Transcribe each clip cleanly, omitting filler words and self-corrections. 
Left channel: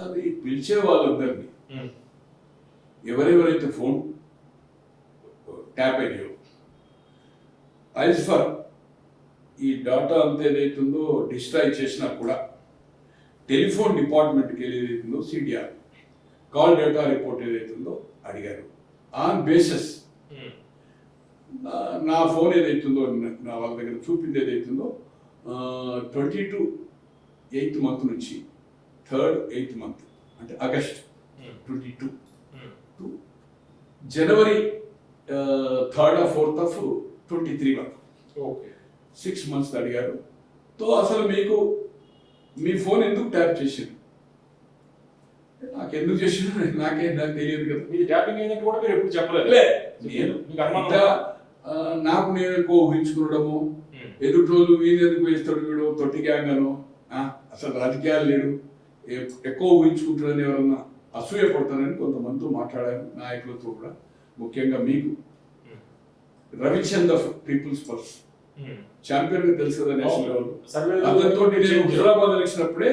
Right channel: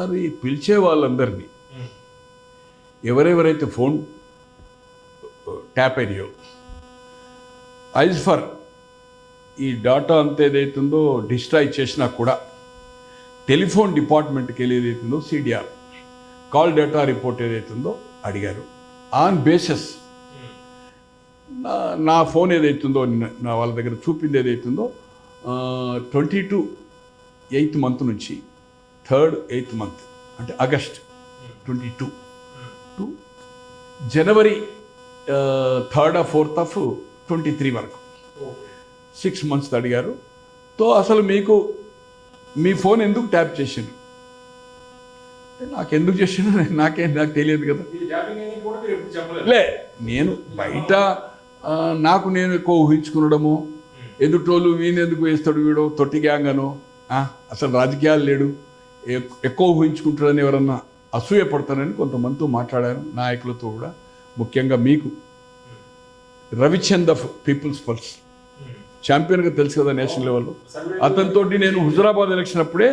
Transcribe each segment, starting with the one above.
అది పిలిచే వాళ్ళందరినీ ఎవరెవరైతే ఫోన్ ట్యాప్ అయ్యాయో ఐజ్ ఫర్ ఈ డాటా అంతా ఏదైతుందో డిస్ట్రాయ్ చేసినా కూడా టెలిఫోన్ డిపార్ట్మెంట్కి వెళ్ళి ఏదైతుందో సిడిఆర్ కాల్ డేటా రిపోర్ట్ ఏదైతుందో అడిగారు. ఆన్ బేసిస్ నా ఫోన్ ఏదైతుందో నా వాళ్ళ దగ్గర చూపింది ఏదైతుందో 22 8th month నుంచి 3rd 8th month అంటే August 22 to January 3rd or 4th of 23 వరకు 6 months అడిగారు. తో అసలు మీకు మీ ఫోన్ ఎందుకు ట్యాప్ చేసింది, నాకు ఎందుకు చేసిందో నాకు తెలియదు కదా. లే నేను బయట నాకు నేను ఎక్కువ ఊహించుకునడము, ఎదుటోళ్ళు వీనెందుకు వేస్తాడు వీడు తొట్టి గ్యాంగను, అసలు రాజకీయాలు లేడు ఎక్కువ ఊహించుకుంటాడని ఎవరన్నా అసూయపడతానని కొంతమందితో మాట్లాడాను, నాయకులతో కూడా. ముఖ్యంగా మీకు రవిచంద్ ఆఫ్ పీపుల్స్ పల్స్ ఛాంపియన్గా తెలుసు కదా నేషనల్ లెవెల్లో, అతనితో నేను హుజరాబాద్ ఎలక్షన్ అప్పుడే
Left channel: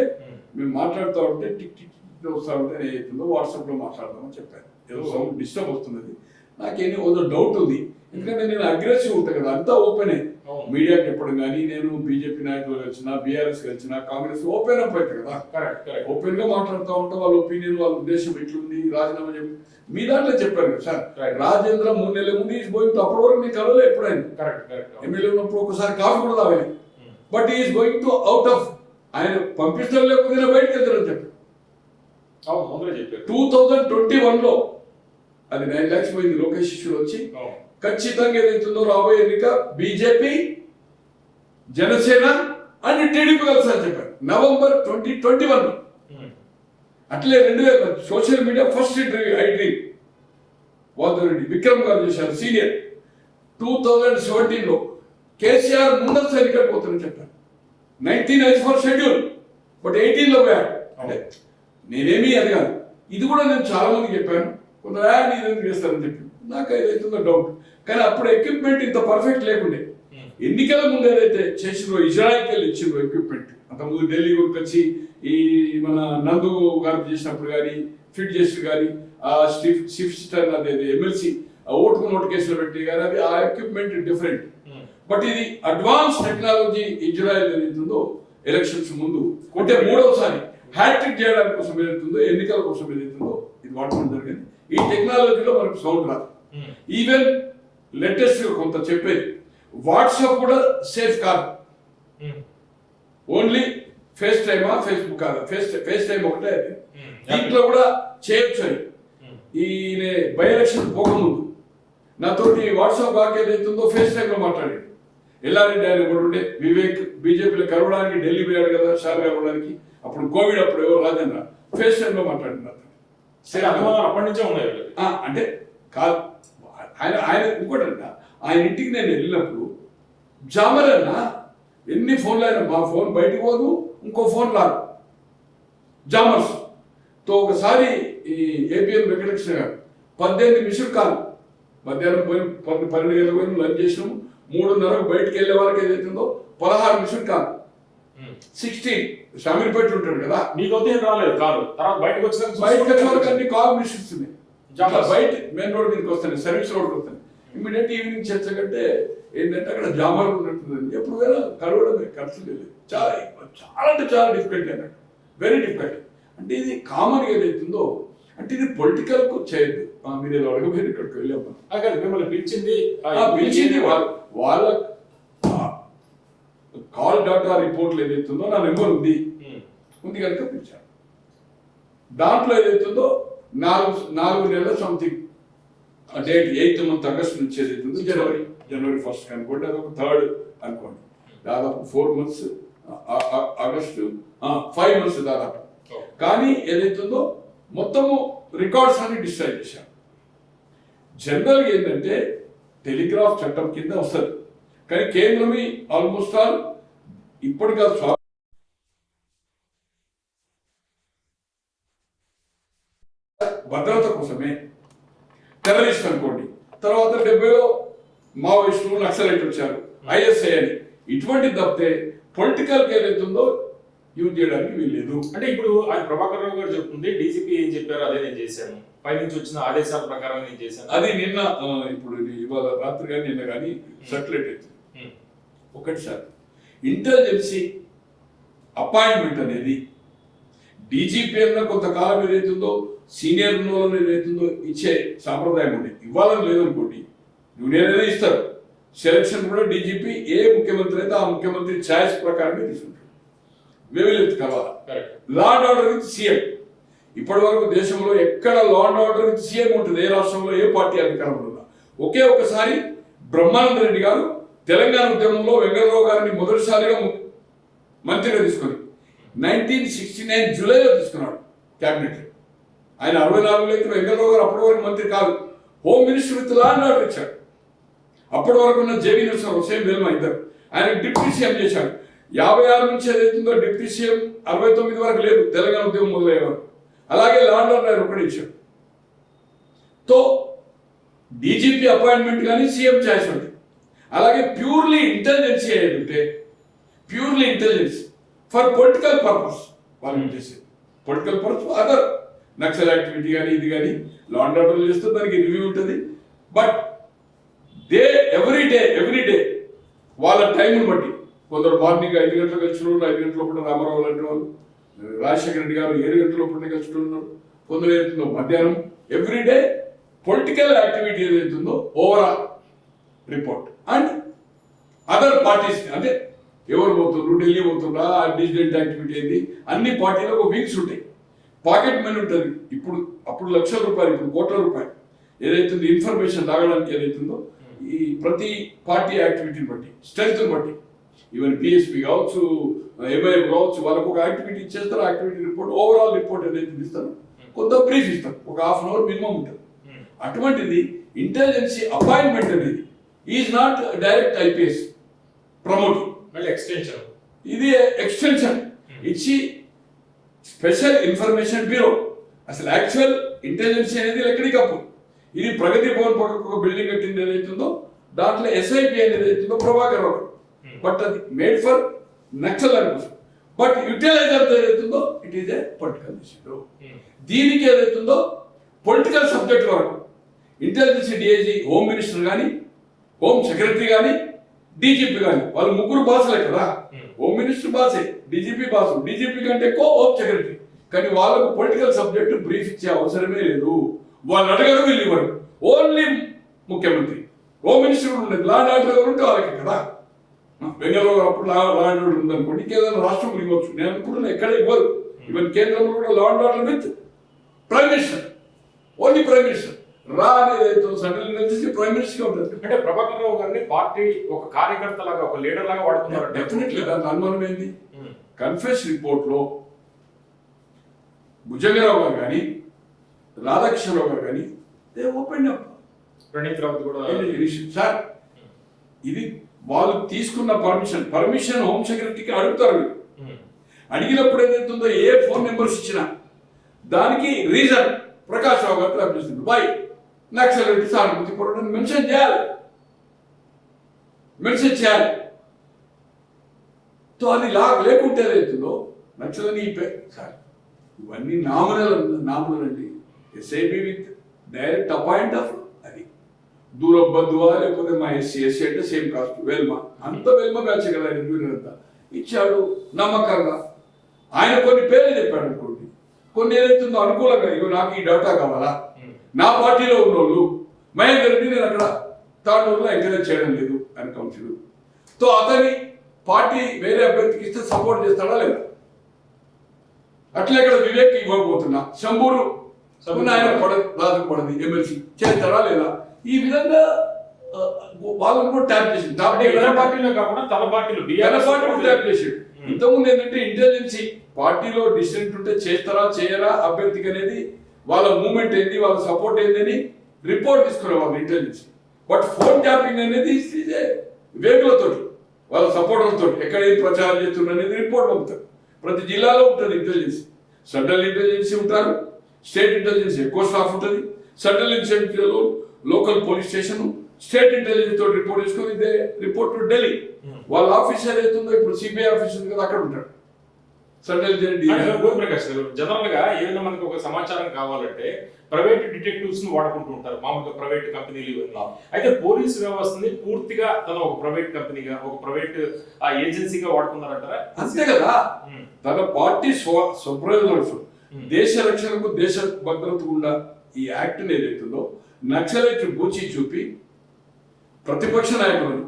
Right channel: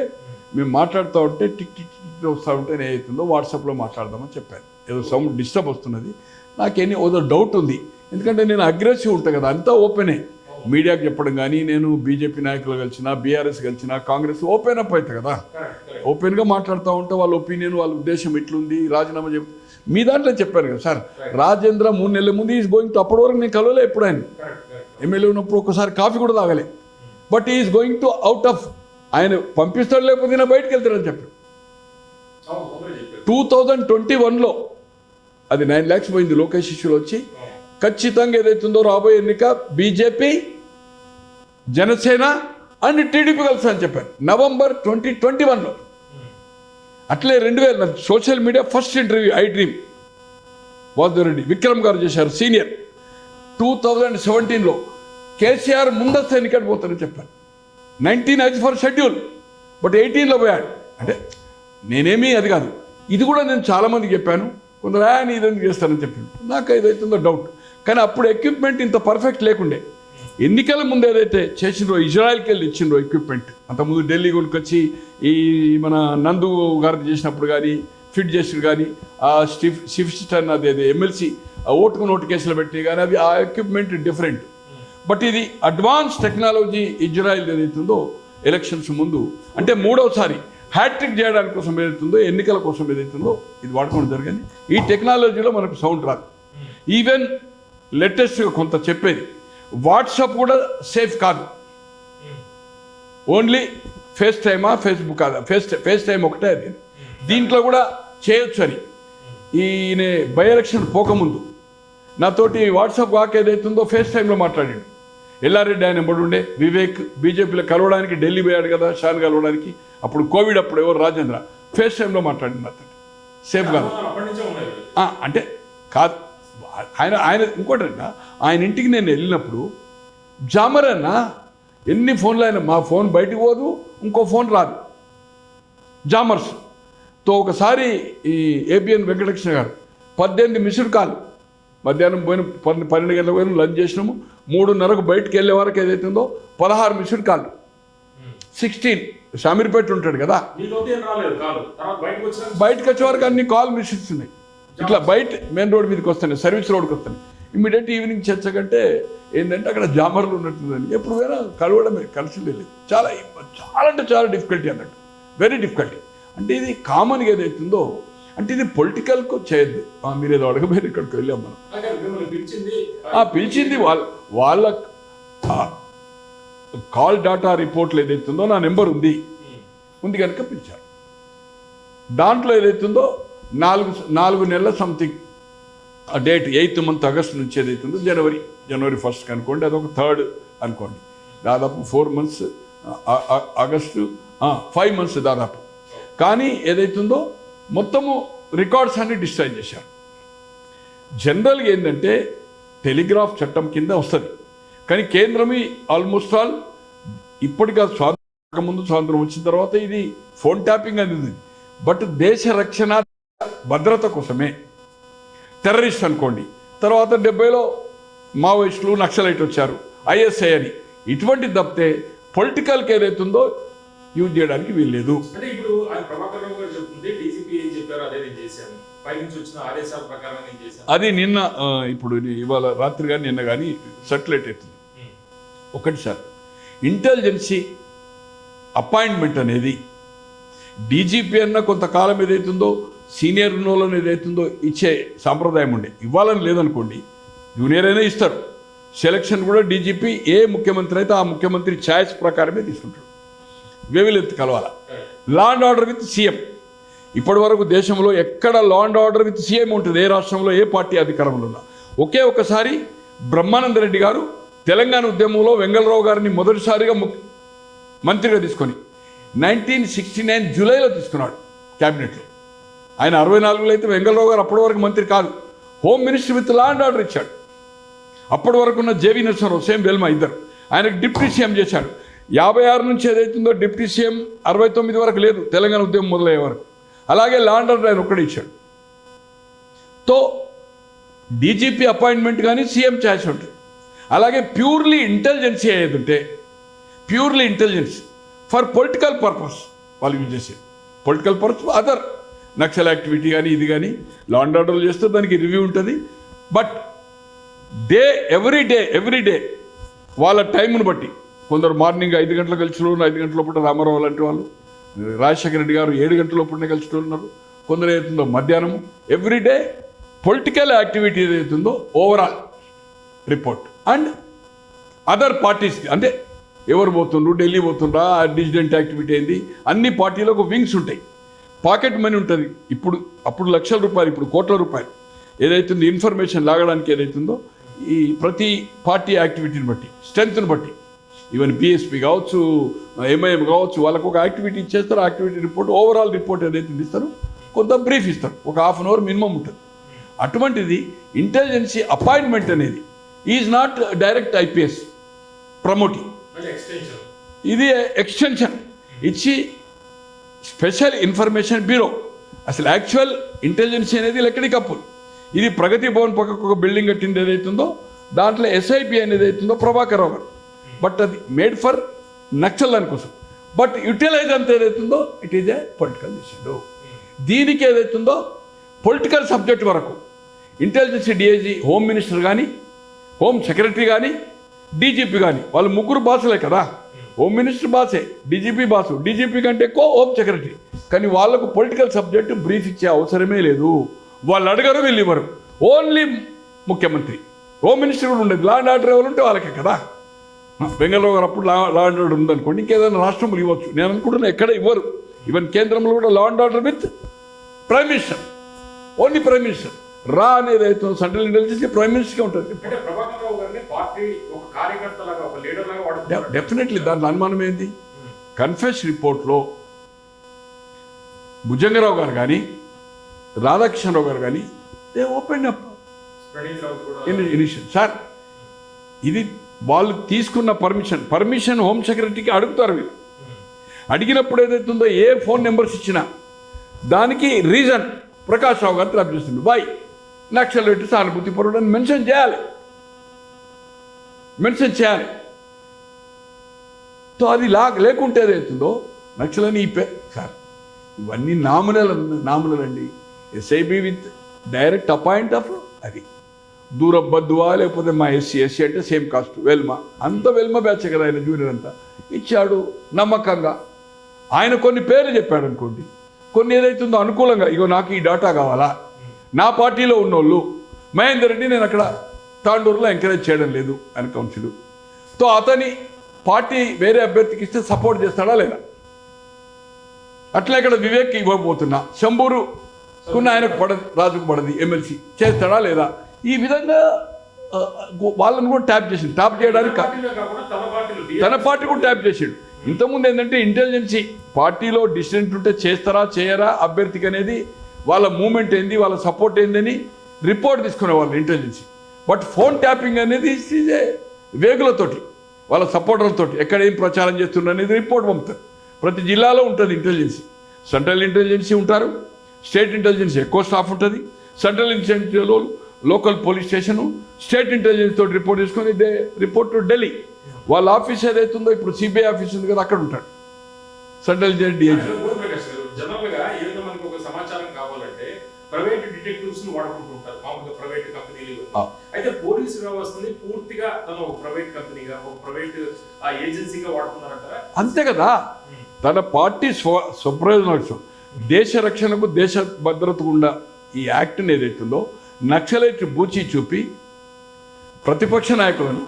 మేము మాట్లాడుతూ ఉంటే టిక్ టిక్ వస్తూ ఉంటే ఏదైతుందో వాట్సాప్లో మాట్లాడదామని చెప్పాను. ఏదో సౌండ్ డిస్టర్బ్ వస్తున్నది, నాకేమీ ఏదో డౌట్ ఉంది, ఎందుకంటే నేను అగ్రెసివ్ ఉంటాను కదా, అంతా ఓపెనే మీడియాకి చెప్పడం. కానీ నేను బీజేపీ నాయకులు కలిసినా బీఆర్ఎస్ కలిసినా కాంగ్రెస్ ఓపెన్ అప్ అవుతుంది కదా, ఓపెన్గా మాట్లాడుతూ ఉంటే వాళ్ళ ఒపీనియన్ వాళ్ళ ఉద్దేశం ఎట్లుంది, రాజీనామా చెప్పి మీ దాంట్లో చెప్పారు కదా సార్. రాజేంద్ర 3 నెలల ముందు ఈజ్ గోయింగ్ టు, అప్పటి వరకు నేను కలవలే ఎప్పుడైనా ఎమ్మెల్యే ఉన్నప్పుడు ఒక్కసారి కాఫీ కూడా తాగలే. But is going to out of, ఆయన పంపిస్తారు లేకపోతే నా బయటకు వెళ్తారని చెప్పాడు. 2021లో అది 9 lakhs పోయింది లోకేష్ ఇష్యూలో వచ్చి. ఖచ్చితంగా ఏదైతుందో రాబోయే ఎన్నిక బీజేపీ జనసేన అండ్ టీడీపీ కలిసి అని చెప్పారు November 2021లో. అట్లే 2000 social media first interview I dream వాద్వరెడ్డి విక్రమ్ గారు చేశారు సీనియర్. 2017లో కేసీఆర్ ముందస్తు ఎన్నికలు పోతారని చెప్పారు. 19 ఐజ్ ఫర్ షెడ్యూల్, బట్ 18లో పోయాడు. అంటే నేనేమీ అది కాదు, ఇది కూడా నేను చాలామందికి చెప్పాను, కొందరు నీ ఇదని చేస్తారని చెప్పింది, నాకు ఏదైతుందో డౌట్. కానీ అప్పుడు ఎక్విప్మెంట్ ఇంత పర్ఫెక్ట్ లేకుండే. ఎన్నికల ముందు ఏదైతే చేసిండ్రో ఇజ్రాయిల్కి వెళ్ళి ఇచ్చిండ్రో ఎక్విప్మెంట్, అంతకుముందు ఢిల్లీ కొనుకొచ్చి ఈ మన నందు గారు చేసినప్పుడు కానీ ఫిట్ చేసిన కానీ ఆ షిఫ్ట్ అది ఎమ్మెల్సీ ఓటుకు నోటు కేసులు పెట్టి కానీ అది ఆ ఎక్విప్మెంట్ డిఫరెంట్. బట్ ఇది అడ్వాన్స్ టెక్నాలజీ ఇజ్రాయిల్ ఏదైతుందో ఎలక్షన్స్ ముందు అంటే 3వసారి హ్యాట్రిక్ చేయడానికి కోసం ఏదైతుందో ఎన్నికల కోసం ఏదైతుందో ఇది వాడుకోవడం జరిగింది. ఈ టెక్నాలజీలో మనకు సౌండ్ రాదు. ఈవెన్ లేటెస్ట్గా కొంత చెప్పేది వాట్సాప్ కూడా సేఫ్ కాదు, ఓన్లీ ఫేస్ టైమా ఫేస్బుక్ కాదు, ఫేస్ టైం ఒకటే అది, దీంట్లో కూడా చేయొచ్చు అని. ఈయన బై ఎలక్షన్ పోకముందు నాతోటి వాట్సాప్ వాక్ ఏదైతుందో ఫేస్ టైంలో మాట్లాడాడు. ఎల్లారెడ్డి ఆయన ఉండే వివేక్ బీజేపీలో కలవడానికి ఢిల్లీ పోయాడు కదా షాన్ కలవడానికి, అప్పుడు కోవిడ్ అప్పుడు ఎవరు రాజేంద్ర ఫేస్ టైంలో మాట్లాడింది అతను సేఫ్ కాదు అంటే కాదు. ఆయన ఇంకోటి అంట, ఆయన ఇంటికి నేను వెళ్ళినప్పుడు జామర్ అన్న ఎన్ని ఫోన్లు అయినా మా ఫోన్ బయటకు పోదు, ఇంకో ఫోన్ రాదు జామర్స్ తో. ఒకసారి ఈ ఏపీఎన్ వెంకటకృష్ణ గారు 18 మిస్డ్ కాల్ మధ్యాహ్నం పోయిన 12 గంటలకు పోయిన లంచ్ చేసినాము, 3:30కు బయటకు వెళ్ళే వాళ్ళకి ఏదైతుందో 16 మిస్డ్ కాల్ 16 షామీర్పేట ఉంటాడు కదా, బయటకు వచ్చే వరకు అన్ని కాల్ మిస్డ్స్ ఉన్నాయి. ఇట్లా బయట మెయిన్ రోడ్ మీదకి వస్తాను, సర్వీస్ రోడ్కి వస్తాను. ఇమ్మీడియట్ ఈవినింగ్ చర్చ కంటే ఏంటంటే అక్కడ జామర్లు ఉన్నట్టుందని ఎప్పుడు కూడా కలవడమే, కలిసి లేదు. చాలా చాలా అంటే చాలా డిఫికల్టీ అన్నట్టు, వెరీ డిఫికల్టీ. అంటే ఇది కామన్గా ఏదైతుందో అంటే ఇది పొలిటికల్కు చేయద్దు. మీరు ఏదో అడగబోయేది ఇక్కడికి వెళ్ళాం మనం, పిలిచింది వాళ్ళ కాల్ డేటా రిపోర్ట్లు ఏదైతుందో నా నెంబర్ ఉంది కనుక పిలిచారు. దాంట్లో ఏదైతుందో 4 నెలల సంథింగ్ ఆ డేట్ 8th month ఆగస్ట్ నుంచి ఏదైతుందో జనవరి 1st అనుకోండి, అదొక 3rd అనుకోండి, దాదాపు 4 months ఆగస్టు 5 months దాదాపు. కానీ ఏదైతుందో మొత్తము రికార్డ్స్ అన్ని డిస్ట్రాయ్ చేశారు. జనరల్గా ఏంటంటే టెలిగ్రాఫ్ చట్టం కింద వస్తుంది, కానీ కేంద్రమే ఆల్మోస్ట్ ఆల్ ఇప్పటిగా స్వాతంత్రం వచ్చిన తర్వాత ఇది ఫోన్ ట్యాపింగ్ అనేది, బట్ దేశ రక్షణ భద్రత కోసమే. టెర్రరిస్ట్ అనుకోండి, తర్వాత 70లో మావోయిస్టులు నక్సలైట్ వచ్చారు, ఐఎస్ఐ అని, ఇటువంటి తప్పితే పొలిటికల్కి ఏదైతుందో యూజ్ చేయడానికి వీల్లేదు. అంటే ఇప్పుడు ఆయన ప్రభాకర్ రావు గారు చెప్తుంది డీజీపీ ఏం చెప్పారో అదే నేను చేశాను, పైనుంచి వచ్చిన ఆదేశాల ప్రకారం నేను చేశాను. అది నిన్న ఇప్పుడు ఇవాళ రాత్రి కానీ నిన్న కానీ సర్క్యులేట్ అవుతుంది. ఒకటి సార్, ఇంటెలిజెన్సీ అపాయింట్మెంట్ అనేది డీజీపీ అన్న కొంతకాలం ఏదైతుందో సీనియర్ నోలను ఏదైతుందో ఇచ్చే సాంప్రదాయం ఉండే, ఇవ్వాలని లేదనుకోండి, జూనియర్ అయినా ఇస్తారు. సెలక్షన్ కూడా డీజీపీ ఏ ముఖ్యమంత్రి అయితే ఆ ముఖ్యమంత్రి ఛాయిస్ ప్రకారమే తీసుకుంటారు. వేవిలెత్తి కలవాల. Law and order with CM. ఇప్పటి వరకు దేశంలో ఎక్కడ law and order with CM ఉంటుంది, ఏ రాష్ట్రంలో ఏ పార్టీ అధికారంలో ఉన్నా. ఒకే ఒక్కసారి బ్రహ్మానంద రెడ్డి గారు తెలంగాణ ఉద్యమంలో వెంగళరావు గారిని మొదటిసారిగా మంత్రిగా తీసుకొని 1969 జూలైలో తీసుకున్నాడు క్యాబినెట్లో. ఆయన 64లో అయితే వెంగళరావు గారు అప్పటి వరకు మంత్రి కాదు, home minister with law and order ఇచ్చాడు. అప్పటి వరకు ఉన్న జేవీ నరసింహారావు, సేమ్ వెల్మా ఇద్దరు, ఆయనకు డిప్యూటీ సీఎం చేశాడు. 56 నుంచి ఏదైతుందో డిప్యూటీ సీఎం 69 వరకు లేదు, తెలంగాణ ఉద్యమం మొదలయ్యే వరకు. అలాగే లా అండ్ ఆర్డర్ ఆయన ఒక్కడే ఇచ్చాడు. తో డీజీపీ అపాయింట్మెంట్ కానీ సీఎం ఛాయిస్ ఉంటుంది. అలాగే ప్యూర్లీ ఇంటెలిజెన్సీ ఏదంటే purely intelligence for political purpose వాళ్ళు యూజ్ చేసేది. Political purpose other Naxal activity కానీ ఇది కానీ లా అండ్ ఆర్డర్ చేస్తే దానికి రివ్యూ ఉంటుంది. బట్ ఎవ్రీ డే వాళ్ళ టైంను బట్టి, కొందరు మార్నింగ్ 5 గంటలకు కలిసిన వాళ్ళు 5 గంటల లోపల రామారావు లాంటి వాళ్ళు, రాజశేఖర రెడ్డి గారు 7 గంటల లోపలనే కలిసిన ఉన్నారు. కొందరు ఏదైతుందో మధ్యాహ్నం, ఎవ్రీడే పొలిటికల్ యాక్టివిటీ ఏదైతుందో overall report. And other parties అంటే ఎవరు పోతుండ్రు, ఢిల్లీ పోతుండ్రా, డిసిడెంట్ యాక్టివిటీ అయింది, అన్ని పార్టీలకు వింగ్స్ ఉంటాయి. పాకెట్ మనీ ఉంటుంది. అప్పుడు లక్షల రూపాయలు, ఇప్పుడు కోట్ల రూపాయలు ఏదైతుందో ఇన్ఫర్మేషన్ లాగడానికి ఏదైతుందో ఈ ప్రతి పార్టీ యాక్టివిటీని బట్టి, స్ట్రెంత్ని బట్టి, ఈవెన్ పిఎస్పీ కావచ్చు, ఎంఐఎం కావచ్చు, వాళ్ళకు ఒక యాక్టివిటీ ఇచ్చేస్తారు. యాక్టివిటీ రిపోర్ట్, ఓవరాల్ రిపోర్ట్ ఏదైతే ఇస్తారు, కొంత బ్రీఫ్ ఇస్తారు, ఒక ½ అన్ అవర్ మినిమం ఉంటుంది. అటువంటిది ఇంటెలిజెన్సీ అపాయింట్మెంట్ అనేది is not direct IPS promoting, ఇది ఎక్స్టెన్షన్ ఇచ్చి స్పెషల్ ఇన్ఫర్మేషన్ బ్యూరో. అసలు యాక్చువల్ ఇంటెలిజెన్సీ అనేది లెక్కడికప్పుడు ఇది ప్రగతి భవన్ పక్కకు ఒక బిల్డింగ్ కట్టింది ఏదైతుందో దాంట్లో ఎస్ఐపి అనేది అవుతుందో ప్రభాకర్ రావు గారు. బట్ అది మేడ్ ఫర్ నక్సల్ దానికోసం. బట్ యూటిలైజ్ అంత ఏదైతుందో it is a political issue. దీనికి ఏదైతుందో పొలిటికల్ సబ్జెక్ట్ వరకు ఇంటెలిజెన్స్ డిఐజీ, హోమ్ మినిస్టర్ కానీ, హోమ్ సెక్రటరీ కానీ, డీజీపీ కానీ, వాళ్ళు ముగ్గురు బాసులే కదా. హోమ్ మినిస్టర్ బాసే, డీజీపీ బాసు, డీజీపీ కంటే ఎక్కువ హోమ్ సెక్రటరీ. కానీ వాళ్ళకు పొలిటికల్ సబ్జెక్టు బ్రీఫ్ ఇచ్చే అవసరమే లేదు. వాళ్ళు అడగరు, వీళ్ళు ఇవ్వరు. ఓన్లీ ముఖ్యమంత్రి, హోమ్ మినిస్టర్ కూడా ఉండేది. లా అండ్ ఆర్డర్ ఎవరు ఉంటే వాళ్ళకే కదా. బెంగళూరు గారు అప్పుడు లా అండ్ ఆర్డర్ ఉందనుకోండి, ఇంకేదైనా రాష్ట్రంలో ఇవ్వచ్చు. నేను అనుకుంటున్నా ఎక్కడ ఇవ్వరు. ఈవెన్ కేంద్రంలో కూడా లా and order with prime minister, only prime minister. రా అనేది అయితే సెంట్రల్ ఇంటెలిజెన్స్ ప్రైమ్ మినిస్టర్కే ఉంటుంది. అంటే ప్రభాకర్ రావు గారిని పార్టీ ఒక కార్యకర్తలాగా, ఒక లీడర్ లాగా వాడుతున్నారు. డెఫినెట్లీ దాంట్లో అనుమానం ఏంది? కన్ఫెస్ రిపోర్ట్లో భుజంగరావు గారు కానీ, రాధాకృష్ణరావు గారు కానీ దే ఓపెన్ అప్ సార్. ఇది వాళ్ళు తీసుకున్న పర్మిషన్ హోమ్ సెక్రటరీకి అడుగుతారు. వీళ్ళు అడిగినప్పుడు ఏదైతుందో ఏ ఫోన్ నెంబర్స్ ఇచ్చినా దానికి రీజన్ ప్రకాష్ రావు గారు లభిస్తుంది. వై నక్సల్ పెట్టి సానుభూతి పరుడని మెన్షన్ చేయాలి. సో అది లేకుంటే ఏదైతుందో నక్సల్ అని సార్ ఇవన్నీ నామినల్ అండి. SIB with direct appoint of అది దూరం బంధువా, లేకపోతే మా ఎస్సీ అంటే సేమ్ కాస్ట్, వెల్మా అంత వెల్మా బ్యాచ్ కదా ఆయన జూనియర్ అంతా ఇచ్చాడు నమ్మకంగా. ఆయన కొన్ని పేర్లు చెప్పాడు అనుకోండి, కొన్ని ఏదైతుందో అనుకూలంగా, ఇగో నాకు ఈ డేటా కావాలా, నా పార్టీలో ఉన్నోళ్ళు మహేందర్ రెడ్డి నేను అక్కడ తాండూరులో ఎంకరేజ్ చేయడం లేదు అని కౌన్సిల్, తో అతని పార్టీ వేరే అభ్యర్థికి ఇస్తే సపోర్ట్ చేస్తాడా లేదా? అట్లా ఇక్కడ వివేక్ ఇవ్వకపోతున్నా, శంభూరు ఆయనకు పడదు, రాజుకు పడది, ఎమ్మెల్సీ చేస్తాడా లేదా? ఈ విధంగా వాళ్ళని కూడా ట్యాప్ చేసింది. ట్యాప్ చేయడానికి తన పార్టీ కూడా ట్యాప్ చేసాడు. ఇంతకుముందు ఏంటంటే ఇంటెలిజెన్సీ పార్టీలో డిసిడెంట్ ఉంటే చేస్తారా చేయరా అభ్యర్థికి అనేది వాళ్ళ మూమెంట్ ఏంది, వాళ్ళ సపోర్ట్ ఏందని రిపోర్ట్ తీసుకునేవాళ్ళు ఇంటెలిజెన్సీ. బట్ ఫోన్ ట్యాపింగ్ అనేది వేగులతోటి, వాళ్ళ సపోర్టర్లతోటి ఎక్కడ ఏం ప్రచారం చేస్తున్నారు అనేది రిపోర్ట్ పంపుతారు. ప్రతి జిల్లాలో ఉంటుంది ఇంటెలిజెన్సీ. సెంట్రల్ ఇంటెలిజెన్సీ ఉంటారు, స్టేట్ ఇంటెలిజెన్స్ ఎక్కువ స్టాఫ్ ఉంటుంది. సెంట్రల్ ఇంటెలిజెన్స్లో local police station, state intelligence తోటి రిపోర్ట్ తీసుకొని రిపోర్ట్ టు ఢిల్లీ. వాళ్ళ ఆఫీస్ ఏదైతుందో ఇప్పుడు సిబిఐ ఆఫీస్ ఉంది కదా, అక్కడ ఉంటాడు. Central jail DIG. ప్రకాష్ గారు, జనరల్ గా ఏదైనా మనకి ఒక సమాచారం కావాలంటే ప్రైవేట్ డిటెక్టివ్స్ ని వాడుకుంటుంటారు మామూలుగా ప్రైవేట్ కంపెనీలు. అయితే పోలీస్ వ్యవస్థని పూర్తిగా తన ఒక ప్రైవేట్ కంపెనీగా ఒక ప్రైవేట్ ఏజెన్సీగా వాడుతున్నారంటారా? అంతే కదా, తన పార్టీ స్వప్రయోజన లక్ష్యం దేశ రక్షణకు దేశ భద్రతకు ఉండ ఈ యాక్ట్ని ఏదైతుందో నక్సలైట్ బూచి చూపి ప్రతిపక్ష నాయకులను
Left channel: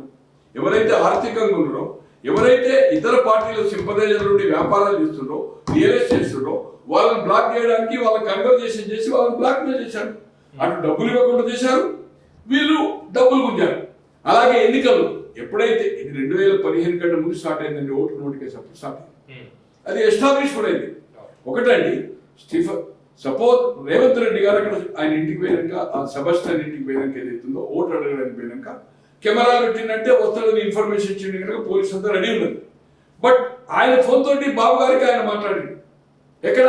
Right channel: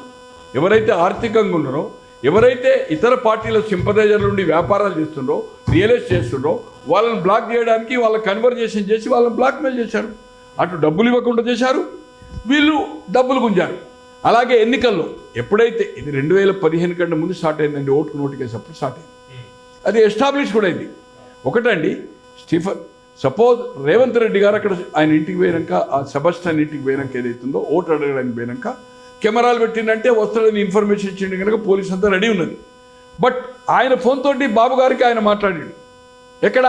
ఎవరైతే ఆర్థికంగా ఉన్నారో, ఎవరైతే ఇతర పార్టీల సింపదైజర్ల నుండి వ్యాపారాలు చేస్తుండ్రో, రియలైజ్ చేస్తుండ్రో వాళ్ళని బ్లాక్ చేయడానికి వాళ్ళ కన్వర్జేషన్ చేసి వాళ్ళని బ్లాక్మెయిల్ చేశారు. అటు డబ్బులు ఇవ్వకుండా చేశారు, వీళ్ళు డబ్బులు గుంజారు. అలాగే ఎన్నికల్లో ఎప్పుడైతే ఇది 2015 కంటే ముందు స్టార్ట్ అయిందండి, ఓటు నోటికేషన్ అప్పుడు స్టార్ట్ అయింది. అది ఎస్టాబ్లిష్ కూడా అయింది. ఒకటండి, సపోజ్ రేవంత్ రెడ్డి గారు అక్కడ ఆయన ఇంటికి పోయాక, ఆ సెబస్టియన్ ఇంటికి పోయాక ఏదైతుందో ఓటు అడగడానికి పోయాక కెమెరాలు పెట్టిందంటే వస్తాడని ఇన్ఫర్మేషన్ ఇచ్చిండు కనుక పోలీస్ అంతా రెడీ ఉన్నది. బట్ ఆయన ఫోన్ తోటి బాబు గారికి ఆయన మాట్లాడాడు ఎక్కడ,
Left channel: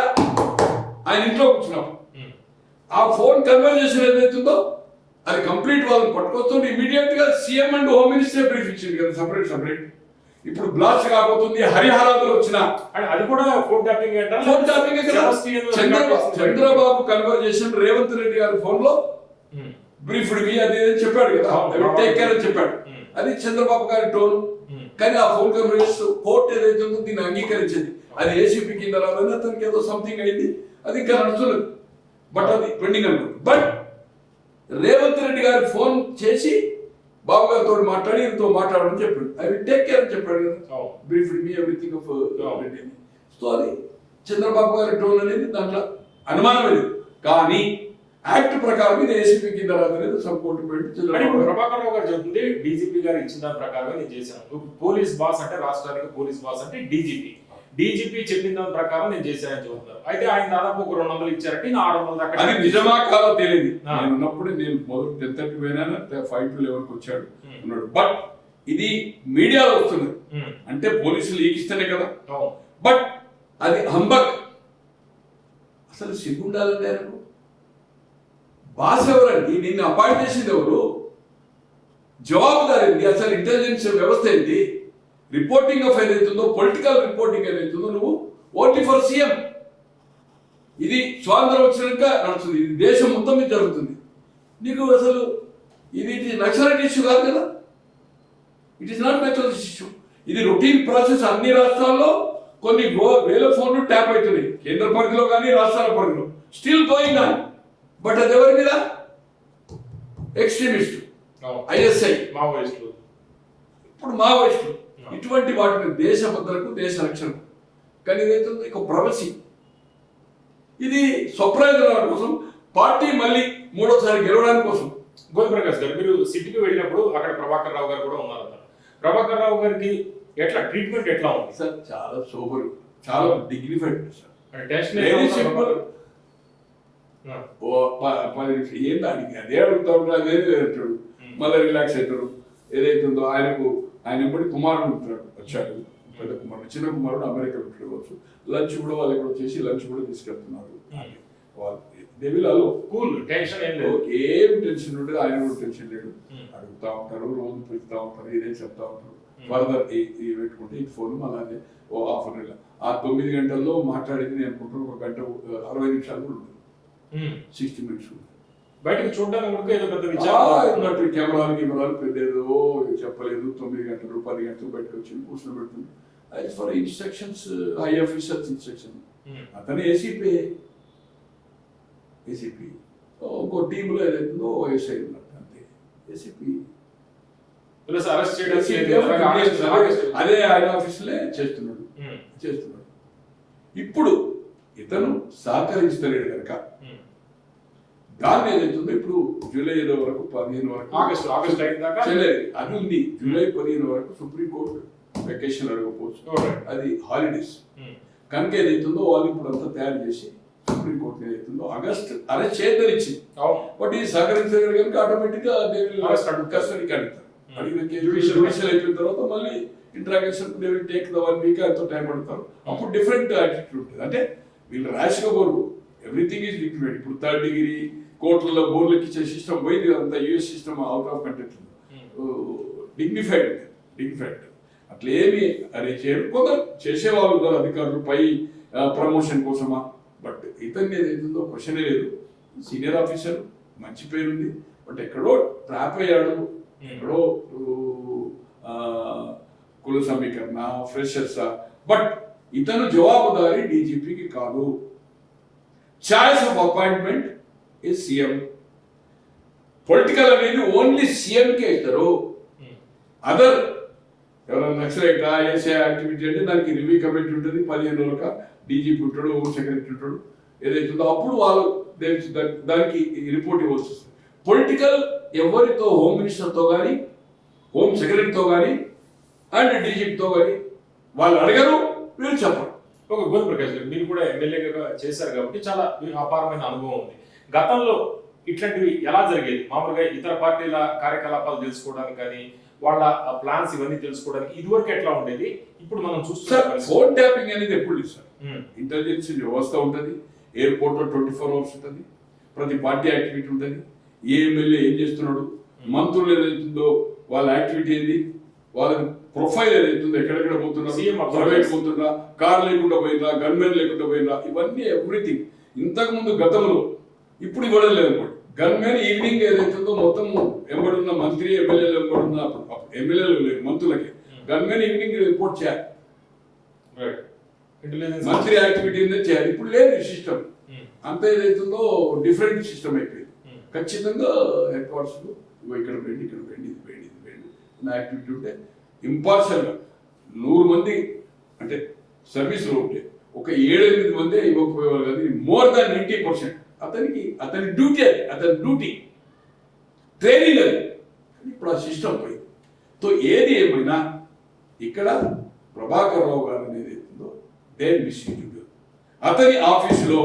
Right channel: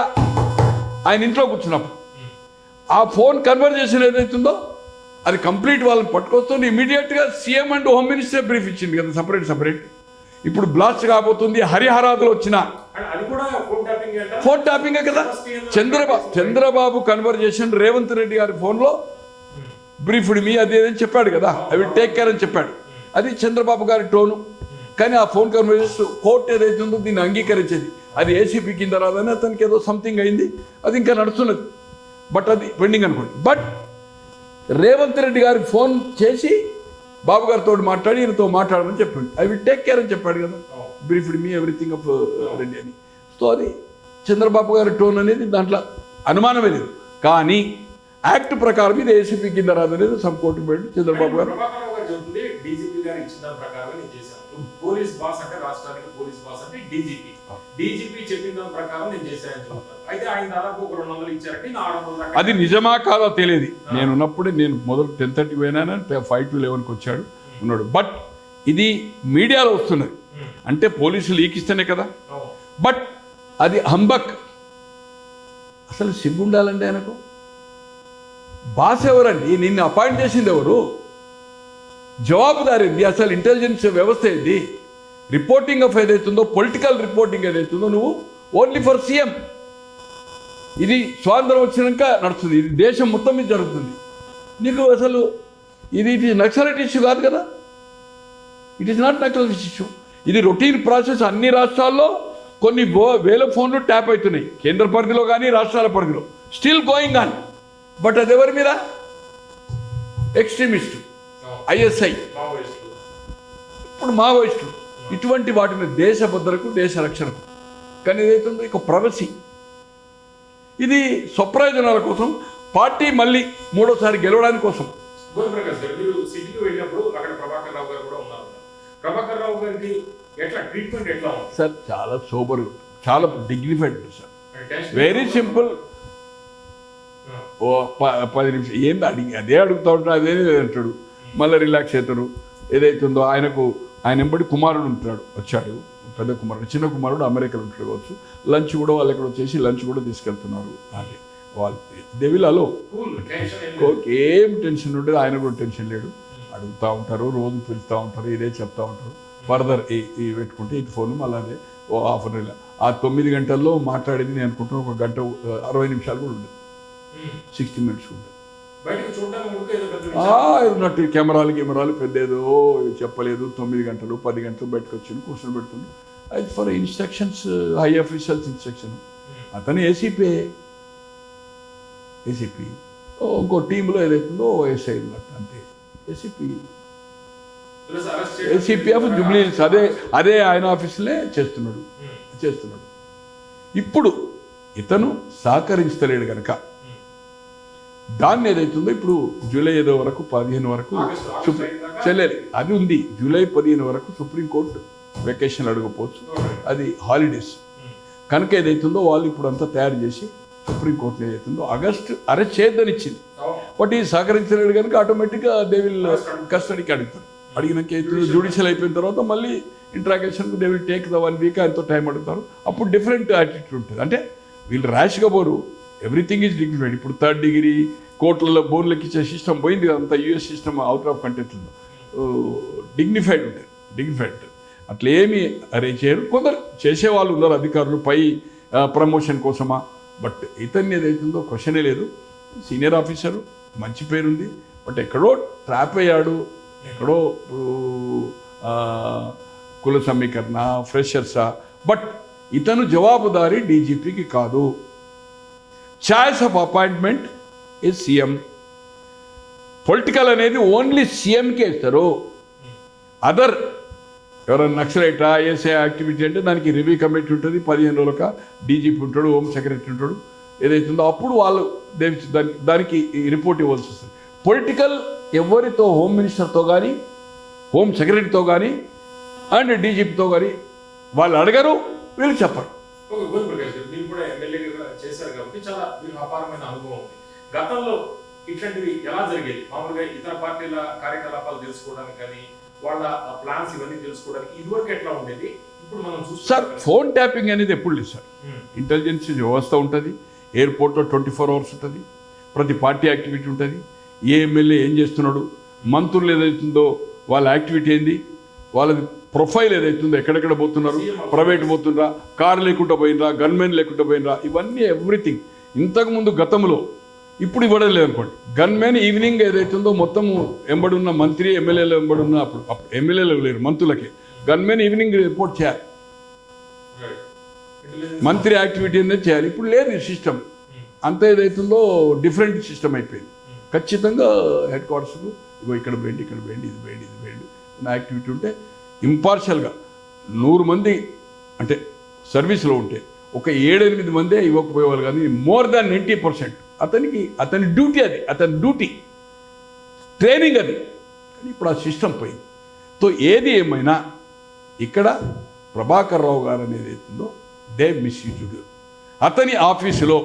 ఆయన ఇంట్లో కూర్చున్నప్పుడు. ఆ ఫోన్ కన్వర్జేషన్ ఏదైతుందో అది కంప్లీట్ వాళ్ళని పట్టుకొస్తుంది. ఇమీడియట్గా CM and home minister brief ఇచ్చింది కదా, సపరేట్. ఇప్పుడు బ్లాస్ట్ కాబోతుంది, హరిహరాదులు వచ్చిన ఫోన్ ట్యాపింగ్ కదా. చంద్రబాబు కన్వర్జేషన్ రేవంత్ రెడ్డి గారి ఫోన్లో బ్రీఫ్డ్ మీ అదేదని చెప్పాడు కదా, అవి టేక్ కేర్ అని చెప్పాడు. అది చంద్రబాబు గారి టోను. కానీ ఆ ఫోన్ కన్వర్జేషన్ కోర్టు ఏదైతే ఉందో దీన్ని అంగీకరించేది. అది ఏసీపీ కింద రాలని అతనికి ఏదో సంథింగ్ అయింది, అది ఇంకా నడుస్తున్నది. బట్ అది పెండింగ్ అనుకోండి. బట్ రేవంత్ రెడ్డి గారికి ఫోన్ చేసి బాబు గారితో మాట్లాడి ఈయనతో మాట్లాడమని చెప్పాడు. ఐ విల్ టేక్ కేర్ అని చెప్పాడు కదా, briefed me everything of Reddy అని. సో అది చంద్రబాబు గారి టోన్ అనేది దాంట్లో అనుమానమే లేదు. కానీ యాక్ట్ ప్రకారం ఇది ఏసీపీ కింద రాదనేది సబ్ కోర్టు పెట్టి చంద్రబాబు గారు చెప్తుంది డీజీపీ గారు ఇచ్చిన దాని ప్రకారం నేను చేశాను. పోలీస్ బాస్ అంటే రాష్ట్రానికి పోలీస్ బాస్ అంటే డీజీపీ చెప్పిన దాని ప్రకారం నేను చేశానని చెప్తారు. అయితే ఆయన దాదాపు ఒక 200 ఇచ్చారంటే 600. అది నిజమా కాదో తెలియదు. నేను ఉన్నప్పుడే నేను మొదలు 10:30 పోయినా 5 to 11 వచ్చాడు ఉన్నాడు. బట్ ఇది మీడియాలో వస్తున్నది అంటే పోలీసులు ఈకిస్తేనే కదా. బట్ అది హంబక్. అసలు సిగ్గు ఉండాలండి ఆయనకు. బాస్ ఎవరండి, నిన్ను అపాయింట్ చేసింది ఎవరు, జవాబుదారి అసలు ఇంటెలిజెన్స్ వ్యవస్థ ఏంది, రిపోర్టింగ్ ఆఫ్ ఏదైతుందో పొలిటికల్ రిపోర్టింగ్ ఏదైతుందో నువ్వు ఓన్లీ ఫర్ సీఎం. ఇది స్వాతంత్రం వచ్చినాక నడుస్తుంది, ఇది దేశం మొత్తం మీద జరుగుతుంది. నీకు అసలు ఇది నక్సలైట్ ఇష్యూ కాదు కదా, it is not naxalite issue. ఇది రొటీన్ ప్రాసెస్. అన్ని రాష్ట్రాల్లో కొన్ని వేల ఫోన్లు ట్యాప్ అవుతున్నాయి, కేంద్ర పరిధిలో కానీ రాష్ట్రాల పరిధిలో స్టిల్ గోయింగ్ ఆన్. బట్ అది ఎవరి మీద, ఎక్స్ట్రీమిస్టు, ఐఎస్ఐ, ఇప్పుడు మావోయిస్టులు, ఇటువంటి వాటి మీద దేశ భద్రతకు దేశ రక్షణకు. కానీ ఏదైతుందో ఇక ప్రవసి, ఇది స్వప్రయోజనాల కోసం, పార్టీ మళ్ళీ మూడోసారి గెలవడానికి కోసం. గోవిందప్రకాష్ గారు, మీరు సిటీకి వెళ్ళినప్పుడు అక్కడ ప్రభాకర్ రావు గారు కూడా ఉన్నారు. ప్రభాకర్ రావు గారికి ఎట్లా ట్రీట్మెంట్ ఎట్లా ఉంది సార్? చాలా సోబర్, చాలా డిగ్నిఫైడ్ సార్, వెరీ సింపుల్. 10 నిమిషం ఏంటి అడిగి అదే అడుగుతూ ఉంటాడు, అదే అంటాడు, మళ్ళీ రిలాక్స్ అవుతాడు. ఏదైతుందో ఆయన ఎంబడి కుమారుడు ఉంటాడు, వచ్చాడు పెద్ద కుమారుడు, చిన్న కుమారుడు అమెరికాలో ఉంటాడు కావచ్చు. లంచ్ కూడా వాళ్ళు ఎక్కడ వచ్చేసి లంచ్ కూడా తీసుకెళ్తున్నారు. అది వాళ్ళు దెవిలాలో ఏం టెన్షన్ ఉండదు, ఆయన కూడా టెన్షన్ లేడు. అడుగుతూ ఉంటారు, రోజు పిలుస్తూ ఉంటారు, ఇదే చెప్తా ఉంటారు. ఫర్దర్ ఈ పెట్టుకుంటే ఇది ఫోన్ మళ్ళీ అదే హాఫ్ అన్ అవర్. ఆ 9 గంటల్లో మాట్లాడేది నేను అనుకుంటున్నాను 1 గంట 60 నిమిషాలు కూడా ఉండదు, 60 minutes ఉంటుంది. ఉన్నట్టు కెమెరాలు పెద్దేదో చెప్పలేదు. 9 గంటలు 10 గంటలు బయటకు వచ్చి కూర్చొని పెడుతుంది. అది for instructions, high officers instruction. అతను ఏసీపీ ఇంకో టీంలో ఏదైతుందో ఎస్ఐ ఉన్నట్టు అంతే. ఏసీపీ ఆఫ్ జూబ్లీహిల్స్ అదే ఆయన ఆఫీసులే చేస్తున్నాడు. ఇప్పుడు ఇతను సహకరించలేడు కనుక దాన్ని ఏదైతుందో ఇప్పుడు జూలై 5 వరకు 15 వరకు చెల్లేదు. అది ఉంది. జూలై 15 వరకు సుప్రీంకోర్టు వెకేషన్ అడగకపోవచ్చు, అది హాలిడేస్ కనుక ఏదైతుందో వాళ్ళు ఇప్పుడు అంతా తయారు చేసి సుప్రీంకోర్టు ఏదైతుందో ఆగస్టు అరెస్ట్ చేయొద్దని ఇచ్చింది. బట్ ఈ సహకరించలేడు కనుక ఆటోమేటిక్గా దే విల్ కస్టడీకి అడుగుతారు. అడిగిన కేసు జ్యుడిషియల్ అయిపోయిన తర్వాత మళ్ళీ ఇంట్రాగేషన్కు they will take the 1 week, ఎంతో టైం అడుగుతారు. అప్పుడు డిఫరెంట్ యాటిట్యూడ్ ఉంటుంది. అంటే వీళ్ళు ర్యాష్గా పోరు, ఎవ్రీథింగ్ ఈజ్ డిగ్నిఫైడ్. ఇప్పుడు 3rd degree కోర్టులలో బోన్లకి ఇచ్చే సిస్టమ్ పోయింది, అంతా US system out of content. Dignified ఉంటుంది. అట్లా ఏమి అరేంజ్ చేయరు. కొందరు చేసేవాళ్ళు ఉన్నారు అధికారులు పై ప్రమోషన్ కోసమా. బట్ ఇతన్ని ఏదైతుందో క్వశ్చనే లేదు. సీనియర్ ఆఫీసరు, మంచి పేరుంది. బట్ ఎక్కడో ట్రాప్ అయ్యాడు, ఎక్కడో కుల సమీకరణ, ఫ్రెషర్సా. బట్ ఇతను జవాబుదారీ డీజీపీకి కాదు. Choice of appointment is CM. Political అనేది ఓన్లీ సీఎంకే ఇస్తారు. అదర్ ఎవరైనా నక్సలైటా ఏసే యాక్టివిటీ అంటే దానికి రివ్యూ కమిటీ ఉంటుంది, 15 రోజులక డీజీపీ ఉంటాడు, హోమ్ సెక్రటరీ ఉంటాడు, ఏదైతుందో అప్పుడు వాళ్ళు దానికి రిపోర్ట్ ఇవ్వాల్సి వస్తుంది. పొలిటికల్ ఎవరితో, హోమ్ మినిస్టర్తో కానీ, హోమ్ సెక్రటరీతో కానీ అండ్ డీజీపీతో కానీ వాళ్ళు అడగరు, వీళ్ళు చెప్పరు. ఒక గోల్ ప్రకాష్ గారు, మీరు కూడా ఎమ్మెల్యేగా చేశారు కాబట్టి చాలా మీకు అపారమైన అనుభవం ఉంది. గతంలో ఇట్లాంటివి ఎలా జరిగేది? మామూలుగా ఇతర పార్టీల కార్యకలాపాలు తెలుసుకోవడానికి కానీ, వాళ్ళ ప్లాన్స్ ఇవన్నీ తెలుసుకోవడానికి ఇదివరకు ఎట్లా ఉండేది? ఇప్పుడు మనం సార్ చూస్తాం ఫోన్ ట్యాపింగ్ అనేది ఎప్పుడు లేదు సార్. ఇంటెలిజెన్స్ వ్యవస్థ ఉంటుంది, ఎయిర్పోర్ట్లో 24 hours ఉంటుంది, ప్రతి పార్టీ యాక్టివిటీ ఉంటుంది, ఏ ఎమ్మెల్యే ఏం చేస్తున్నాడు, మంత్రులు ఏదైతుందో వాళ్ళ యాక్టివిటీ ఏంది, వాళ్ళ ప్రొఫైల్ ఏదైతుందో, ఎక్కడెక్కడ పోతున్నారు, ప్రైవేట్ పోతుండ్రా, కార్ లేకుండా పోయినరా, గన్మెన్ లేకుండా పోయినరా, ఇవన్నీ ఎవ్రీథింగ్. ఇంతకుముందు గతంలో, ఇప్పుడు ఇవ్వడం లేదనుకోండి. గన్మెన్ ఈవినింగ్ ఏదైతుందో మొత్తం ఎంబడున్న మంత్రి ఎమ్మెల్యేలు ఎంబడున్న, అప్పుడు ఎమ్మెల్యేలు లేరు, మంత్రులకే గన్మెన్ ఈవినింగ్ రిపోర్ట్ చేయాలి, మంత్రి యాక్టివిటీ అనేది చేయాలి. ఇప్పుడు లేదు ఈ సిస్టమ్. అంత ఏదైతుందో డిఫరెంట్ సిస్టమ్ అయిపోయింది. ఖచ్చితంగా హెడ్ క్వార్టర్స్కు ఇగో ఇక్కడ వేయండి, ఇక్కడ వేయండి, ఇది వేయండి, ఇది వేయండి నా యాక్టివిటీ ఉంటే ఇంపార్షియల్గా 100 మంది అంటే సర్వీస్లో ఉంటే ఒక 7-8 మందే ఇవ్వకపోయేవాళ్ళు కానీ మోర్ దాన్ 90% అతని డ్యూటీ, అది అతని డ్యూటీ, ట్రైనింగ్ అది. కానీ ఇప్పుడు ఆ సిస్టమ్ పోయింది. సో ఏది ఏమైనా ఇక్కడ ప్రభాకర్ రావు గారు అనేది అవుతుందో దే మిస్యూజ్. అతని ఆఫీసులో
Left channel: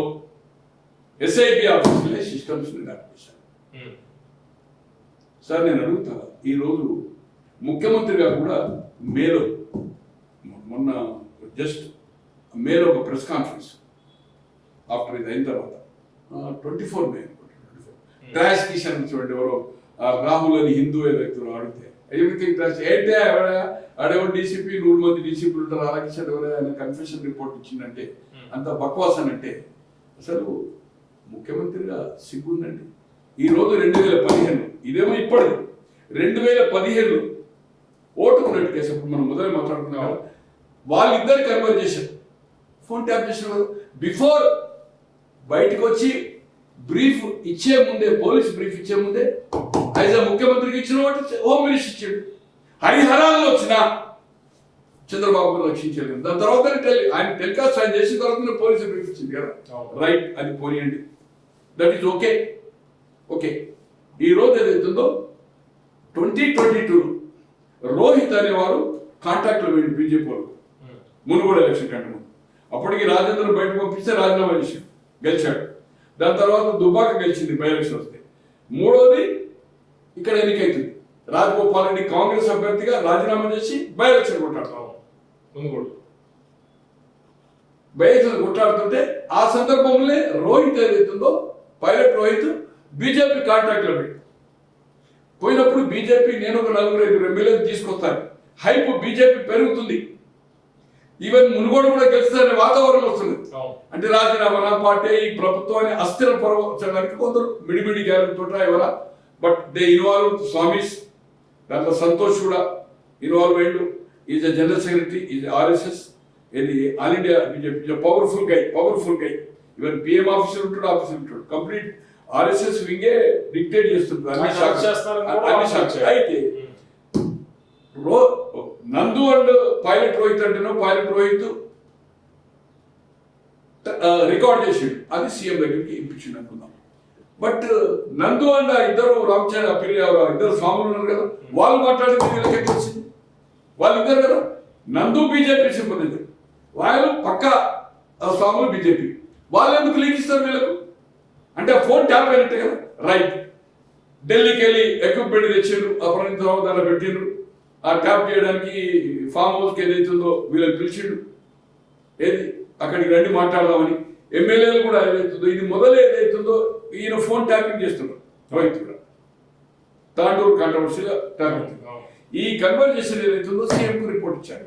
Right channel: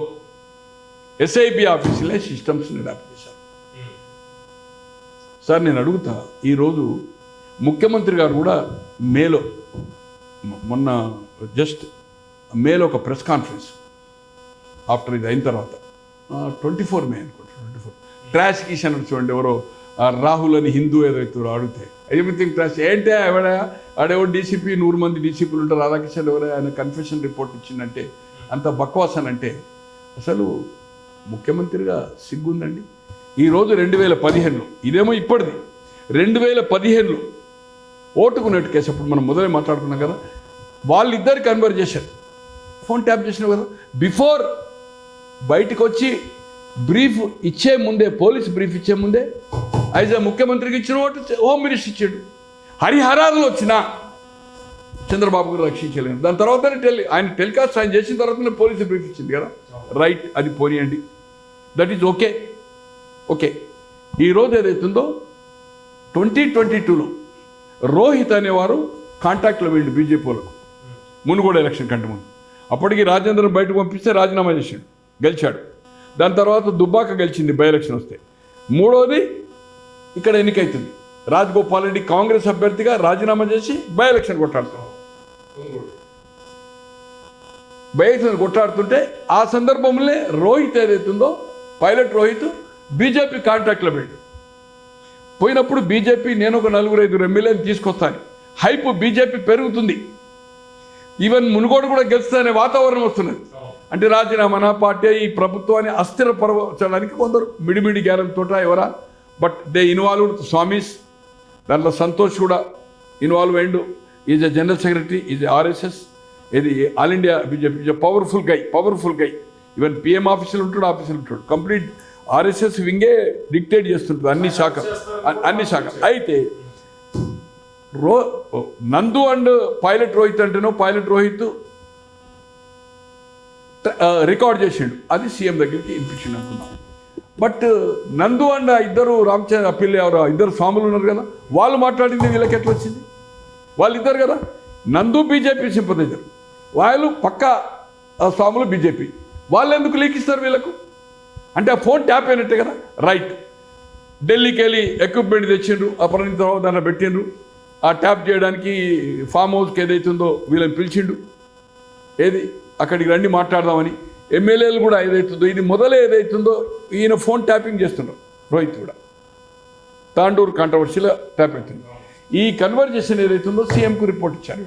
ఎస్ఐబి ఆఫీసులో సిస్టమ్స్ని ర్యాప్ చేశారు. సార్ నేను అడుగుతా, ఈరోజు ముఖ్యమంత్రి గారు కూడా మేలో, మొన్న జస్ట్ మేలో ఒక ప్రెస్ కాన్ఫరెన్స్ ఆఫ్టర్ ఇది అయిన తర్వాత 24 మే అనుకుంటా, 24 ట్రాష్ కిషన్ అని చూడండి, ఎవరో రాహుల్ అని హిందూ ఏదైతే అడిగితే ఎవ్రీథింగ్ ట్రాష్ ఏంటే ఆడెవో డీసీపీ 100 మంది డీసీపీలు ఉంటారు, రాధాకిషన్ ఎవరో ఆయన కన్ఫెషన్ రిపోర్ట్ ఇచ్చిందంటే అంత బక్వాసన్ అంటే అసలు ముఖ్యమంత్రిగా సిగ్గుందండి. ఈరోజు 2015లో, ఇదేమో ఇప్పటిది 2015లో ఓటుకున్నట్టు కేసు, అప్పుడు మనం మొదలై మాట్లాడుతున్నాం కదా, వాళ్ళిద్దరి కన్వర్జేషన్ ఫోన్ ట్యాప్ చేసినావు కదా. బిఫోర్ బయటకు వచ్చి బ్రీఫ్ ఇచ్చే ముందే, పోలీస్ బ్రీఫ్ ఇచ్చే ముందే యాజ్ ఆ ముఖ్యమంత్రికి ఇచ్చిన ఓటు హోమ్ మినిస్టర్ ఇచ్చాడు. హరిహరాల్లో వచ్చిన చంద్రబాబు రక్షించలేదు. దాని తర్వాత ఆయన టెలికాస్ట్ ఆయన చేసిన తర్వాత పోలీసు బ్రీఫ్ ఇచ్చింది కదా, రైట్, అది పోనీయండి, దట్ ఈజ్ ఓకే. ఓకే, ఈరోజు ఏదైతుందో 2022లో రోహిత్ అనేవారు కాంటాక్ట్లో వెళ్ళి బీజేపీ వాళ్ళకు మునుగోడు ఎలక్షన్ కంటే ముందు. అప్పటికి రాజేంద్ర బయటకు పంపిస్తే రాజీనామా చేశాడు, గెలిచాడు. దాని తర్వాత దుబ్బాక గెలిచింది బై ఎలక్షన్ వస్తే. మూడోది ఇక్కడ ఎన్నికైతుంది, రాజగోపాల్ రెడ్డి కాంగ్రెస్ అభ్యర్థిగా రాజీనామా చేసి బై ఎలక్షన్ కొట్టాడుతున్నాడు. బై ఎలక్షన్ కొట్టాడుతుంటే ఆ సందర్భంలో రోహిత్ ఏదైతుందో, పైలట్ రోహిత్ బీజేపీ కాంటాక్ట్లో పెట్టి పోయినప్పుడు బీజేపీ నేను ఒక 4-5 ఎమ్మెల్యేలు తీసుకొస్తాను, హైప్ బీజేపీ పెరుగుతుంది, ఈవెన్ మునుగోడు కూడా గెలుస్తుందనే వాతావరణం వస్తున్నది. అంటే రాజీనామా పార్టీ ఈ ప్రభుత్వాన్ని అస్థిరపరచడానికి కొందరు మిడిమిడి గ్యారంతో ఎవరా, బట్ దే ఇన్వాల్వ్ స్వామీస్. దాంట్లో సంతోష్ కూడా ఇన్వాల్వ్ అయ్యిండు, is a general secretary, is RSS, ఇది ఆల్ ఇండియా బీజేపీ, పవర్ఫుల్ గై. ఈవెన్ పిఎం ఆఫీసులు ఉంటాడు, ఆఫీసులు ఉంటాడు, కంప్లీట్ ఆర్ఎస్ఎస్ వింగే డిక్టేట్ చేస్తుంటుంది అన్ని శాఖ. అయితే నందు అండ్ పైలట్ రోహిత్ అంటేనో, పైలట్ రోహిత్ రికార్డ్ చేసిండు, అది సీఎం దగ్గరికి ఇప్పించిండు అనుకున్నాం. బట్ నందు అండ్ ఇద్దరు రామచంద్ర అప్పిల్ ఇద్దరు స్వాములు ఉన్నారు కదా, వాళ్ళు మాట్లాడింది వీళ్ళకి ఎట్లా వచ్చింది? వాళ్ళిద్దరు కదా, నందు బీజేపీ సింపథైజర్, వాళ్ళు పక్క స్వాములు బీజేపీ, వాళ్ళు ఎందుకు లీక్ ఇస్తారు వీళ్ళకు? అంటే ఆ ఫోన్ ట్యాప్ అయినట్టే కదా, రైట్. ఢిల్లీకి వెళ్ళి ఎక్విప్మెంట్ తెచ్చిండ్రు, అపహరించరావు దాంట్లో పెట్టిండ్రు, ఆ ట్యాప్ చేయడానికి ఫామ్ హౌస్కి ఏదైతుందో వీళ్ళని పిలిచిండు, ఏది అక్కడికి రండి మాట్లాడదామని. ఎమ్మెల్యేలు కూడా ఏదైతుందో, ఇది మొదలే ఏదైతుందో ఈయన ఫోన్ ట్యాపింగ్ చేస్తున్నారు, రోహిత్ కూడా తాండూరు కాంట్రవర్సీలో ట్యాప్ అవుతుంది. ఈ కన్వర్జేషన్ ఏదైతుందో సీఎంకు రిపోర్ట్ ఇచ్చారు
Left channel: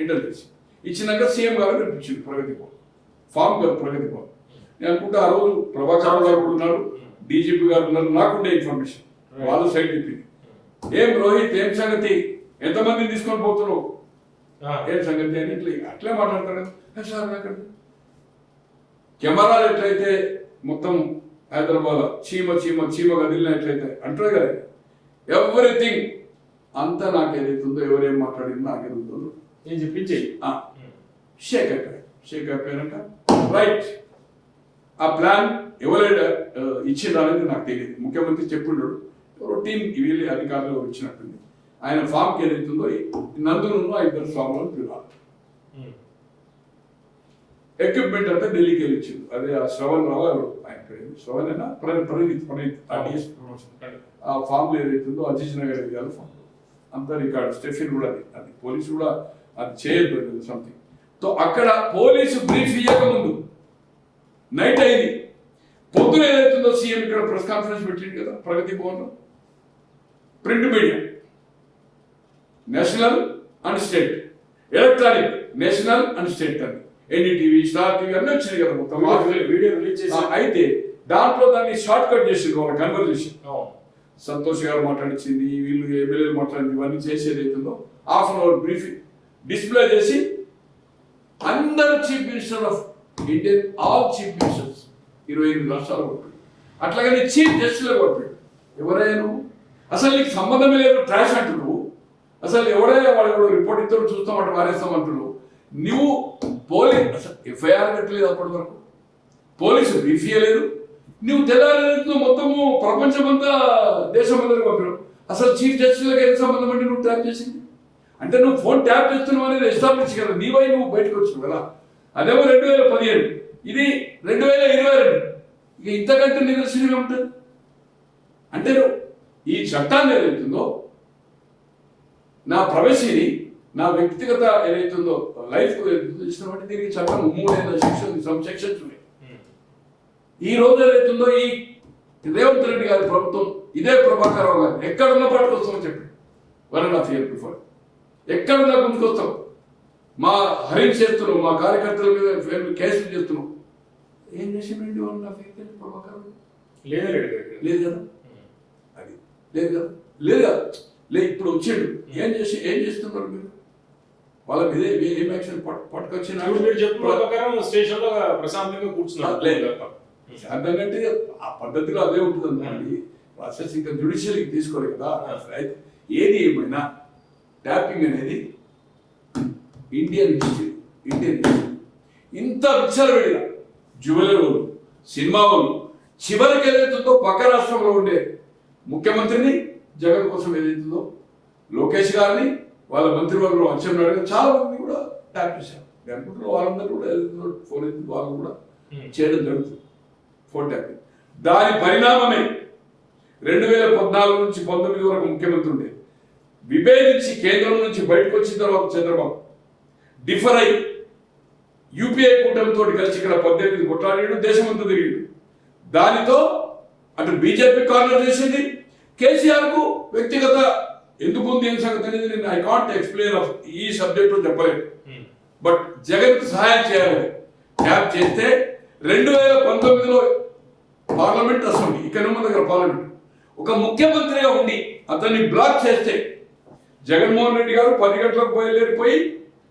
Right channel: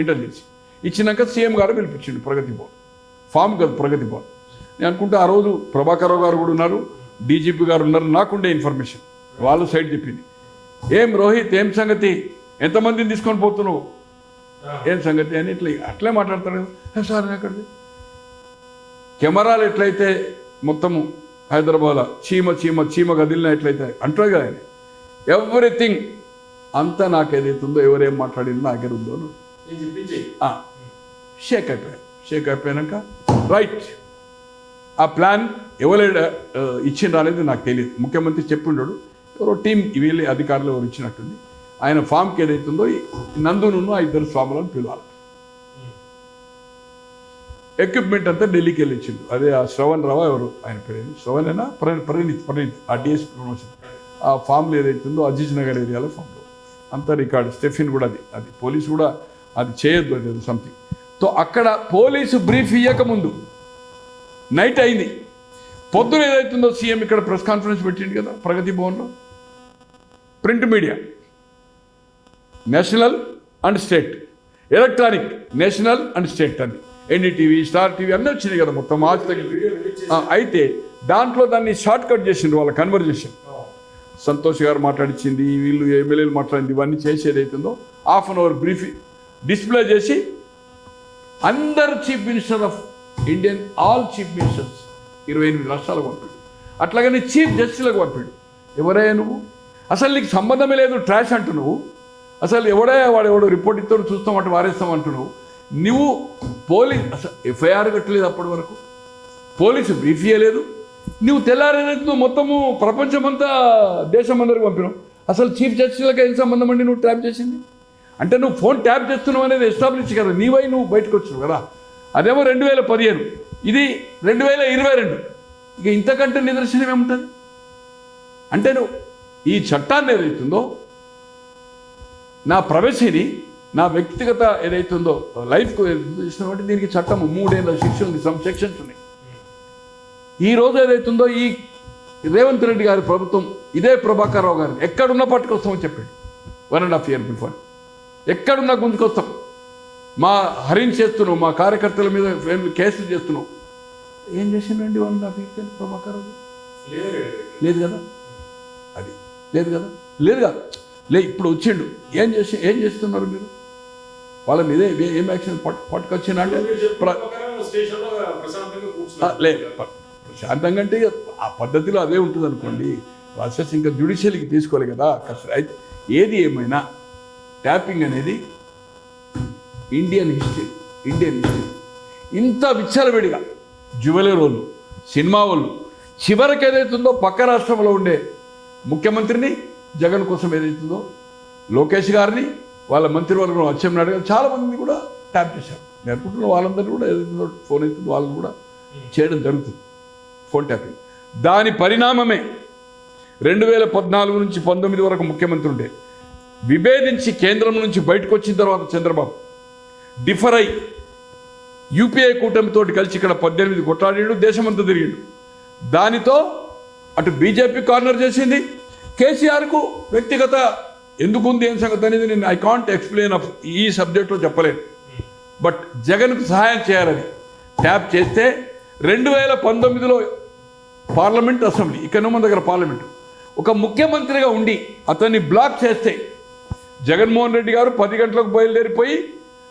ఇంటెలిజెన్స్. ఇచ్చినాక సీఎం గారు పిలిపించిండు ప్రగతి భవన్, ఫామ్ కాదు ప్రగతి భవన్. నేను అనుకుంటే ఆ రోజు ప్రభాకర్ రావు గారు కూడా ఉన్నారు, డీజీపీ గారు ఉన్నారు. నాకుండే ఇన్ఫర్మేషన్ వాళ్ళు సైడ్ చెప్పింది. ఏం రోహిత్, ఏం సంగతి, ఎంతమందిని తీసుకొని పోతున్నావు, ఏం సంగతి అని ఇట్లా అట్లే మాట్లాడతారు కదా సార్. అక్కడికి కెమెరాలు ఎట్లయితే మొత్తం హైదరాబాద్ చీమ చీమ చీమ గదిలిన ఎట్లయితే అంటారు కదా, ఎవ్రీథింగ్ అంతా నాకు ఏదైతుందో ఎవరేం మాట్లాడిందో నాకే ఉందో షేక్ అయిపోయాయి. షేక్ అయిపోయాక రైట్ ఆ ప్లాన్ ఎవరు ఇచ్చిండ్రు అనేది నాకు తెలియదు. ముఖ్యమంత్రి చెప్పిండడు, ఎవరో టీం వీళ్ళు అధికారులు ఎవరు ఇచ్చినట్టుంది. ఆయన ఫామ్కి ఏదైతుందో నందును ఆ ఇద్దరు స్వాములను పిలవాలి. ఎక్విప్మెంట్ అంతా ఢిల్లీకి వెళ్ళి ఇచ్చిండు. అదే ఆ శ్రవణ్ రావు ఎవరు ఆయన పేరు శ్రవణ్ అయినా ప్రణీత్ ఆ డిఎస్ ప్రమోషన్ ఆ ఫామ్లో ఏదైతుందో అజీజ్ నగర్ ఏరియాలో ఫామ్లో అంతా రికార్డు. స్టెఫిన్ కూడా అది పోలీసు కూడా అది చేయొద్దు, అది సంథింగ్. సో అక్కడ పోలీసు బ్రీఫ్ ఇవ్వకముందు నైట్ అయింది. పొద్దున ఏదైతుందో సీఎం ఇక్కడ ప్రెస్ కాన్ఫరెన్స్ పెట్టింది కదా ప్రగతి భవన్లో. Print media national and state, electronic national and state అని ఎన్డీటీవీ, స్టార్ టీవీ అన్నీ వచ్చినాయి కదా మొత్తం. అయితే దాంట్లో దాన్ని షార్ట్ కట్ చేసిండ్రు వాళ్ళ కన్వర్జేషన్. సంతోష్ గారు మాట్లాడించింది, వీళ్ళు ఎమ్మెల్యేలు మాట్లాడింది, ఇవన్నీ చేసేది అవుతుందో half an hour brief display చేసి అందరు chief minister of Indian all chief ministers 28 రాష్ట్రాలు పంపాడు. అట్లాగని చీఫ్ జస్టిస్లకు పంపాడు. ఎవరైనా నువ్వు అసలు నీకు సంబంధమే లేదు, ట్రాష్ అంటు నువ్వు అసలు వాడు రిపోర్ట్ ఇస్తాడు చూస్తామంటే వారేస్తామంటున్నావు నువ్వు. అసలు ఎఫ్ఐఆర్ కట్టలేదు అప్పటి వరకు, పోలీసు బ్రీఫ్ ఇయ్యలేదు. నువ్వు తెల్లారేదో మొత్తము ప్రపంచమంతా దేశమందరికి పంపినావు. అసలు చీఫ్ జస్టిస్లకు ఏం సంబంధం అండి నువ్వు ట్యాప్ చేసింది అంటే? నువ్వు ఫోన్ ట్యాప్ చేస్తున్నావు అనేది ఎస్టాబ్లిష్ కదా, నీవై నువ్వు బయటకు వచ్చినావు కదా. అదేమో 2015, ఇది 2022. ఇక ఇంతకంటే నిదర్శనం ఏముంటుంది అంటే నువ్వు ఈ చట్టాన్ని ఏదైతుందో నా ప్రైవసీని, నా వ్యక్తిగత ఏదైతుందో లైఫ్కు ఇచ్చినటువంటి దీనికి చట్టం 3 ఏళ్ళ శిక్ష ఉంది, సమ్ సెక్షన్స్ ఉన్నాయి. ఈ రోజు ఏదైతుందో ఈ రేవంత్ రెడ్డి గారి ప్రభుత్వం ఇదే ప్రభాకర్ రావు గారిని ఎక్కడున్నా పట్టుకొస్తామని చెప్పాడు 1.5 years బిఫోర్. ఎక్కడున్నా గుంజుకొస్తాం, మా హరించి చేస్తున్నాం, మా కార్యకర్తల మీద కేసులు చేస్తున్నాం. ఏం చేసిండండి 1.5 years ప్రభాకర్ రావు? లేదు కదా, అది లేదు కదా, లేదు కదా, ఇప్పుడు వచ్చిండు. ఏం చేస్తున్నారు మీరు? వాళ్ళ మీద ఏం యాక్షన్ పట్టుకొచ్చినట్టు శాంతంగా అంటే ఆ పద్ధతిలో అదే ఉంటుంది అనుకోండి. ప్రాసెస్ ఇంకా జ్యుడిషియల్కి తీసుకోవాలి కదా. అయితే ఏది ఏమైనా ట్యాపింగ్ అనేది ఇండియన్ హిస్టరీ. ఇంత విచ్చలవిడిగా జ్యువెలరీ వాళ్ళు, సినిమా వాళ్ళు, చివరికి ఏదైతుందో పక్క రాష్ట్రంలో ఉండే ముఖ్యమంత్రిని, జగన్ కోసం ఏదైతుందో లోకేష్ గారిని, వాళ్ళ మంత్రివర్గం అచ్చెన్నాయుడు చాలా మంది కూడా ట్యాప్ చేశారు. నేను అనుకుంటున్న వాళ్ళందరూ కూడా ఏదైతుందో ఫోన్ అవుతుంది వాళ్ళు కూడా చేయడం జరుగుతుంది, ఫోన్ ట్యాపింగ్. దాని పరిణామమే 2014 నుంచి 19 వరకు ముఖ్యమంత్రి ఉండే విభేదించి కేంద్రం నుంచి బయటకు వచ్చిన తర్వాత చంద్రబాబు డిఫర్ అయి యూపీఏ కూటమితో కలిసి ఇక్కడ 18 కొట్లాడాడు, దేశమంతా తిరిగిండు. దానితో అటు బీజేపీ కార్నర్ చేసింది, కేసీఆర్కు వ్యక్తిగత ఎందుకుంది ఏం సంగతి అనేది నేను ఐ కాంట్ ఎక్స్ప్లెయిన్ ఆఫ్ ఈ సబ్జెక్ట్లో చెప్పలేను. బట్ జగన్కు సహాయం చేయాలని ట్యాప్ చేస్తే 2019లో పార్లమెంట్ అసెంబ్లీ, ఇక్కడ మన దగ్గర పార్లమెంట్, ఒక ముఖ్యమంత్రిగా ఉండి అతన్ని బ్లాక్ చేస్తే జగన్మోహన్ రెడ్డి గారు 10 గంటలకు బయలుదేరిపోయి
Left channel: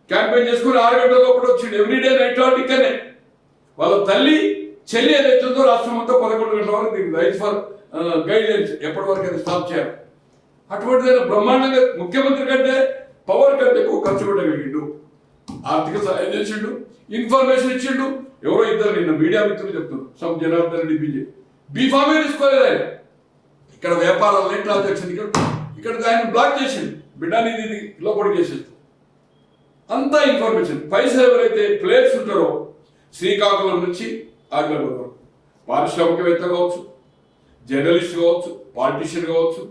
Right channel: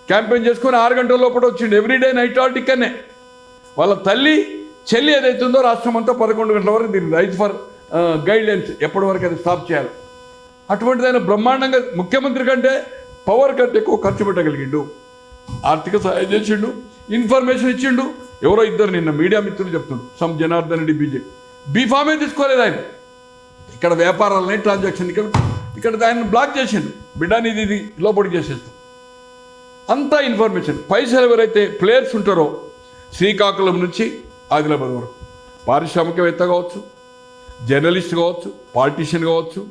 క్యాంపెయిన్ చేసుకుని 6 గంటల లోపల వచ్చిండు. ఎవ్రీడే నైట్ అవుట్ ఇక్కడనే. వాళ్ళ తల్లి చెల్లి ఏదైతుందో రాష్ట్రం అంతా 11 గంటల వరకు దీనికి రైట్ ఫర్ గైడ్ లైన్స్ ఎప్పటి వరకు అది స్టాప్ చేయాలి. అటువంటిదైనా బ్రహ్మాండంగా ముఖ్యమంత్రి కంటే పవర్ కంటే ఎక్కువ ఖర్చు పెట్టగలిగిండు. ఆర్థిక సహాయం చేసిండు, ఇన్ఫర్మేషన్ ఇచ్చిండు. ఎవరో ఇద్దరు నిన్న మీడియా మిత్రులు చెప్తుండ్రు, సమ్ జనార్దన్ రెడ్డి బీజేపీ బీఫామే తీసుకోలేదు ఆయన. ఇక్కడ వ్యాపారాలని ట్రాన్సాక్షన్ ఇక్కడ ఆయన బ్లాక్ చేసిండు. బిడ్డాని ఇది లోపలికి చేసేస్తాం అంతా ఇన్ఫర్మేషన్. పైసలు ఎవరైతే ప్లేయర్స్ ఉంటారో శ్రీకాకుళం నుంచి ఆదిలాబాద్ వరకు, పారిశ్రామికవేత్త కావచ్చు, జర్నలిస్ట్ కావచ్చు, పాలిటీషియన్ కావచ్చు,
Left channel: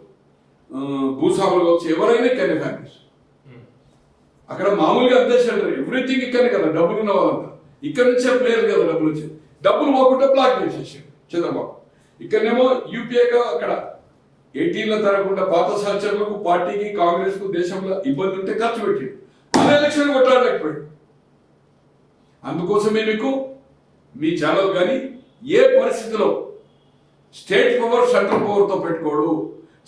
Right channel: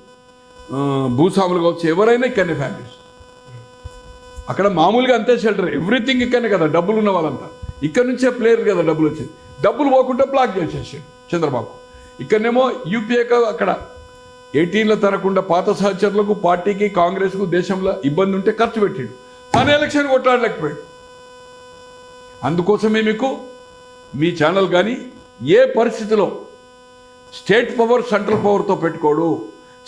భూస్వాములు కావచ్చు, ఎవరైనా ఇక్కడనే ఫ్యామిలీస్. అక్కడ మామూలుగా అంతే షెల్టర్, ఎవ్రీథింగ్ ఇక్కడనే కదా. డబ్బులు ఉన్న వాళ్ళంతా ఇక్కడ నుంచే ప్లేయర్ కదా డబ్బులు వచ్చేది. డబ్బులు పోకుండా బ్లాక్ చేసేసాడు చంద్రబాబు. ఇక్కడనేమో యూపీఏ అక్కడ 18 తరకుండా పాత సహచరులకు పార్టీకి కాంగ్రెస్కు దేశంలో ఇబ్బంది ఉంటే ఖర్చు పెట్టిండు. మన ఎలక్షన్ కొట్లాడలేకపోయాడు. అందుకోసమే మీకు మీ ఛానల్ కానీ ఏ పరిస్థితిలో స్టేట్ పవర్ సెంట్రల్ పవర్తో పెట్టుకోడు.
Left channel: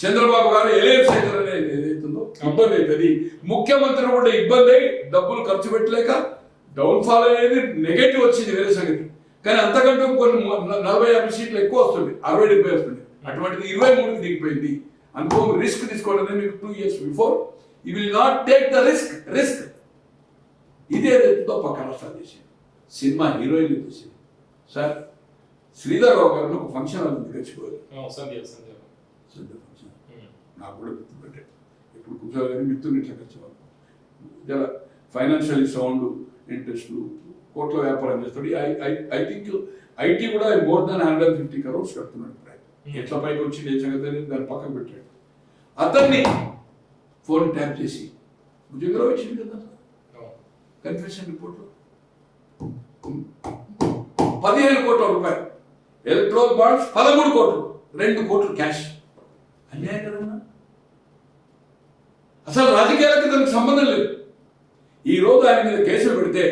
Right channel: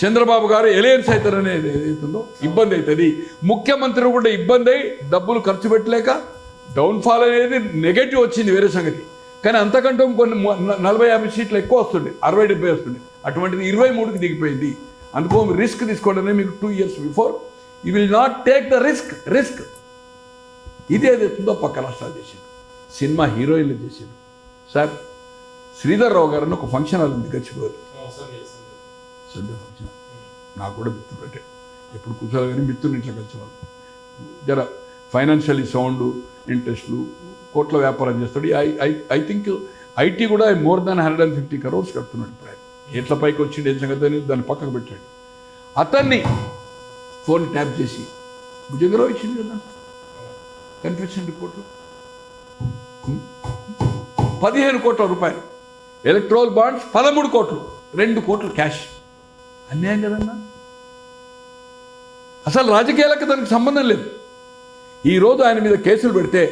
చంద్రబాబు గారు ఎలయన్స్ అవుతారనేది ఏదైతుందో ఇబ్బంది అవుతుంది. ముఖ్యమంత్రి కూడా ఇబ్బంది అయి డబ్బులు ఖర్చు పెట్టలేక డౌన్ఫాల్ అనేది నెగటివ్ వచ్చింది వేరే సంగతి. కానీ అంతకంటే కొన్ని 40-50 సీట్లు ఎక్కువ వస్తుంది, 60-70 వస్తుంది. అటువంటిది 23కి దిగిపోయింది. అందుకో రిస్క్ తీసుకోవాలనే మీకు 2 years before you will not take the risk. ఇది ఏదైతుందో పక్క రాష్ట్రాలు చేసింది. సినిమా హీరోయిన్లు చేసింది. సార్ శ్రీధర్ రావు గారిని ఒక ఫంక్షన్ అది గచ్చిపోయారు. సండే ఫంక్షన్ నాకు కూడా మిత్రుడు అంటే ఎప్పుడు కూర్చోవాలి కానీ మిత్రుని ఇట్లా కలిసేవాళ్ళు. జర ఫైనాన్షియలీ సౌండ్ ఇంట్రెస్ట్లు కోట్ల వ్యాపారం చేస్తాడు. ఐ థింక్ ఐటీ కూడా మోర్ దాన్ 150 crores కడుతున్నాడు. ఎట్ల పైకి వచ్చింది ఏ సంగతి అనేది దాన్ని పక్కకు పెట్టాడు. అతన్ని ఫోన్ ట్యాప్ చేసి భుజంగరావు ఇచ్చింది కదా కన్ఫెషన్ రిపోర్ట్లో 15 కోట్ల రూపాయలు, ఎలక్ట్రల్ బాండ్స్ 13 కోట్లు, 2 కోట్లు క్యాష్. అన్యాయం కదన్నా. అసలు రాజకీయాలకు దానికి సంబంధం లేదు. ఈరోజు ఆయన మీద కేసులు పెడితే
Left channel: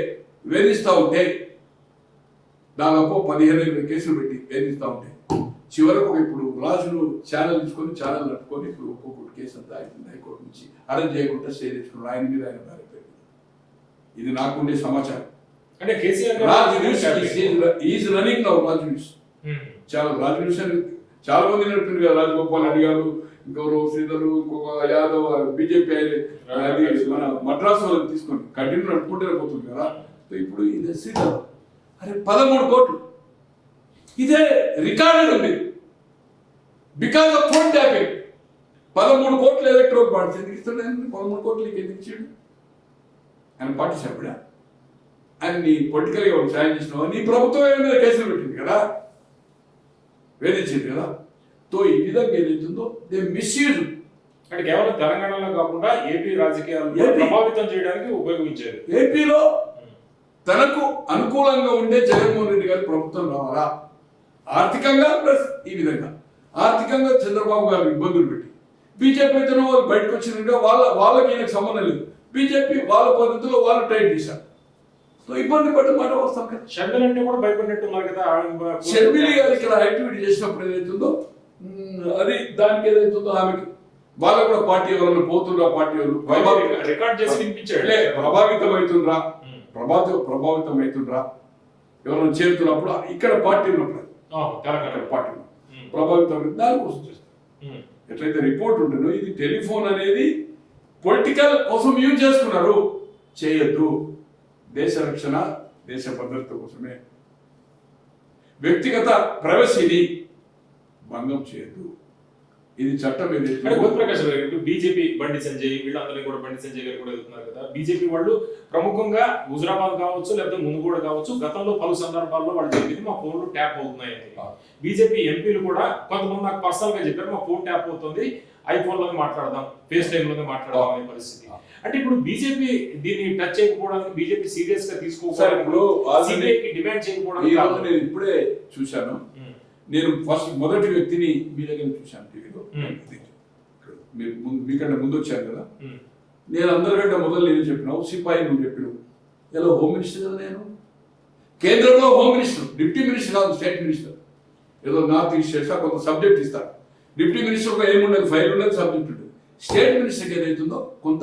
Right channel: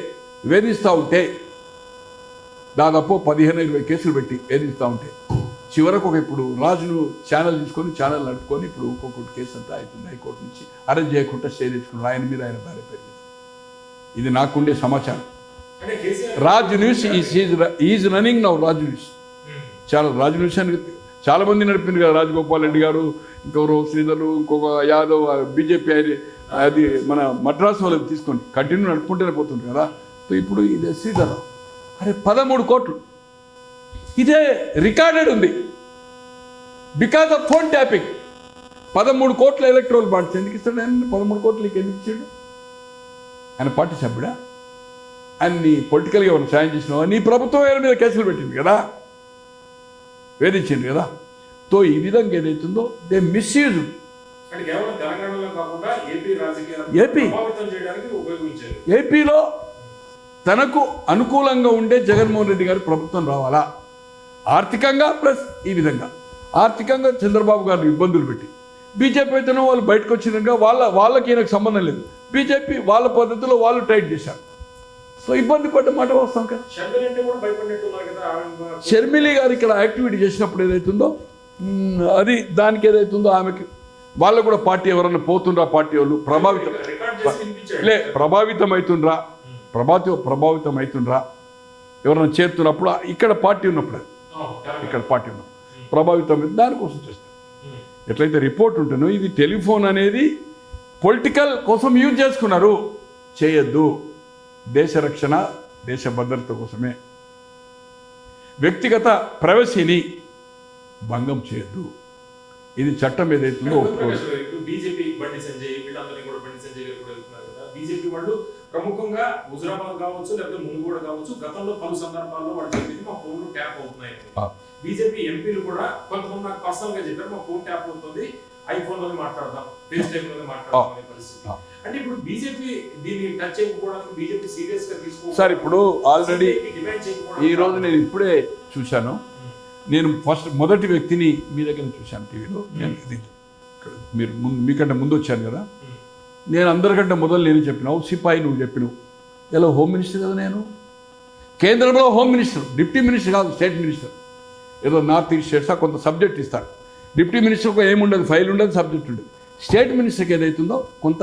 వేధిస్తూ ఉంటే దాదాపు 15-20 కేసులు పెట్టి వేధిస్తూ ఉంటే చివరకు ఇప్పుడు రాజును ఛానల్ తీసుకొని ఛానల్ నట్టుకొని ఇప్పుడు ఒక్కొక్కటి కేసు అంతా అయిపోయింది. హైకోర్టు నుంచి అరెస్ట్ చేయకుండా స్టే తెచ్చుకున్నారు. ఆయన మీద ఆయన భార్య పేరు. ఇది నాకుండే సమాచారం. Raj news is running now. Raj news Raj news అని చాలా మంది నడిపింది కదా. రాజగోపాల్ రెడ్డి గారు, ఇంకెవరు శ్రీధరు, ఇంకొక యాదవ్, బీజేపీ అది మన మద్రాసు వాళ్ళకి తీసుకొని కంటిన్యూ నడుపుకుంటూనే పోతుంది కదా. సో ఇప్పుడు ఇది శ్రీధర్ అరే 13 కోట్లు ఇదే రికార్డెడ్ ఉంది. బికాస్ ఆఫ్ ఫోన్ ట్యాపింగ్ 13 కోట్ల ఎలక్ట్రల్ బాండ్స్ ఎందుకు ఇస్తాడు ఆయన? 13 కోట్లకి ఎందుకు ఇచ్చాడు? ఆయన పార్టీ సభ్యుడా? ఆయన్ని పొలిటికల్గా ఎవరు సాయం చేసినావా? నీ ప్రభుత్వం ఆయన మీద కేసులు పెట్టింది కదా, వేధించింది కదా. తో ఈ విధంగా ఏదైతుందో దే మిస్యూజ్ ఏపీలో తనకు అనుకూలంగా ఉండే జగన్మోహన్ రెడ్డి గారి ప్రభుత్వం రావాలా, ఆర్థికంగా ప్లస్ ఈ విధంగా ఆర్థికంగా చంద్రబాబు గారిని ఇబ్బందులు పెట్టి బీజేపీ అయితేనో వాళ్ళు బయటకు వచ్చినాక వాళ్ళకి ఈయనకు సంబంధం లేదు. బీజేపీ వాళ్ళ పద్ధతిలో వాళ్ళు టైట్ చేశారు. సో ఇబ్బంది పడ్డ మాట వస్తాం కదా. షర్మిలి గారు ఇక్కడ యాక్టివిటీ చేసినప్పుడు ఏదైతుందో అది దానికి ఏదైతుందో ఆమెకి వాళ్ళకు కూడా పార్టీ ఎవరన్నా పోతుండ్రా, పార్టీ వాళ్ళు ప్రభావితం అవుతుండ్రా ఎవరైనా చేరుతున్నప్పుడు ఇక్కడ పార్టీ ఉన్నప్పుడు ప్రభావితం దానికోసం చేస్తారు. ఎట్లయితే రిపోర్ట్ ఉంటుందో ఇది టెలిఫోన్ అనేది పొలిటికల్ కోసం యూజ్ చేసుకున్నారు. చేయొద్దు. దేశ రక్షణ దేశ భద్రత కోసమే. వ్యక్తిగత ప్రైవసీని భంగం చేయొద్దు. ఇది చట్టం ఏదైతే బీజేపీ బండి సంజయ్ వీళ్ళందరినీ కూడా బండి సంజయ్ గారు కూడా వెళ్తున్నారు కదా. బీజేపీ వాళ్ళు ప్రముఖంగా హుజరాబాద్ కావచ్చు లేకపోతే మునుగోడు కావచ్చు గతంలో పలు సందర్భాల్లో వాళ్ళు చెప్పింది మా ఫోన్లు ట్యాప్ అవుతున్నాయని. బీజేపీ ఎంపీలు కూడా కొంతమంది నాకు పర్సనల్ గా చెప్పారు మా ఫోన్ ట్యాప్ అవుతుంది, ఐఫోన్ లోనే మాట్లాడదాం, ఫేస్ టైమ్ లోనే మాట్లాడదాం అనే పరిస్థితి. అంటే ఇప్పుడు బీజేపీ దీన్ని టచ్ చేయకపోవడానికి బీజేపీ సీరియస్ గా తీసుకోవాలి. సార్ ఇప్పుడు ఆల్రెడీ డిమాండ్ చేయకపోవడం ఈ రోజు నేను ఇప్పుడే చూశాను. నేను మొదటి వ్యక్తిని మీ దగ్గర చూశాను టీవీలో. మీరు మీకంటే ముందు వచ్చాను కదా. నేను అందరికంటే మొదలు నేను చెప్పినావు సిపాయి నువ్వు చెప్పినావు. ఎలా హోమ్ మినిస్టర్ కదా నేను, కేంద్రంలో హోమ్ మినిస్టర్, డిప్యూటీ మినిస్టర్ కాదు, స్టేట్ మినిస్టర్. ఏదో నార్త్ ఈస్ట్ స్టేట్స్ కొంత సబ్జెక్ట్ ఇస్తారు. డిప్యూటీ మినిస్టర్కు ఏముండదు, ఫైల్ ఉండదు, సబ్జెక్ట్ ఉండదు. స్టేట్ మినిస్టర్కి ఏదైతుందో కొంత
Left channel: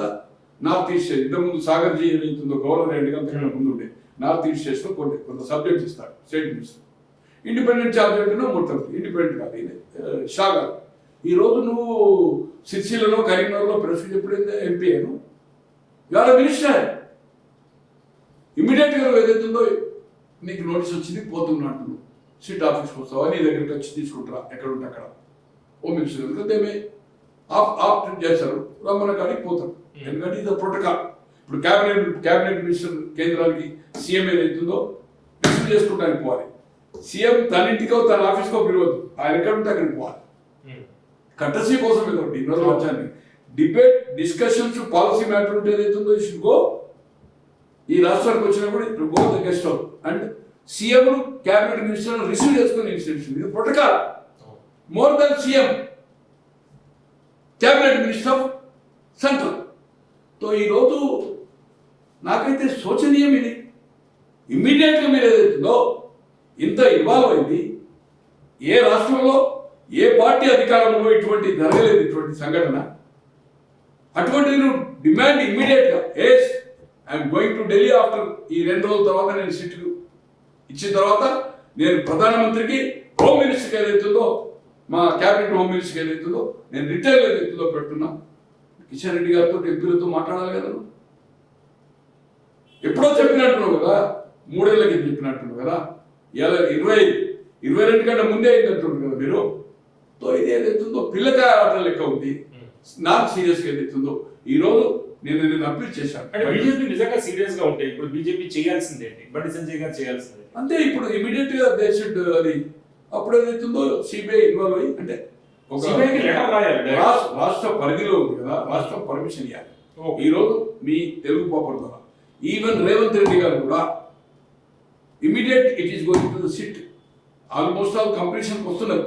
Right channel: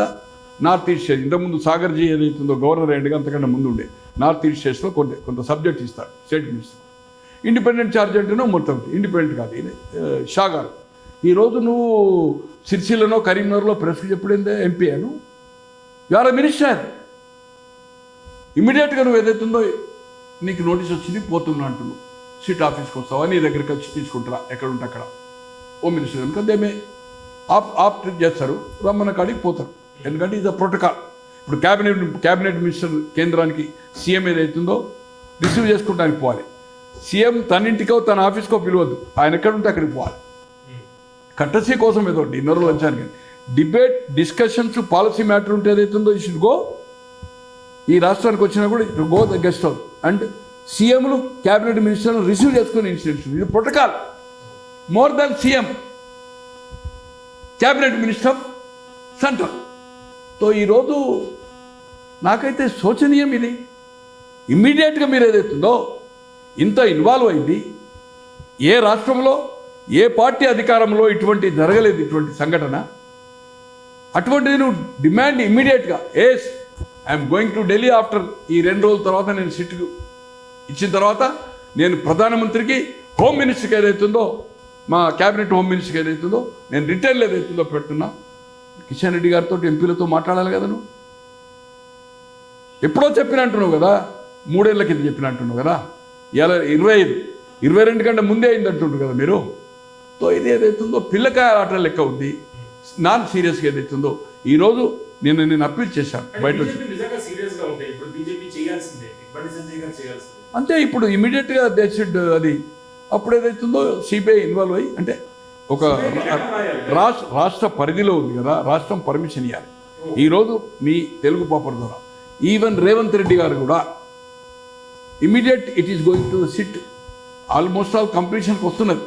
నార్త్ ఈస్ట్ స్టేట్ ఇంతకుముందు సాగర్జీ ఏదైతుందో గవర్నర్ అయ్యండిగా అంతకంటే ముందు ఉండే నార్త్ ఈస్ట్ స్టేట్స్లో కొంత సబ్జెక్ట్ ఇస్తారు స్టేట్ మినిస్టర్. ఇండిపెండెంట్ ఛార్జ్ అంటేనో మొత్తం ఇండిపెండెంట్ కాదు. ఇది షా గారు ఈరోజు నువ్వు సిరిసిల్లలో కరీంనగర్లో ప్రెస్కి చెప్పుడైందే ఎంపీ అను ఇవాళ మినిస్టర్. ఇమీడియట్గా నువ్వు ఏదైతుందో నీకు నోటీస్ వచ్చింది పోతున్నా అంటున్నావు, సిట్ ఆఫీస్కి వస్తావా, నీ దగ్గరికి వచ్చి తీసుకుంటారా ఎక్కడుంటే అక్కడ హోమ్ మినిస్టర్ కనుక దేమే ఆప్ట్ చేస్తారు, రమ్మన్న కాడికి పోతారు. ఎందుకంటే ఇది ప్రోటోకాల్. ఇప్పుడు క్యాబినెట్ మినిస్టర్ కేంద్రానికి సీఎం ఏదైతుందో రిసీవ్ చేసుకోవడానికి పోవాలి. సీఎం తన ఇంటికో తన ఆఫీస్కో పిలవద్దు, ఆయన ఎక్కడుంటే అక్కడికి పోవాలి. కట్టసీ కోసం ఏదో డిన్నర్ వచ్చాను డిబేట్ డిస్కషన్స్ పాలసీ మ్యాటర్ ఉంటే ఏదైతుందో ఈ షుడ్ గో. ఈ రాష్ట్రానికి వచ్చినా కూడా go the guest house and సీఎంను క్యాబినెట్ మినిస్టర్ను రిసీవ్ చేసుకునే ఇన్స్టిట్యూషన్. ఇది protocol more than CM. Cabinet minister of central. So ఈరోజు నాకైతే శోచనీయం ఇది. ఇమ్మీడియట్గా మీరు ఏదైతుందో ఇంత ఇన్వాల్వ్ అయింది. ఏ రాష్ట్రంలో ఏ పార్టీ అధికారంలో ఇటువంటి జరగలేదు ఇటువంటి సంఘటన. అటువంటిది నువ్వు డిమాండ్ ఇమ్మీడియట్గా yes I'm going to Delhi after ఈ 2 రోజుల తర్వాత నేను సిట్కు ఇచ్చిన తర్వాత నేను ప్రధానమంత్రికి హోమ్ మినిస్టర్కి ఏదైతుందో మా క్యాబినెట్ హోమ్ మినిస్టర్కి ఏదైతుందో నేను రిటైర్లు ఏదైతుందో పెడుతున్నా. కిషన్ రెడ్డి గారితో ఎంపీలతో మాట్లాడాలి కదా నువ్వు. ఎప్పుడో చెప్పినట్టున్నావు కదా, 3 ఏళ్ల కింద చెప్పినట్టున్నావు కదా. ఇలా 22 కంటే ముందే అయిందంటుండ్రు కదా మీరు. సో ఇది ఏదైతుందో పిల్లకాయ ఆటల లెక్క ఉంది. నాన్ సీరియస్గా ఏదైతుందో ఈరోజు నేను అప్పీల్ చేశాను బయట. అంటే ఇప్పుడు ఇమీడియట్గా దే షుడ్ అది అప్పుడు ఏదైతుందో సిబిఐ ఇన్వాల్వ్ అయ్యి అంటే ఒక రాష్ట్ర పరిధిలో ఉంది కదా, రాష్ట్రం పర్మిషన్ ఇవ్వాలి. ఈరోజు మీ తెలుగు పేపర్ ద్వారా ఈవెన్ రేవంత్ రెడ్డి గారు కూడా immediate it is going to the SIT almost all కంప్లీషన్కి వస్తున్నది.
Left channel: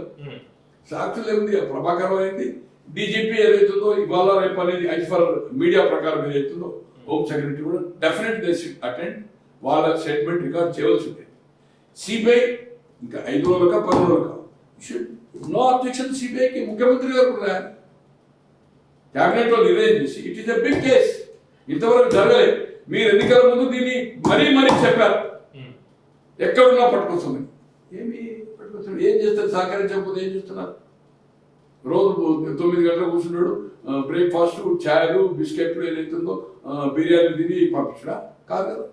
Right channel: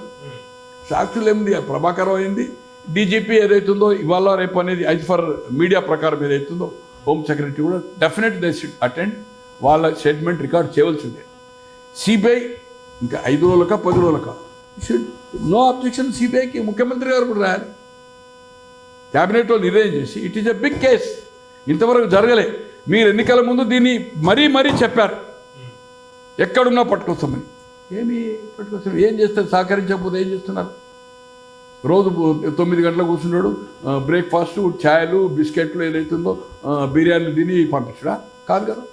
సాక్షులు ఏముంది, ప్రభాకర్ అయింది, డీజీపీ ఏదైతుందో ఇవాళ రేపు అనేది ఐజ్ ఫర్ మీడియా ప్రకారం ఏదైతుందో హోమ్ సెక్రటరీ కూడా డెఫినెట్ దే షుడ్ అటెండ్. వాళ్ళ స్టేట్మెంట్ రికార్డ్ చేయవలసి ఉంటుంది. సిబిఐ ఇంకా 5 రోజులకా 10 రోజులకా షుడ్ నో అబ్జెక్షన్. సిబిఐకి ముఖ్యమంత్రి గారు కూడా రాయాలి. క్యాబినెట్ వాళ్ళు నిర్ణయం చేసి it is a big case, ఇంతవరకు జరగలే. మీరు ఎన్నికల ముందు దీన్ని మరీ చెప్పారు, ఎక్కడున్నా పట్టుకొస్తామని. ఏమి పట్టుకొస్తాం, ఏం చేస్తారు? సహకరించకపోతే ఏం చేస్తున్నారు? రోజు 9 గంటలకు కూర్చున్నాడు, బ్రేక్ఫాస్ట్ ఛాయలు బిస్కెట్లు ఏదైతుందో బిర్యానీ తిని పంపించడా? కాదు కదా,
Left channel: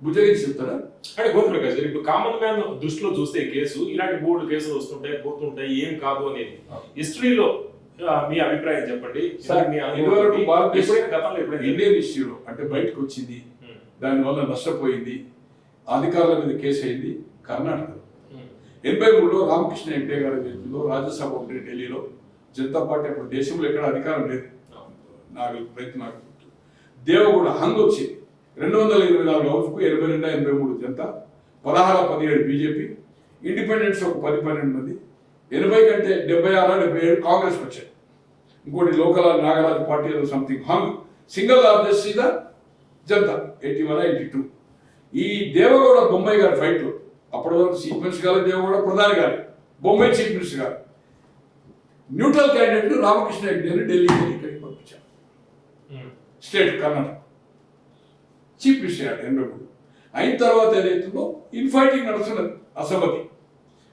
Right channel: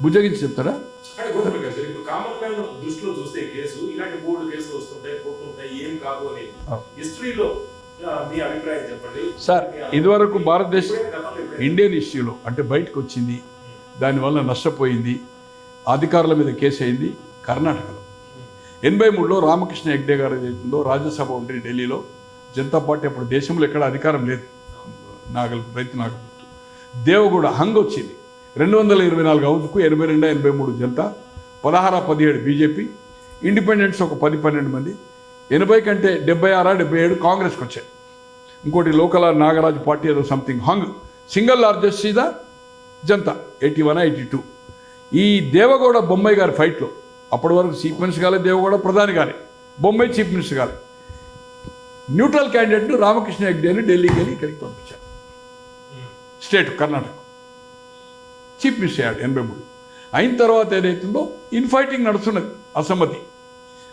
భుజగించి చెప్తారా? అంటే గోపిక గారు ఇప్పుడు కామన్ మ్యాన్ దృష్టిలో చూస్తే కేసు ఇలాంటి 3 కేసులు వస్తుంటాయి పోతుంటాయి ఏం కాదు అనేది హిస్టరీలో మీ అభిప్రాయం చెప్పండి సార్. ఇదివరకు భారతదేశం ఇండియన్ ఇష్యూలో అంటే బయటకు వచ్చింది, దానివల్ల నష్టపోయింది, అధికారుల మీద కేసు అయింది కర్ణాటకలో. 83లో రామకృష్ణ హెగ్డే గారు ఏదైతుందో రాజ్యసభ ఉంది ఢిల్లీలో. జనతా పార్టీ అప్పుడు దేశంలో ఎక్కడ అధికారం లేదు, రైతు నాగల్ దేవగూడ హంగ్ వచ్చింది. 224 హౌస్కు 82-83 జనతా, 16-17 బీజేపీ, ఇండిపెండెంట్స్ ఒక 10-12 మంది, 80 కంటే 76-77 కాంగ్రెస్కి వచ్చాయి. ఇంకోటి లోకల్ నాగరాజు పార్టీ ఏదో something hung. Single largest is the Janata 81-82. ఈ దేవగౌడ బొమ్మాయి గారి ఫైట్లో అప్పటి వరకు చీఫ్ మినిస్టర్ గారు దేవగౌడ ప్రధాని గారి, బొమ్మాయి చీఫ్ మినిస్టర్ గారు. న్యూట్రల్ క్యాండిడేట్ రామకృష్ణ హెగ్డేని ఢిల్లీకి ఇక్కడికి పంపించారు. స్టేట్ కర్ణాటక చీఫ్ మినిస్టర్ అయ్యాడు 83. అయిన తర్వాత ఏదైతుందో ఇన్ఫైటింగ్ నడుస్తున్నది, అసమ్మతి.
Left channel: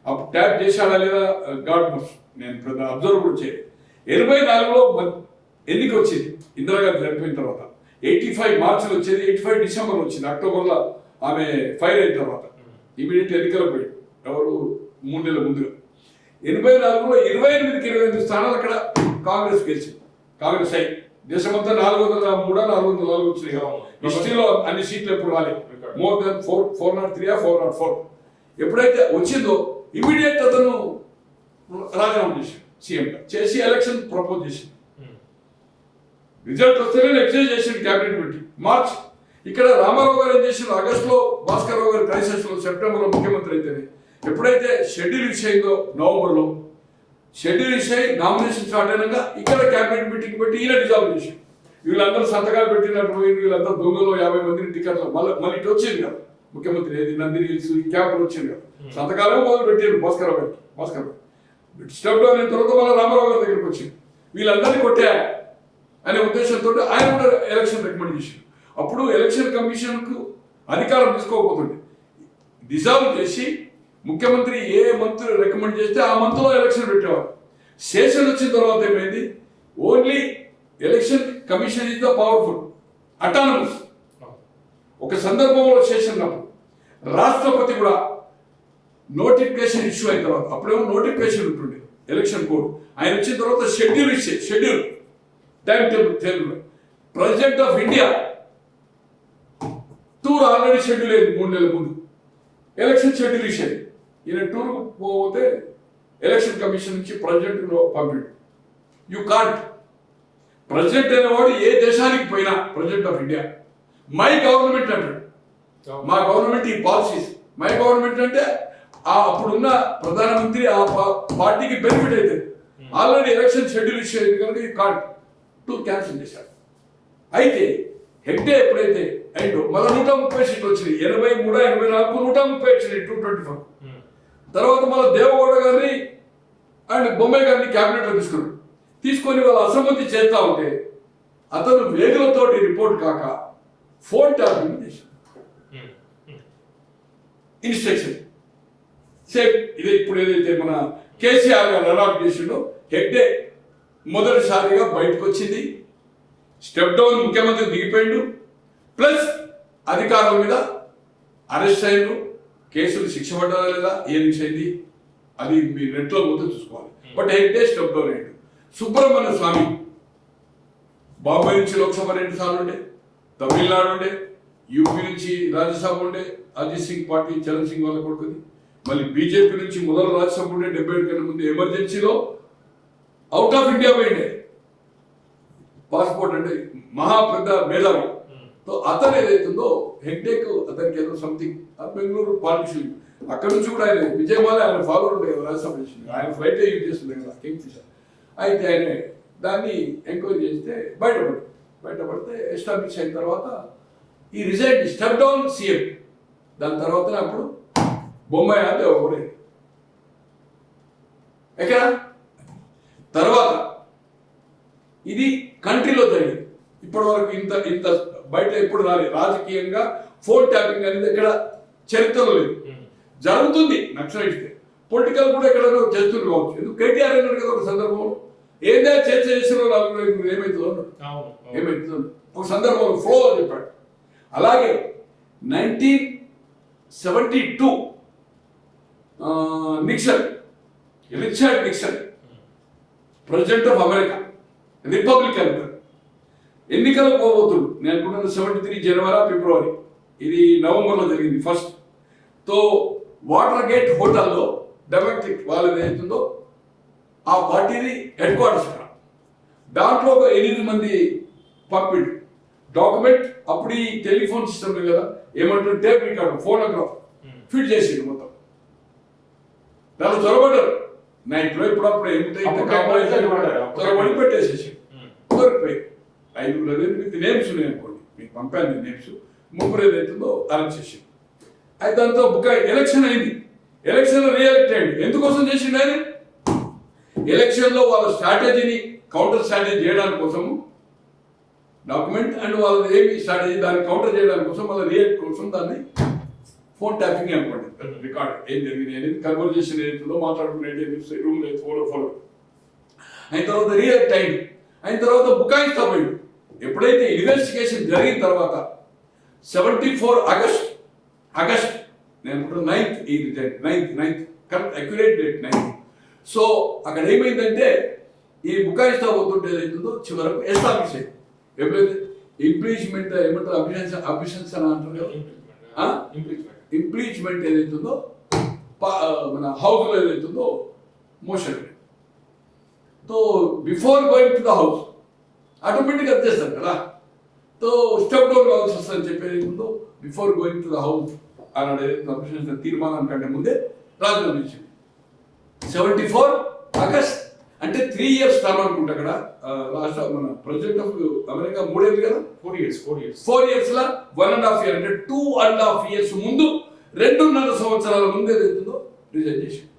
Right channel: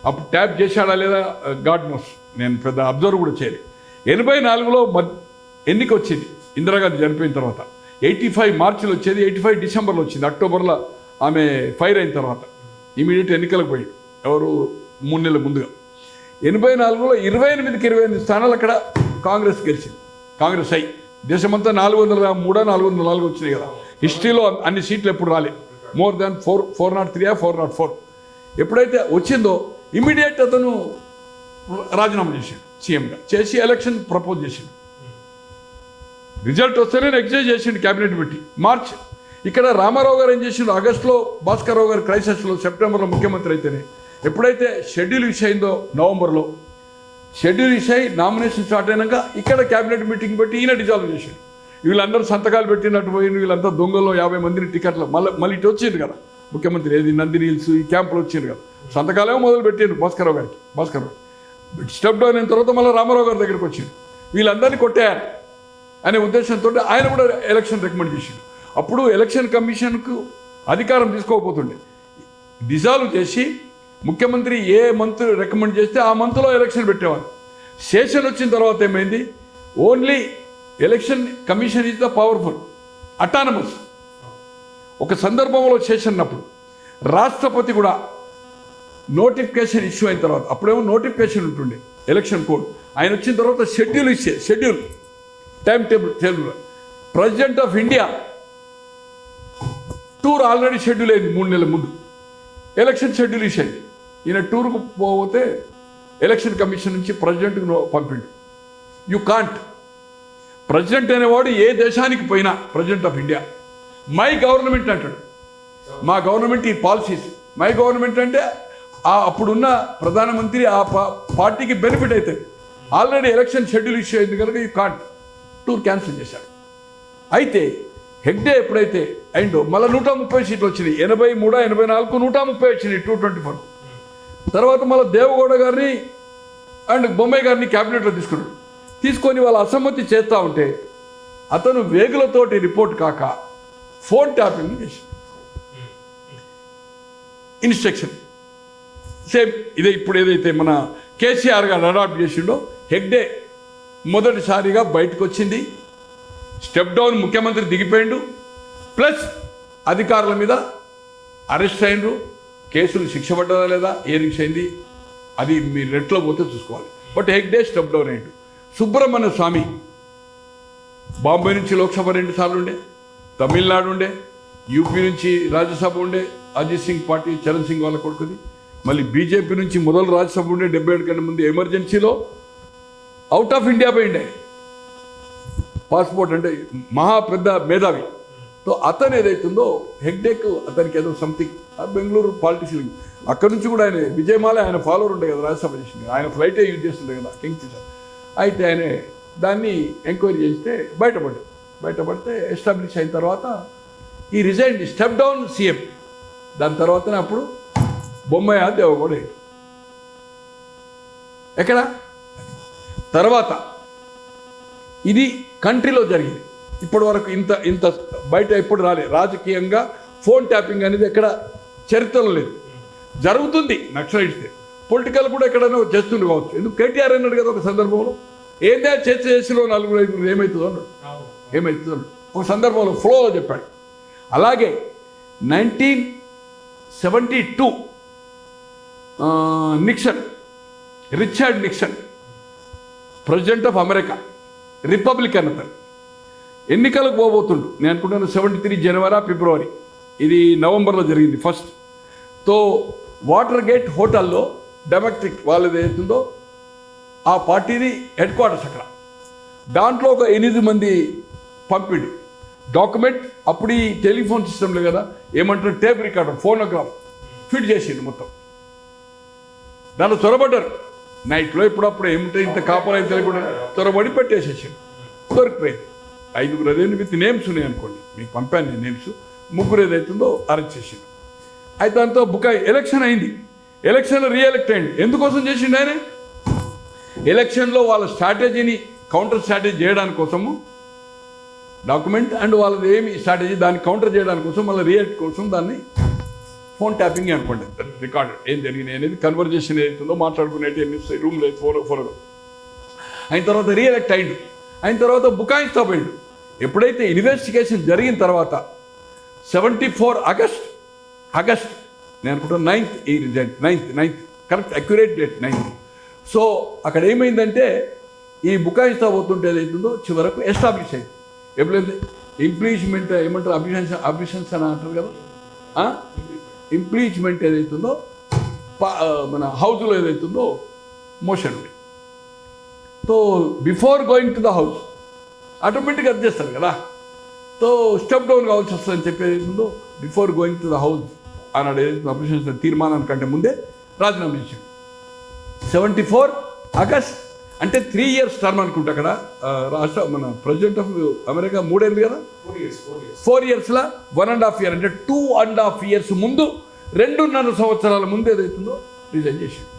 అప్పుడు ట్యాప్ చేశాడా లేదా గాడ్ మోస్ట్, నేను పెద్ద అబ్జర్వ్ కూడా చేయలేదు. 84లో ఎన్నిక వచ్చింది ఇందిరాగాంధీ చనిపోయిన తర్వాత. 85 మార్చిలో వచ్చేది, 85 డిసెంబర్లో వచ్చింది. అక్టోబర్లో ఆమె ఫైర్ అయిన తర్వాత ఇమీడియట్ ఎన్నికలకు పోయి ఎవరు 3 నెలల ముందుగా. 84లో 28కి 28 స్థానాలు అక్కడ కాంగ్రెస్ గెలిచింది. కాంగ్రెస్ అయి దేశమంతా 403-404 వచ్చినాయి కదా. హిస్టరీలో అన్ని సీట్లు ఎప్పుడు రాలేదు, మోర్ దాన్ 403-404. ఎప్పుడైతే వచ్చిందో ఇమీడియట్ అతను రాజీనామా చేశాడు, సీఎంగా చేసి ఎలక్షన్ ప్రపోజ్ చేశాడు. రిజల్ట్ వస్తేనే ఎగ్జైజ్ చేసిండు క్యాబినెట్ పెట్టి మార్చ్. ఇక్కడ రామారావు గారు ఏం చేసిండు, ఆగస్టులో భాస్కర్ రావు గారు క్రైసిస్లో, సెప్టెంబర్లో ముఖ్యమంత్రి అయితేనే ఎప్పుడైతే షెడ్యూల్ ఇష్యూ అయిందో నవంబర్లో, షెడ్యూల్ ఇష్యూ అయి నామినేషన్ స్టార్ట్ అయినాక ఇక్కడ క్యాబినెట్ మీటింగ్ పెట్టి ఈయన డిజాల్వ్ చేశాడు. వీళ్ళందరూ సంతకాలు పెట్టినట్టు పోయింది, వీళ్ళంతా దొంగలో 50 మందిని టికెట్లు మళ్ళీ ఇటు వచ్చింది కదా ముఖ్యమంత్రి, ఏది నందిని హిల్స్ ఈ క్యాంపులు వచ్చింది కదా, సంతకాలే మొదలు పెట్టారు భాస్కర్ రావు స్టెప్ డౌన్ అయిన తర్వాత మళ్ళీ రామారావు గారి దగ్గరికి వచ్చింది. వీళ్ళందరినీ కొట్టారు అనే ఉద్దేశంతో ఆయన కూడా ఎలక్షన్ రికమెండ్ చేసిండు. అప్పుడు ఎలక్షన్ కమిషన్కు అధికారం తీసుకోకపోతుండే, డిజాల్వ్ చేసి ముఖ్యమంత్రి ఏ మంత్ రికమెండ్ చేస్తే ఆ మంత్లో ఎలక్షన్ పెట్టేవారు. సెషన్ వచ్చిన తర్వాత ఏమైంది, only election commission is the powerful, autonomous. ఒక సందర్భంలో సెషన్ అప్పుడు రాష్ట్రపతి కూడా నోటిఫికేషన్ ఇష్యూ అయిన తర్వాత, అప్పుడేమో నోటిఫికేషన్ ఉంటుండే ఎలక్షన్ కోడ్, ఆయన వచ్చిన తర్వాత schedule time table president of India tour already schedule అయింది 3 నెలల ముందు, ఎలక్షన్ షెడ్యూల్ ఇచ్చేది. ఈయన టూర్కు పోతే ఎలక్షన్ కమిషన్ నుంచి ప్రెసిడెంట్కి పంపిండు. You can't. ప్రెసిడెంట్ అనేవాడు ఏ దేశానికి పోయినా president of India my government అంటాడు. మా గవర్నమెంట్ ఈ పాలసీస్, మై గవర్నమెంట్ అంటే అప్పుడున్న ప్రధానమంత్రి ఆ పార్టీకి బెనిఫిట్ అవుతుంది. ఆల్రెడీ ఎలక్షన్ షెడ్యూల్ ఇష్యూ అయింది కనుక ఈ టూర్ క్యాన్సిల్ చేశాడు. అయితే హెగ్డే ఎప్పుడైతే అయిందో మళ్ళీ 130 సీట్లు వచ్చినాయి. 83, 84, 130 వచ్చినాయి 224. తర్వాత మళ్ళీ దేవగౌడ గారిని అండ్ బొమ్మాయి గారిని క్యాబినెట్లో తీసుకొని వాళ్ళ అసమ్మతి చేస్తూ ఉంటే అతను వేగులతోటి రిపోర్ట్ కాక ఫోన్ ట్యాపింగ్ చేసి ఇన్స్ట్రక్షన్ సేమ్ ఇదే ఇప్పుడు ఏదైతే మన కేసీఆర్ గారు అడాప్ట్ చేసిండో హెగ్డే మొదటిసారిగా బయటకు వచ్చింది. స్టెప్ డౌన్ ముఖ్యమంత్రి దిగిపోయిండు. ప్లస్ అధికారుల మీద అరెస్ట్ అయ్యిండ్రు. కేసులు శిక్ష పడ్డదా లేదా ఏ అయింది అది మీరు నెట్లో పోతే చూసుకోవాలి. బట్ హెగ్డే స్టెప్ డౌన్ అయ్యిండు. సుబ్రహ్మణ్య స్వామి బాంబే నుంచి లోక్సభ 2 సార్లు ఉండే, తమిళనాడు ఉండే, యూపీ నుంచి రాజ్యసభ ఉండే, అజిత్ సింగ్ పార్టీ చరణ్ సింగ్ వాళ్ళ కొడుకుని, మళ్ళీ బీజేపీ నుంచి మొదలు రాజ్యసభ ఉండే 77 కన్నా ముందు ఎమర్జెన్సీలో అవుట్ ఆఫ్ ఇండియా పోయిండే. పాస్పోర్ట్ అంటే మహా పెద్ద మేధావి. సో అతను ఏదైతుందో హెగ్డేక్ అతనికి ఏదో సంథింగ్ బెంగళూరు పాలిటిషియన్ అక్కడి నుంచి కూడా ఆయన విజయమాల ఆయన ఫాలోవర్ ఉండే కదా రాజ్యసభ చేసింది. ఆయన ఫ్లైటే యూజ్ చేస్తుండే కదా కింగ్ ఫిషర్. అయితే ఆయన దాన్ని ఎంక్వైరీ చేస్తే బయటపడితే ఎస్టాబ్లిష్ అయిన తర్వాత ఈ రిజైన్ స్టెప్ డౌన్ సీఎం. దాని తర్వాతనే అప్పుడు బొమ్మాయి దేవగౌడ ఎక్కడ తర్వాత ఇది కంట్రీలో జరిగింది. ఇప్పటి వరకు ఇంత బయట ఎప్పుడు రాలేదు. రాజకీయంగా ఫోన్ ట్యాపింగ్ అనేది ఎక్కడ చరిత్రలో లేదు. జరుగుతుంది నక్సలైట్స్, పొలిటికల్ కూడా ఎక్కడైనా చేస్తుంది కావచ్చు. ఎందుకు కేటీఆర్ అన్నాడు కదా ఒక సందర్భంలో ఏదే చేసిన 4-5 ఏమవుతుందో ఒక సందర్భంలో ఫ్లోలో చెప్పాడు. అలాగే 1972 Nixon, Richard Nixon president of America, Republican అతను ఎన్నికలకు పోబోతుండు. నేను అనుకుంటున్నాను 73 జనవరి ఫిబ్రవరి, ఇది నవంబర్లో జరిగింది ఫస్ట్. తో వాటర్ గేట్ హోటల్లో డెమోక్రటిక్ వాళ్ళది ఏదైతుందో ఆ పార్టీని హెడ్ క్వార్టర్స్ అక్కడ. దాంట్లో ఒక 8 మంది పంపిండు డాక్యుమెంట్. అప్పుడు ఈ టెలిఫోన్ సిస్టమ్ లేదు కదా, ఏమంటారు టేప్ రికార్డర్, ఫోనోగ్రాఫ్ ఫిట్ చేసిండు మొత్తం. దాంట్లో చొరబడ్డారు నైట్లో. ఇప్పుడప్పుడు ఏమిటో ఇంత కాంప్రమైజ్ లేకుండా చొరబడి పెట్టేసేసాడు. దొరికిపోయి 5 అదేంటి విత్ నేమ్స్ ఉన్నాయి అనుకోండి, మీకు పంపాను నేను నేమ్స్. 3 ఏదైతుందో అరెస్ట్ చేసిండు. అయితే దాంతో ఎలక్షన్ అయింది. ఎలక్షన్లో రీఎలెక్ట్ అయ్యింది. ఎందుకోసం చేసిండు ఆయన? ఎలక్షన్లో వాళ్ళ స్ట్రాటజీని కౌంటర్ స్ట్రాటజీ చేయడానికి కోసము డాక్యుమెంట్ అండ్ వాళ్ళది ఏమి స్ట్రాటజీ దాన్ని కౌంటర్ చేయడానికి కోసం వాళ్ళ రీఎక్ట్ కోసం దాన్ని ఫోన్ ట్యాపింగ్ అనుకోండి. రికార్డ్ ఏం జరిగింది అనేది కన్వర్జేషన్ ఏదైతుందో మాట్లాడుకునేది రూమ్ లేదు 4 అయిన తర్వాత రీఎలెక్ట్ అయింది. అయిన తర్వాత బుకాయిస్తా పోయింది. ఎప్పుడైతే ఇన్వెస్టిగేషన్ జరిగిన తర్వాత 74 ఆగస్ట్ నేను అనుకుంటా 9th correct accurate date 9th. So అక్కడ ఏమైందంటే ఈ బుకాయిస్తా పోతుంటే ఏదైతుందో చివరకు ఎస్టాబ్లిష్ అయింది. ఎప్పుడైతే ఇంప్లీచ్మెంట్ ఏమంటారు అభిషన్స్ అని అంటారు కదా, ఇంప్లీచ్మెంట్ ఏదైతుందో మన హౌస్లో ఏదైతుందో motion. So before going to the house ఆటోమేటిక్గా అది చేస్తారు కదా. సో స్టెప్ డౌన్ కావాల్సి వస్తుందని చెప్పేది ఉందో before going to the house అన్నాడు. ఏదైతే అభిషన్స్ తీర్మానం కంటే ముందే రాజీనామా చేసింది. 74 ఆగస్ట్ అంటే 3 years టర్మ్ అనుకుంటా అక్కడ రాష్ట్ర మన ప్రెసిడెంట్ ఆఫ్ అమెరికా 3 ఏళ్ళు కదా, 4 yearsలో 1.5 year అంటే 2.5 years ముందు 2.5 సంవత్సరాల ముందు ఏదైతుందో రిజైన్ చేసింది.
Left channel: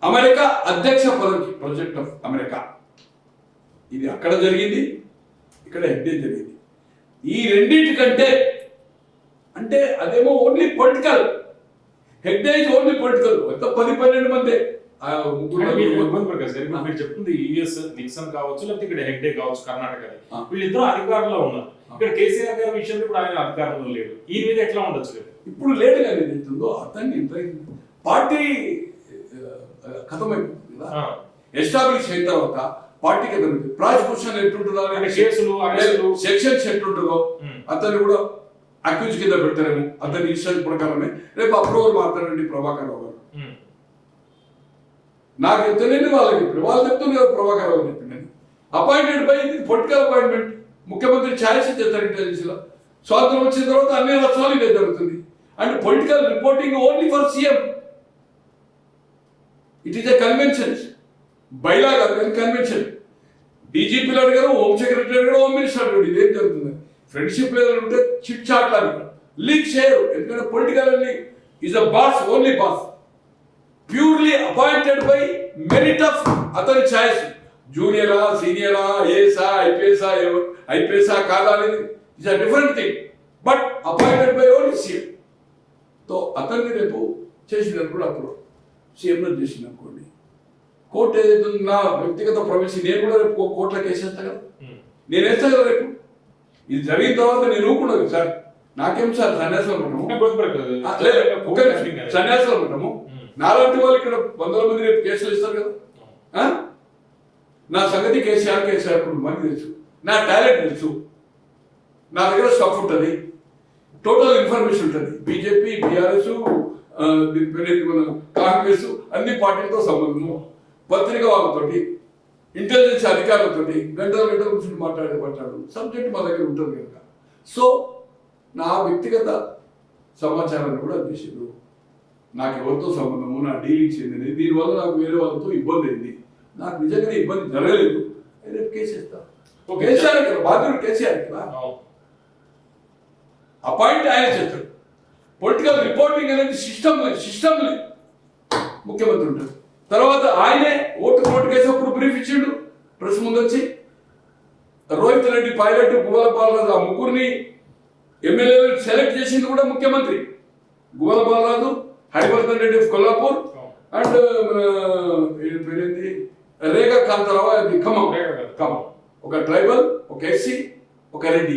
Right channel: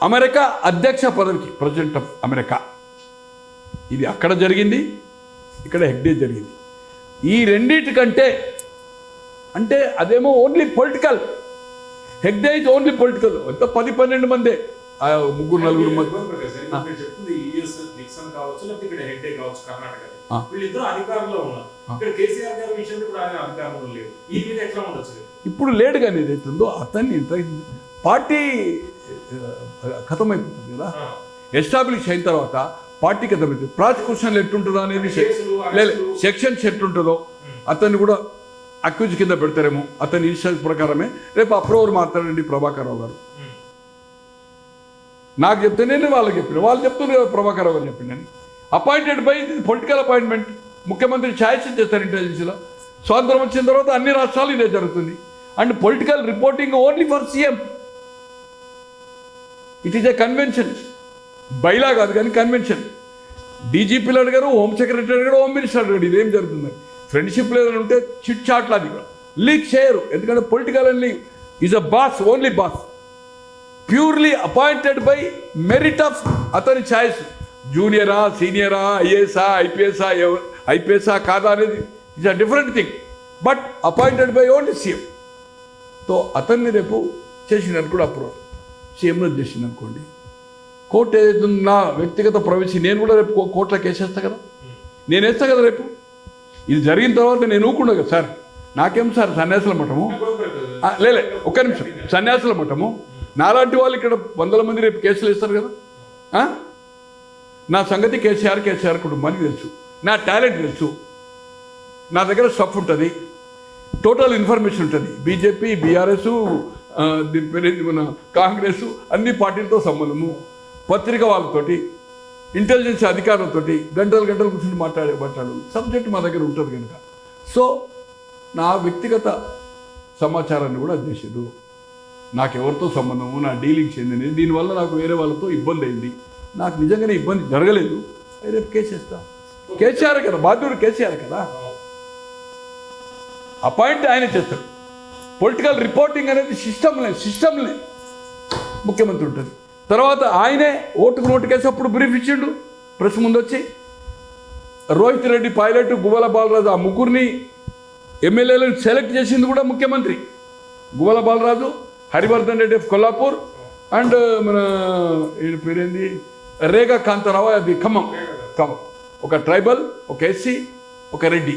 అమెరికా అధ్యక్ష పదవికి ప్రెసిడెంట్ ఆఫ్ అమెరికా ఇది అక్కడ జరిగింది, ఇక్కడ హెగ్డే జరిగింది. ఈ రెండింటికంటే అంటే అదేమో only political, Hegde is only political. ఎంత 10-12 మందే, 3-4 మంది. మీరు చెప్తుంది యుఎస్ నిక్సన్ కావచ్చు, లేకపోతే ఇక్కడ హెగ్డే కావచ్చు కర్ణాటక, వీళ్ళిద్దరూ అధికారంలో ఉన్నారు. ఇక్కడ కేసీఆర్ గారి విషయంలో ఇప్పుడు ఆయన అధికారంలో లేదు. ఈ మీద ఎట్లా ఉండొచ్చు? ఇప్పుడు లేడు కానీ ఏదైతుందో అతన్ని పార్టీ ఖతమైపోతుంది కదా. ఎస్టాబ్లిష్ అయిన తర్వాత పార్టీ ఖతమైంది. ప్రాసిక్యూషన్ ఎట్లుంటుందో అనేది సెక్షన్స్ ఎట్లుంటుందో అతన్ని కూడా అక్యూజ్ కింద పెడతారేమో. అతని ఇన్స్ట్రక్షన్ ప్రకారమే రేపు అప్రూవర్ మాట్లాడండి ప్రభాకర్ రావు గారు. నాకు చెప్తేనే వాళ్ళకి చెప్పాను, వాళ్ళు చెప్తుంది కదా ప్రభాకర్ రావు చెప్పిండని. Appointed by political appointment. ముఖ్యమంత్రి ఛాయిస్ చేస్తారు ఇంటెలిజెన్స్లో. స్వాతంత్రం వచ్చిన తర్వాత అన్ని రాష్ట్రాలు ఇదే జరుగుతుంది. And political reporting only for CM. It is a convention. Bylaw కాదు కానీ కన్వెన్షన్. డీజీపీలు అడిగారు, హోమ్ సెక్రటరీ అడిగారు, హోమ్ మినిస్టర్ అడిగారు. ఇదేం జరుగుతుంది? ఫ్రెండ్షిప్ లెవెల్ ఉంటే చిట్ చాట్ లాగా లీక్ చేయరు. ఎందుకంటే political is a boss, only boss, purely appointed by merit of అతని ఛాయిస్. జూనియరా, సీనియరా, ఐఏఎస్ఆ, ఐపీఎస్ఆ కాదా అనేది it's a different thing. But appointed by only CM. తో అతన్ని రేపు చేసినట్టు కూడా అప్పుడు సీఎంలో చేసింది అనుకోండి, కోర్టు ఏదైతే నా వ్యక్తిగత ప్రవేశి నేను కూడా రేపు కోర్టులో కేసేస్తా కదా, నేను వేస్తా కదా రేపు. ఇది జరిగిన తర్వాత నేను ఊరుకున్నా కదా సార్, నాకేం సార్ సన్యాసుల మఠము, లేదు ఒక నిమిషం, సన్యాసుల మఠము నాలాంటి వాళ్ళు ఇక్కడ 100 మంది రేపు కేసులు ఇస్తారు కదా. నా సంగతి కేసీఆర్ కుటుంబానికి తెలుసు, నా టాలెంట్ తెలుసు, నా దగ్గర స్టఫ్ ఉంటుంది, టోటల్ ఇన్ఫర్మేషన్ ఉంటుంది. బీజేపీ, బీఆర్ఎస్, దీని పేరు మన కాంగ్రెస్, అన్ని పార్టీలతో సంబంధము, పత్రిక వాళ్ళతోటి, ఇంటెలిజెన్స్ అధికారులతోటి గంటలు కూర్చొని మాట్లాడు సబ్జెక్ట్ మా దగ్గర ఉంటుంది కనుక. సో నా వ్యక్తిగత సమాచారాన్ని కూడా చేసేది, నాకు ఎవరితో సంబంధము, నా డీలింగ్స్ ఏంటనేది, దీనివల్ల నాకు వేరే వాళ్ళతో ఇబ్బంది అయింది, నాకు నిజంగానే ఇబ్బంది జరగలేదు, రేపు కేసేస్తా. కేసీఆర్ కదా బాధ్యుడు, కేసీఆర్ కదా, అపాయింట్ ఆయన చేస్తాడు. పొలిటికల్ రిపోర్టింగ్ అనేది సిస్టమ్లే ముఖ్యమంత్రి ఉంటుంది. తర్వాత ఆయనే నోటుకేసి అప్పుడు బ్రీఫ్ ఇచ్చిండు ప్రెస్ ముందు వచ్చి. రోహిత్ రెడ్డి, పైలట్, గువ్వల బాలరాజు, ఆ ముగ్గురిని ఎమ్మెల్యేలను సెలెక్ట్ చేసింది కూడా ముఖ్యమంత్రి. గువ్వల బాలరాజు, హరివర్ధన్ రెడ్డి ఆఫ్ కొల్లాపూర్, అండ్ మన పేరేంది రేగా కాంతారావు, అది ఖమ్మం. ఒక ట్రైబల్, ఒక ఎస్సీ, ఒక రెడ్డి.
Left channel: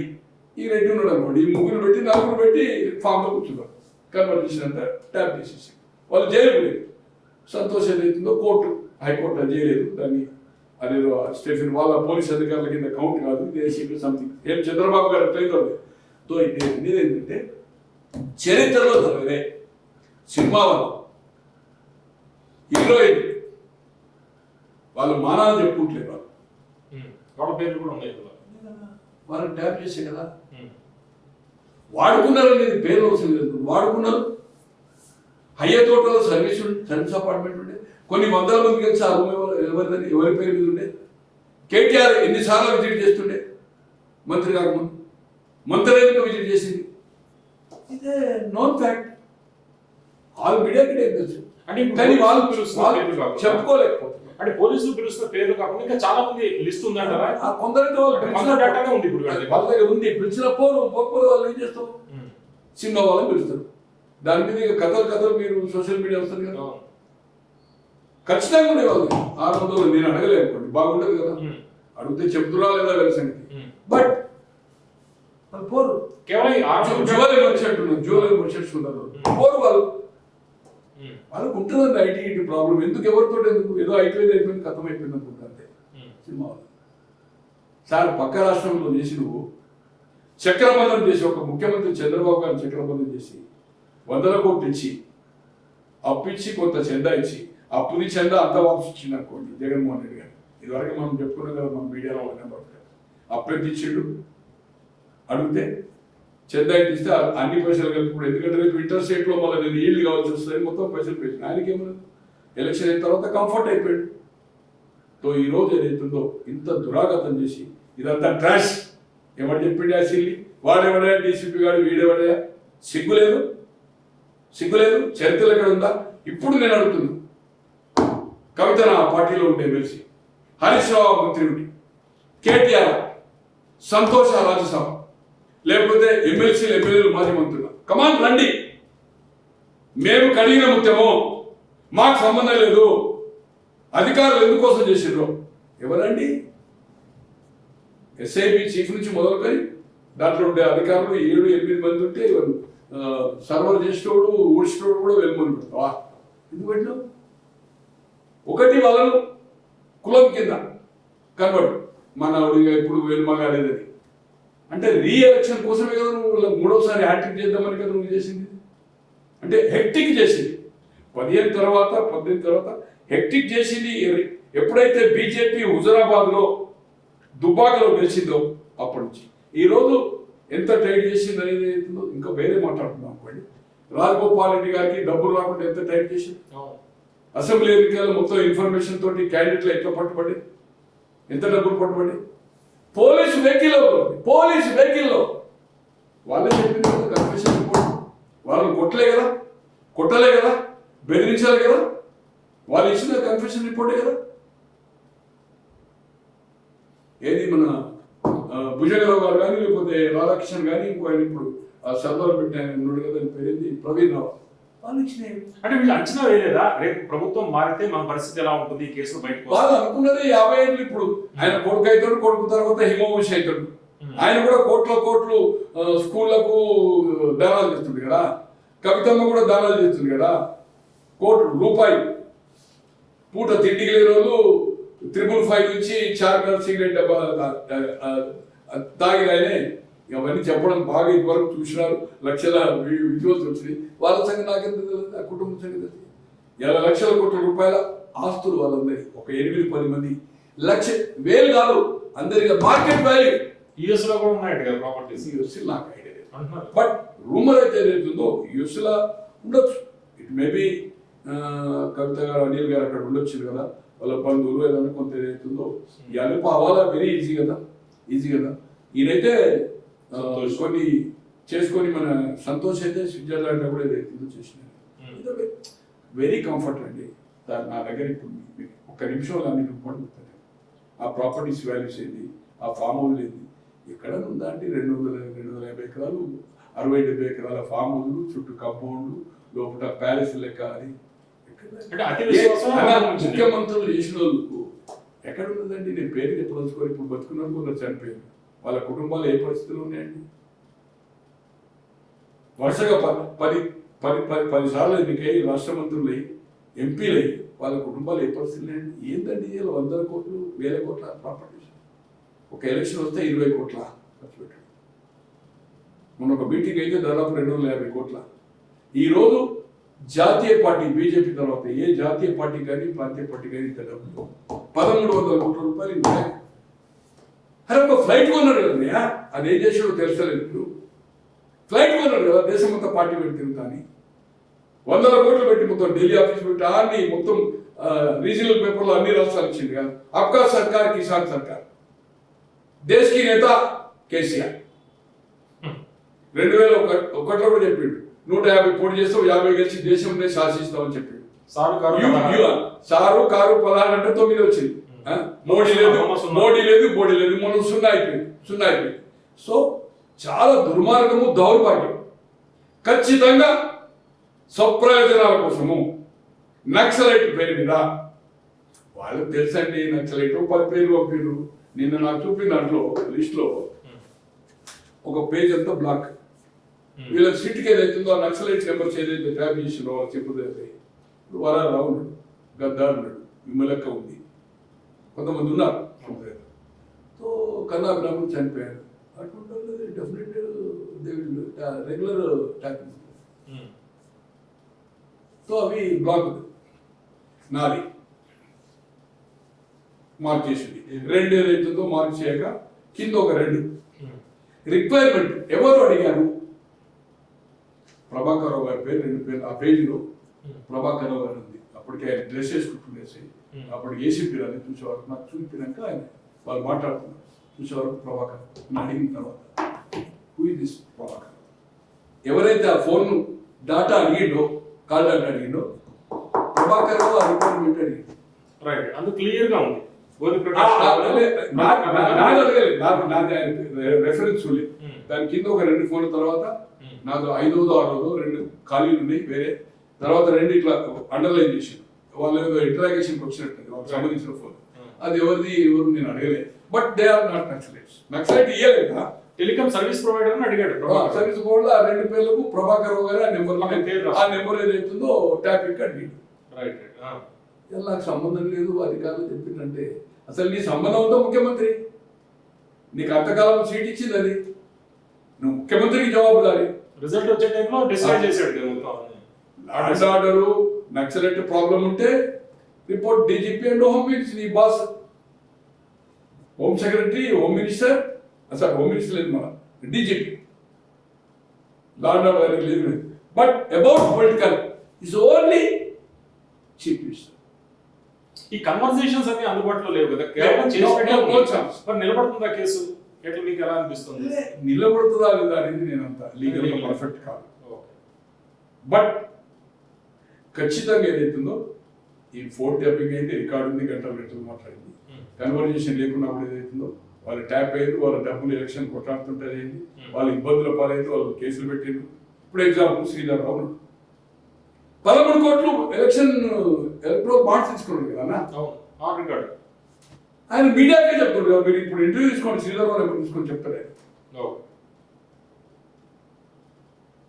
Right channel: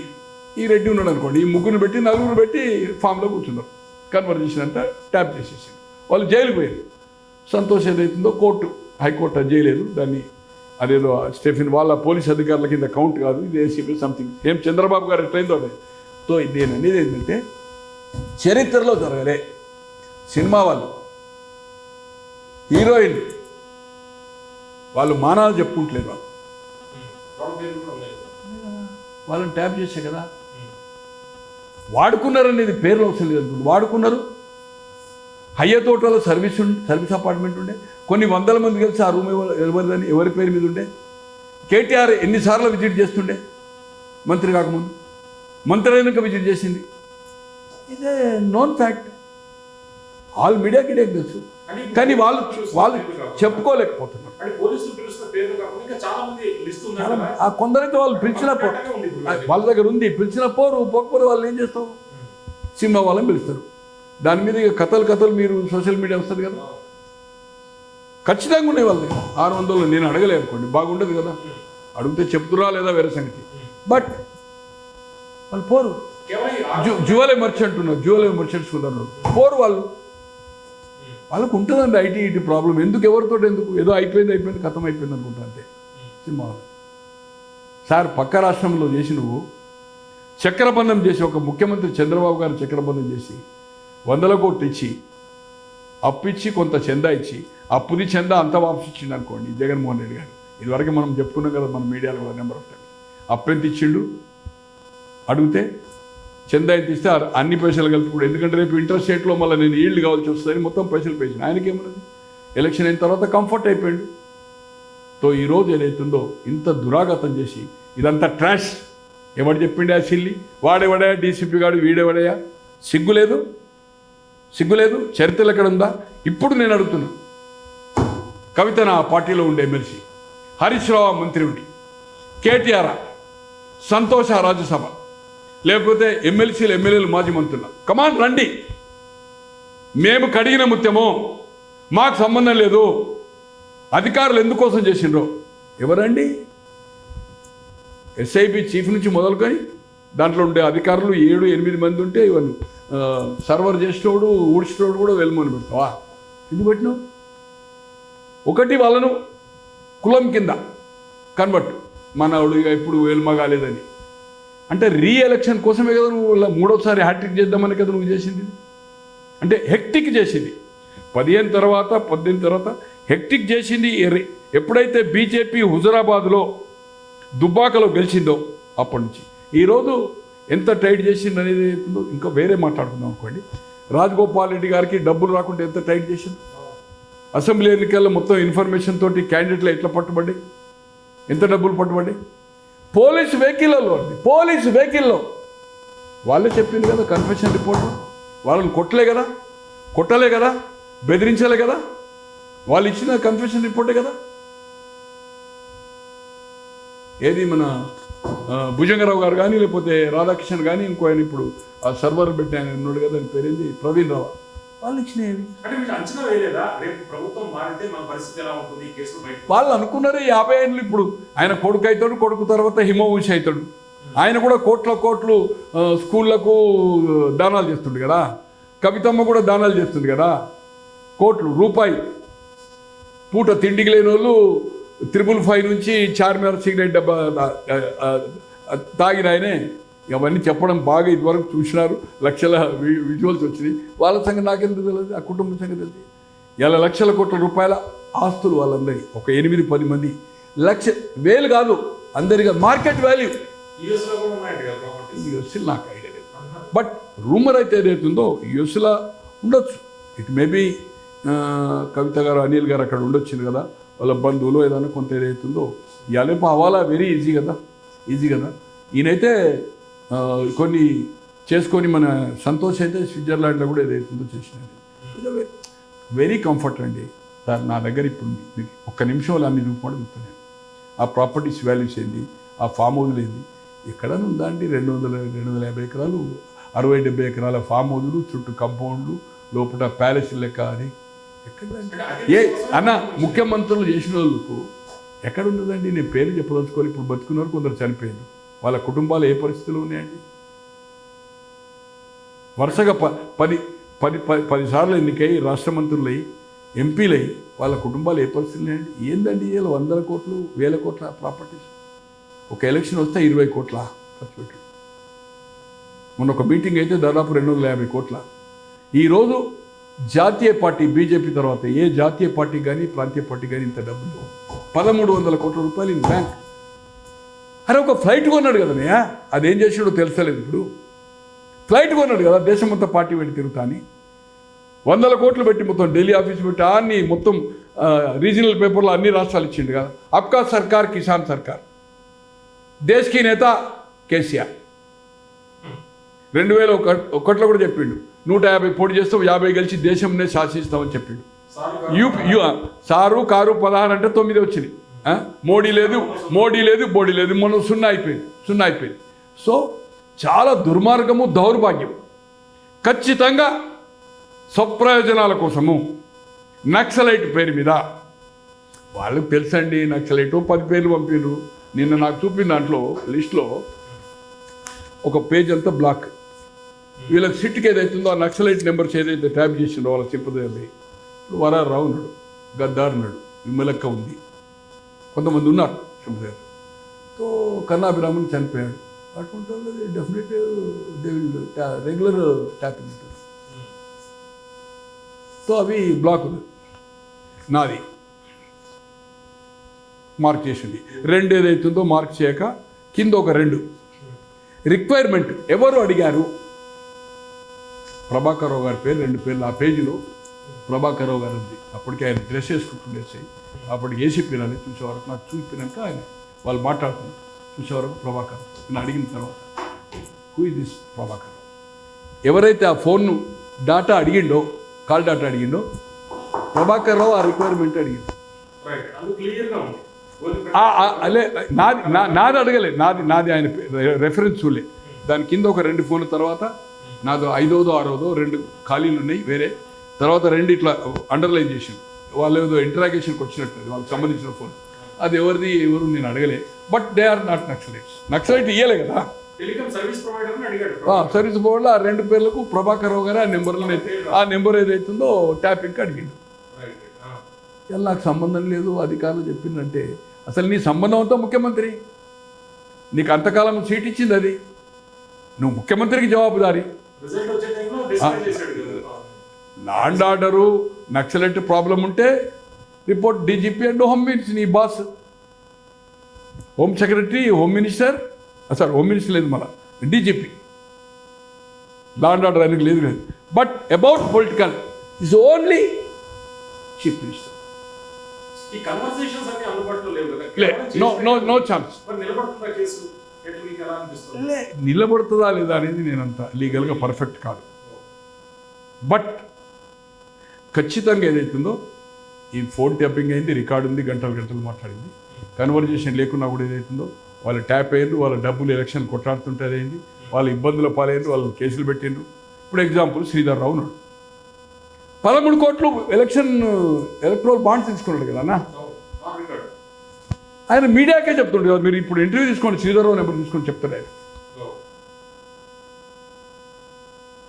ఈ రెడ్డి ఉన్నాడు అనుకోండి, ఈ ముగ్గురు పెట్టి 4 పెట్టి ఫామ్లో కూర్చున్నారు. కన్వర్జేషన్ అంతా ట్యాప్ చేసేసి వాళ్ళు జైలు పోయారు. సంతోషం ఏదైతుందో హైకోర్టు అది చేయలేదు దాన్ని, అదేదో స్టెఫిన్ వాళ్ళ పోలీస్ అధికారుల కింద కౌంట్ కాదు, ఇది ఏసీపీ సంథింగ్, ఏం చంద్రబాబు గారు ఎట్లయిందో అది. సో ఇది నేను అనేది ఏంటంటే చరిత్రలో జరగలే. సినిమా వాళ్ళు హీరోయిన్ వాళ్ళు మానాలు చెప్పుకుంటలేరు, వాళ్ళని ట్యాప్ చేసే కదా వాడుకున్నారు అనేది పేర్లు వస్తుంది అనుకుంటుంది. వాడుకున్నారు. హయ్యర్ తోటలో సర్వీస్ అపార్ట్మెంట్ ఉండే, కొన్ని 100 మంది కలిసి ఆ రూమ్ ఎవరి పేరు మీద ఉండే. కేటీఆర్ ఎన్నిసార్లు విజిట్ చేస్తుండే మంత్రి కాకముందు, మంత్రి అయినాక విజిట్ చేసింది. ఇదే నోన్ ఫ్యాక్ట్, ఆల్ మీడియాకి తెలుసు, కానీ వాళ్ళు చెప్పుకోలేకపోతున్నారు. ఆ కొందరైతే వాళ్ళు పిలిచినప్పుడు వాళ్ళ దగ్గర ఉంది, పిలిచినప్పుడు పోకపోతే వాళ్ళు ఏం చేస్తావు, సినిమా వాళ్ళని పిలుస్తారు. దాని మీద కథలు మీరు సోషల్ మీడియా వస్తుంది కదా, ఖచ్చితంగా ఉండే వాళ్ళకి 600 నేను అడగలే అనుకోండి, బాగుంటుంది కదా, అడిగితే చెప్తురా లేదా వేరే సంగతి. బట్ వాళ్ళు పోరు. జ్యువెలరీ మర్చెంట్స్ ఉన్నారు, పోరు వాళ్ళు. వాళ్ళకు ఉంటుందండి ఐటీ ప్రాబ్లం. ఎందుకు ఏదో అయిపోయింది ఖతం అయిపోయింది అనుకుంటా అంతే. సినిమా సార్ పక్క రాష్ట్రంలో చేసి నువ్వు చక్రబంధం చేసి, ఒక ముఖ్యమంత్రి చంద్రబాబు గారిని చక్రబంధం చేసి 100 కోట్లు ఇచ్చి, అప్పిచ్చి కొంత చందా ఇచ్చి, అప్పుది చందా అంతా వాపసు ఇచ్చిండు అనుకోండి జగన్మోహన్ రెడ్డి గారు. ఇదివరకు మనం చెప్పుకున్నాం కదా మన మీడియాలో నెంబర్ ఆఫ్ టైమ్స్. అప్పెంత ఇచ్చిండు అడిగితే చందా ఇస్తే అన్ని పైసలు కలిపి, ఎందుకంటే రేపు ఇంటర్ స్టేట్లో మళ్ళీ నేను ఈల్డ్ కావాల్సి వస్తుందని మొత్తం పైసలు పేసిన. ఆయనకి ఏమన్నా ఎలక్షన్ అయిన తర్వాత కంఫర్ట్ అయిపోయాడు. తో ఈరోజు ఏదైతుందో ఇంత దురాగతం చేసి ఇదంతా ట్రాష్. ఎవడు చెప్పిండే ఆ సిల్లి, వాడేవాడయా డీసీపీ గాడు, వీడేవాడయా? సిగ్గులేదు. చరిత్రలు ఎక్కడ ఉందా? ఇప్పుడు నేను అడుగుతున్నా, కవిత నా పార్టీలో ఉండే ఎమ్మెల్సీ, హరీష్ రావు మంత్రి ఉండి, కేటీఆర్, సంతోష రాజ్యసభ, లేకపోతే ఎమ్మెల్యేలు మాజీ మంత్రులు, కమాన్ రండి, మేము కడిగిన ముత్యము, మాకు సంబంధం లేదు, అధికారులు ఎందుకోసం చేసిండ్రో ఎవరండి? ఎస్ఐపి చీఫ్ నుంచి మొదలుకొని దాంట్లో ఉండే అధికారులు 7-8 మంది ఉంటే ఇవన్నీ సర్వర్ చేసేటోడు ఊడ్చేటోడు కూడా వెళ్ళమని పెడతావా? ఎందుకు పెట్టినావు? ఒకటి వాళ్ళను కులం కింద కన్వర్ట్, మనవాడు ఇక ఇప్పుడు వెల్మ కాలేదని అంటే రీఎలక్షన్ కోసమే కదా నువ్వు 3వసారి హ్యాట్రిక్ చేద్దామని కదా నువ్వు చేసింది. అంటే హెక్టిక్ చేసింది 18 తర్వాత హెక్టిక్ చేసింది. ఎప్పుడైతే బీజేపీ హుజరాబాద్లో దుబ్బాకలో గెలిచిందో అప్పటి నుంచి ఈరోజు ఎంత టైట్ చేసింది అనేది అవుతుందో ఇంకా వేరే మాట్లాడుకుందాం అనుకోండి. రాజగోపాల్ రెడ్డి గారికి డబ్బులు రాకుండా ఎంత టైట్ చేసింది. అసెంబ్లీ ఎన్నికల్లో మొత్తం ఇన్ఫర్మేషన్ తోటి క్యాండిడేట్లు ఎట్లా పట్టుబడి, ఎంత డబ్బులు పట్టుబడి, పోలీసు వెహికల్లో వాళ్ళే చెప్పింది కదా కన్ఫెషన్ రిపోర్ట్. వాళ్ళని కొట్టలే కదా, బెదిరించలే కదా, వాళ్ళు ఇచ్చిన కన్ఫెషన్ రిపోర్టే కదా. ఏది మన భుజంగరావు గారు కానీ, లేకపోతే రాధాకృష్ణన్ కానీ, ఇంకో ఆయన ఇప్పుడు ఆ సర్వర్ పెట్టి ఆయన ఉన్నాడు కదా, అని పేరేంది ప్రవీణ్ రావు, వాళ్ళు ఇచ్చినవి. అంటే వీళ్ళు అంచనా వేయలేదా రేపు ప్రభుత్వం మారితే మన పరిస్థితి ఎలా ఉంటుంది, ఈ కేసులు బయట వాళ్ళు అనుకున్నారు 50 ఏళ్ళు. ఇప్పుడు ఆయన కొడుకు అవుతాడు, కొడుకు తర్వాత హిమవంశి అవుతాడు. ఆయన కూడా కోట్లు స్కూళ్ళకు దానాలు చేస్తుండు కదా, కవితమ్మ కూడా దానాలు చేస్తుంది కదా, కోట్లు రూపాయి పూట తిండికి లేని వాళ్ళు 555 నుంచి చార్మినార్ సిగరెట్ డబ్బా తాగిన ఆయనే. అవన్నీ చెప్పడం బాగా ఇదివరకు చూసినారు, లక్షల విజువల్స్ వచ్చినాయి. వాళ్ళ సంగతి నాకెందుకు తెలియదు, ఆ కుటుంబం సంగతి తెలియదు. 50 లక్షల కోట్ల రూపాయల ఆస్తులు వాళ్ళందరి, ఒక 8-10 మంది, వేలు కాదు అందరిగా మార్కెట్ వాల్యూ. యూఎస్లో కూడా ఉన్నాయి కదా ప్రాపర్టీస్. యూఎస్లో నాకు ఐడియా లేదు, బట్ రూమర్ అయితే ఏదైతుందో యూఎస్లో ఉండొచ్చు. ఇట్ మేబీ కవిత గారు, అనిల్ గారు అక్కడ ఉండొచ్చింది కదా, వాళ్ళ బంధువులు ఏదైనా కొంత ఏదైతుందో ఇవాళ అవ్వాలా వెరీ ఈజీ కదా. ఈయనైతే కొన్ని చేసుకొని మన సంతోష్ అయితే స్విట్జర్లాండ్లో కూడా ఏదైతుందో చేసినాడు. వెరీ కంఫర్ట్ అండి సార్. నా దగ్గర ఇప్పుడు మీకు ఒక్క నిమిషంలో అన్ని రూపాయలు చెప్తున్నాను. ఆ ప్రాపర్టీస్ వాల్యూస్ ఏంది, ఆ ఫామ్ హౌస్లు ఏంది, ఎక్కడైనా ఉందా అండి? 250 ఎకరాలు, 60-70 ఎకరాల ఫామ్ హౌస్లు, చుట్టూ కంపౌండ్లు, లోపల ప్యాలెస్ లెక్క. అది అన్న ముఖ్యమంత్రులు చేసిన వాళ్ళకు ఎక్కడ ఉన్నదండి? నేను పేరు చెప్పదలుచుకొని, ఇప్పుడు బతుకున్నారు, కొందరు చనిపోయారు, వాళ్ళ కుటుంబాలు ఏ పరిస్థితులు ఉన్నాయండి? వరుసగా 10 సార్లు ఎన్నికై రాష్ట్ర మంత్రులై, ఎంపీలై, వాళ్ళ కుటుంబాలు ఏ పరిస్థితులు ఉన్నాయండి? ఏందండి ఇలా 100 కోట్లు 1000 కోట్ల ప్రాపర్టీస్? ఒక ఎలక్షన్ వస్తే 20 కోట్ల ఖర్చు పెట్టాడు. మొన్న ఒక మీటింగ్ అయితే దాదాపు 250 కోట్ల. ఈరోజు జాతీయ పార్టీ బీజేపీ తర్వాత ఏ జాతీయ పార్టీ కానీ ప్రాంతీయ పార్టీ కానీ ఇంత డబ్బులు 1300 కోట్ల రూపాయలు ఇన్ బ్యాంక్. అరే ఒక ఫ్లైట్ కొన్నాడు కదనయ్యా, అదేం చేసాడో తెలుసలేదు. ఇప్పుడు ఫ్లైట్ కొన్నాడు కదా, దేశం మొత్తం పార్టీ పెట్టి తిరుగుతాని 100 కోట్లు పెట్టి మొత్తం ఢిల్లీ ఆఫీస్ పెట్టి అన్ని మొత్తం రీజనల్ పేపర్లో అన్ని రాష్ట్రాలు ఇచ్చింది కదా. అబ్కా సర్కార్ కిసాన్ సర్కార్, దేశ్ కి నేత కేసీఆర్ 2001లో కూడా చెప్పిండు 150 పోటీ చేస్తాం, 50 గెలిచి దేశంనే శాసిస్తామని చెప్పిండు. సారు కారు 16 అంటే 9 వచ్చింది. మోడీ లేదు, మొన్న 0 అయిపోయింది. సో చాలా దుర్మార్గము, దౌర్భాగ్యం. ఖచ్చితంగా స్వప్రయోజనాల కోసము నక్సలైట్ పేరు మీద వాళ్ళకి తెలుసండి. నక్సలైట్ 10 పేర్లు పంపిర్రు. నిన్న నాకు చూపిన దాంట్లో లిస్ట్లో ఒక పేజ్ అంతా బ్లాక్. వీళ్ళ సిట్కి ఏదైతుందో ఆ నక్సలైట్ నెంబర్స్ ఏదైతే ట్యాప్ చేసిందో వాళ్ళకి చెప్పదండి. ఇప్పుడు వరారావు ఉన్నాడు, గద్దారు ఉన్నాడు, విమలక్క ఉంది, కొంతమంది ఉన్నారు. సో కన్నాభిరామన్ చనిపోయాడు. అటువంటి వాళ్ళు డెఫినెట్ రెగ్యులర్ ట్యాపింగ్ ఉంటుంది. సో అవి బ్లాకులు నాది మార్క్ చేసింది. 2 ఏదైతుందో మార్క్ చేయక కింద ఒక 2 రిక్వైర్మెంట్ ఎవరు అడిగారు? ప్రభాకర్ రావు గారి పేరు, 2 పేర్లు ఆ పేజీలో ప్రభాకర్ రావు గారు ఉంది. అప్పటికి ఆయన డ్రెస్ వేసుకుంటుండేసి అప్పటికి ఏసీపీ అని చూసేవారు. నాకు చూపినాక ఆయన వాళ్ళు మాట్లాడుతున్నారు. చూసేవారు ప్రభాకర్ నేను అడిగిన తర్వాత హూ ఇస్ దిస్ ప్రభాకర్? ఎవరైతే ఆ ఫోన్ డాటా అడిగిండో, కాల్ డాటా అడిగిండో ప్రభాకర్ రావు ఆ రిక్వైర్మెంట్ అడిగింది. నాది అడగలేదు, నాది ఆయన రెఫరెన్స్ చూడలే. దాని కింద ఒక 2 ఫోన్ల తర్వాత నాది 5వ 6వ 2 ఖాళీలు ఉన్నాయి వేరే. తర్వాత 2 ఇట్లా అండర్లైన్ చేసి వాళ్ళు ఏదో ఇంటరాగేషన్కి వచ్చినట్టు వాళ్ళకి సంబంధించిన ఫోన్. అది ఎవరు నేను అడగలేదు. But they are not naxalites. Naxalite ఇయ్యలే కదా, టెలికాం సర్వీస్ ప్రొవైడర్ అడిగాడు. సర్వీస్ ప్రొవైడర్ ఆ 2 పేర్లకు ప్రభాకర్ రావు గారు ఆ నెంబర్ ఏదైతుందో ట్యాపింగ్కి అడిగింది. ఇలా నాకు సంబంధం లేదు అధికారులు చెప్పిందంటే అసలు నీ సంబంధంతో ముఖ్యమంత్రి నీకు అంతకాలం సీట్ ఇచ్చింది, అది నువ్వు ముఖ్యమంత్రికి జవాబుదారి. Law and order naxalite problem ఉంటే report DGP and home minister, నీ boss home secretary, home minister, sir home minister లేదు, మన డీజీపీ. లా అండ్ ఆర్డర్ అనేది లేదు. But about political is only chief minister. ఈ కన్వర్సేషన్స్ అన్ని అందుబాటులో లేవు కదా, కేవలం చేసి పెట్టాలి. No chance. మరి నిలబడుతుందా కేసు? ఎట్లా మీకు ఎలా అనిపిస్తుంది? నిలబడుతుందా లేదా అనేది నేనంత లీగల్గా పర్ఫెక్ట్ కాదు. బట్ ఖచ్చితంగా ఏదైతుందో ఈ ఫోన్ ట్యాపింగ్ అయింది, రికార్డు ఉంది, గంటలు గంటలు మాట్లాడింది. కన్వర్జేషన్ లేకున్నా కూడా ఏదైతుందో వాళ్ళు ట్యాప్ అయ్యింది, వాళ్ళ డబ్బులు ఎలక్షన్ కొట్లాడుతుంటారు అయింది, వాళ్ళ ఇబ్బందుల పాలైంది, వాళ్ళు కేసులు పెట్టిండ్రు. ఇప్పుడు ఎగ్జాంపుల్ శ్రీధర్ రావు ఉన్నాడు, 13 కోట్లు ఎలక్ట్రల్ బాండ్స్ తీసుకున్నాడు కదా అన్న. ఆయన మీడియాకే చెప్తుంటారు కదా, మీరు ఇప్పుడు ఇంటర్వ్యూ తీసుకోండి, శ్రీధర్ రావు నెంబర్ తీసుకొని చెప్తారు ఆయన.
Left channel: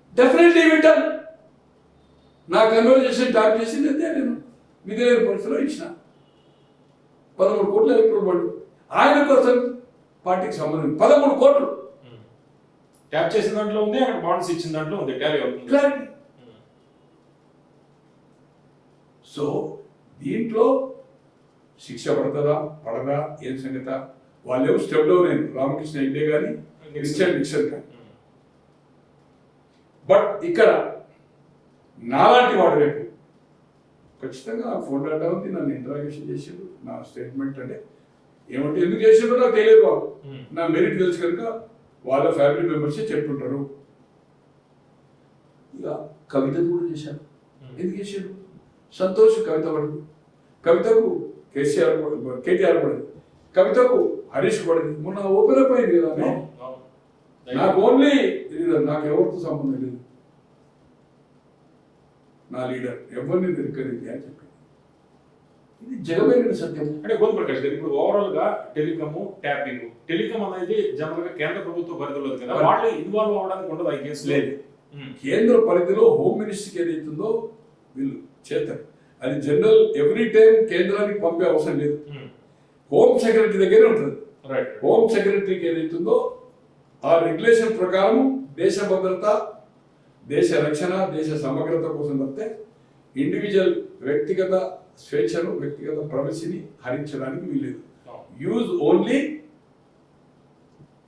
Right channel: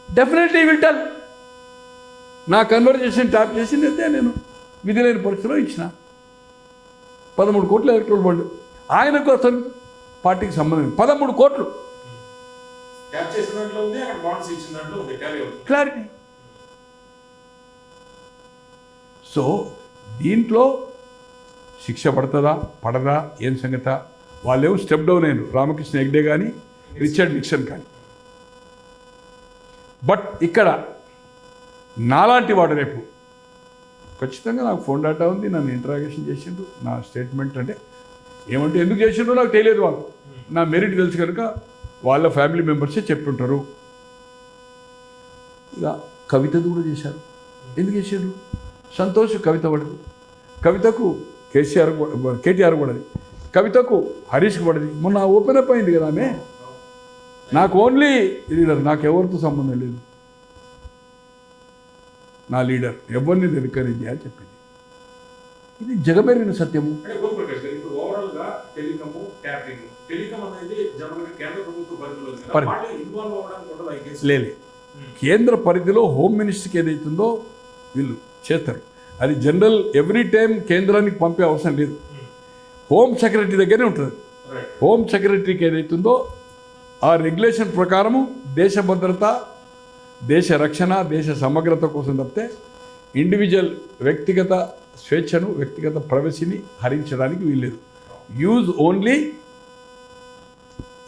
డెఫినెట్లీ వింటాను. నా కన్వర్జేషన్ ట్యాప్ చేసింది అయితే నేను విధి లేని పరిస్థితిలో ఇచ్చిన 13 కోట్ల ఎలక్ట్రల్ బాండ్ ఆయన కోసం పార్టీకి సంబంధించి 13 కోట్లు ట్యాప్ చేసిన దాంట్లో ఉంది, అక్కడ బాండ్స్ ఇచ్చిన దాంట్లో ఉంది, టాలీ అవుతుంది. క్లారిటీ. సో దీంట్లో శిక్ష పడుతుందా పడదా ఏం సంగత, వాళ్ళేమో స్టెప్ డౌన్ అయ్యారు, రామకృష్ణ హెగ్డే కానీ రిచర్డ్ నిక్సన్ కానీ. బట్ ఇక్కడ నాలాంటి వాడు రేపు ఖచ్చితంగా నాకు ఫోన్ డేటా ఉంది, నన్ను ఇంటరాగేషన్ చేసిండు, నా స్టేట్మెంట్ అంటే ఏమంటే ఎందుకు చేసిండో నాకు తెలియదు, వాళ్ళు నా మెరిట్ తెలుసు కనుక వాళ్ళ ఫ్యామిలీ మెంబర్సే చెప్తుంటారు. ఇక కవితది కూడా చేశారు. ఎందుకు చేశారు? సంతోష్ కవిత పడదు, కవితకు కేటీఆర్ పడదు, కవితకు హరీష్కి పడదు. మొన్న ఓపెన్ అప్ అయింది కదా ఆమె, నాకు ఓన్లీ లీడర్, నాకు ఎవరితో సంబంధం లేదు, నా లీడర్ ఎవరిని నేను రికరేజ్ చేయాలని చెప్పింది. ఇది జగబెరిగిన సత్యము. అంటే కొంత ప్రకాష్ గారు ఇప్పుడు ఓవరాల్ గా టెలికాము ట్యాపింగ్, టెలికామ్ అనేది జనరల్ గా కేంద్ర ప్రభుత్వ పరిధిలో ఉంది కదా, వాళ్ళు ఇన్వాల్వ్ అవ్వడానికి ఉండదు ఆ కేసు. లేదు, కేంద్ర పరిధిలో హోమ్ మినిస్టర్కి ఏదైతుందో వీళ్ళు చేస్తారు. అది జనరల్ ఎవ్రీ టైం కేంద్రానికి పంపే అవసరం లేదు, హోమ్ సెక్రటరీ దగ్గరే ఉంటుంది. హోమ్ సెక్రటరీకి ఏదైతుందో ఆ రెగ్యులేషన్ ప్రకారము దేశ భద్రత, దేశ రక్షణ, దేశ సమగ్రత కోసం తప్పితే ఇండివిజువల్ వ్యక్తిగత స్వేచ్ఛను, వ్యక్తిగత ప్రైవసీని హరించడానికి వీల్లేదు. యూజ్ ఓన్లీ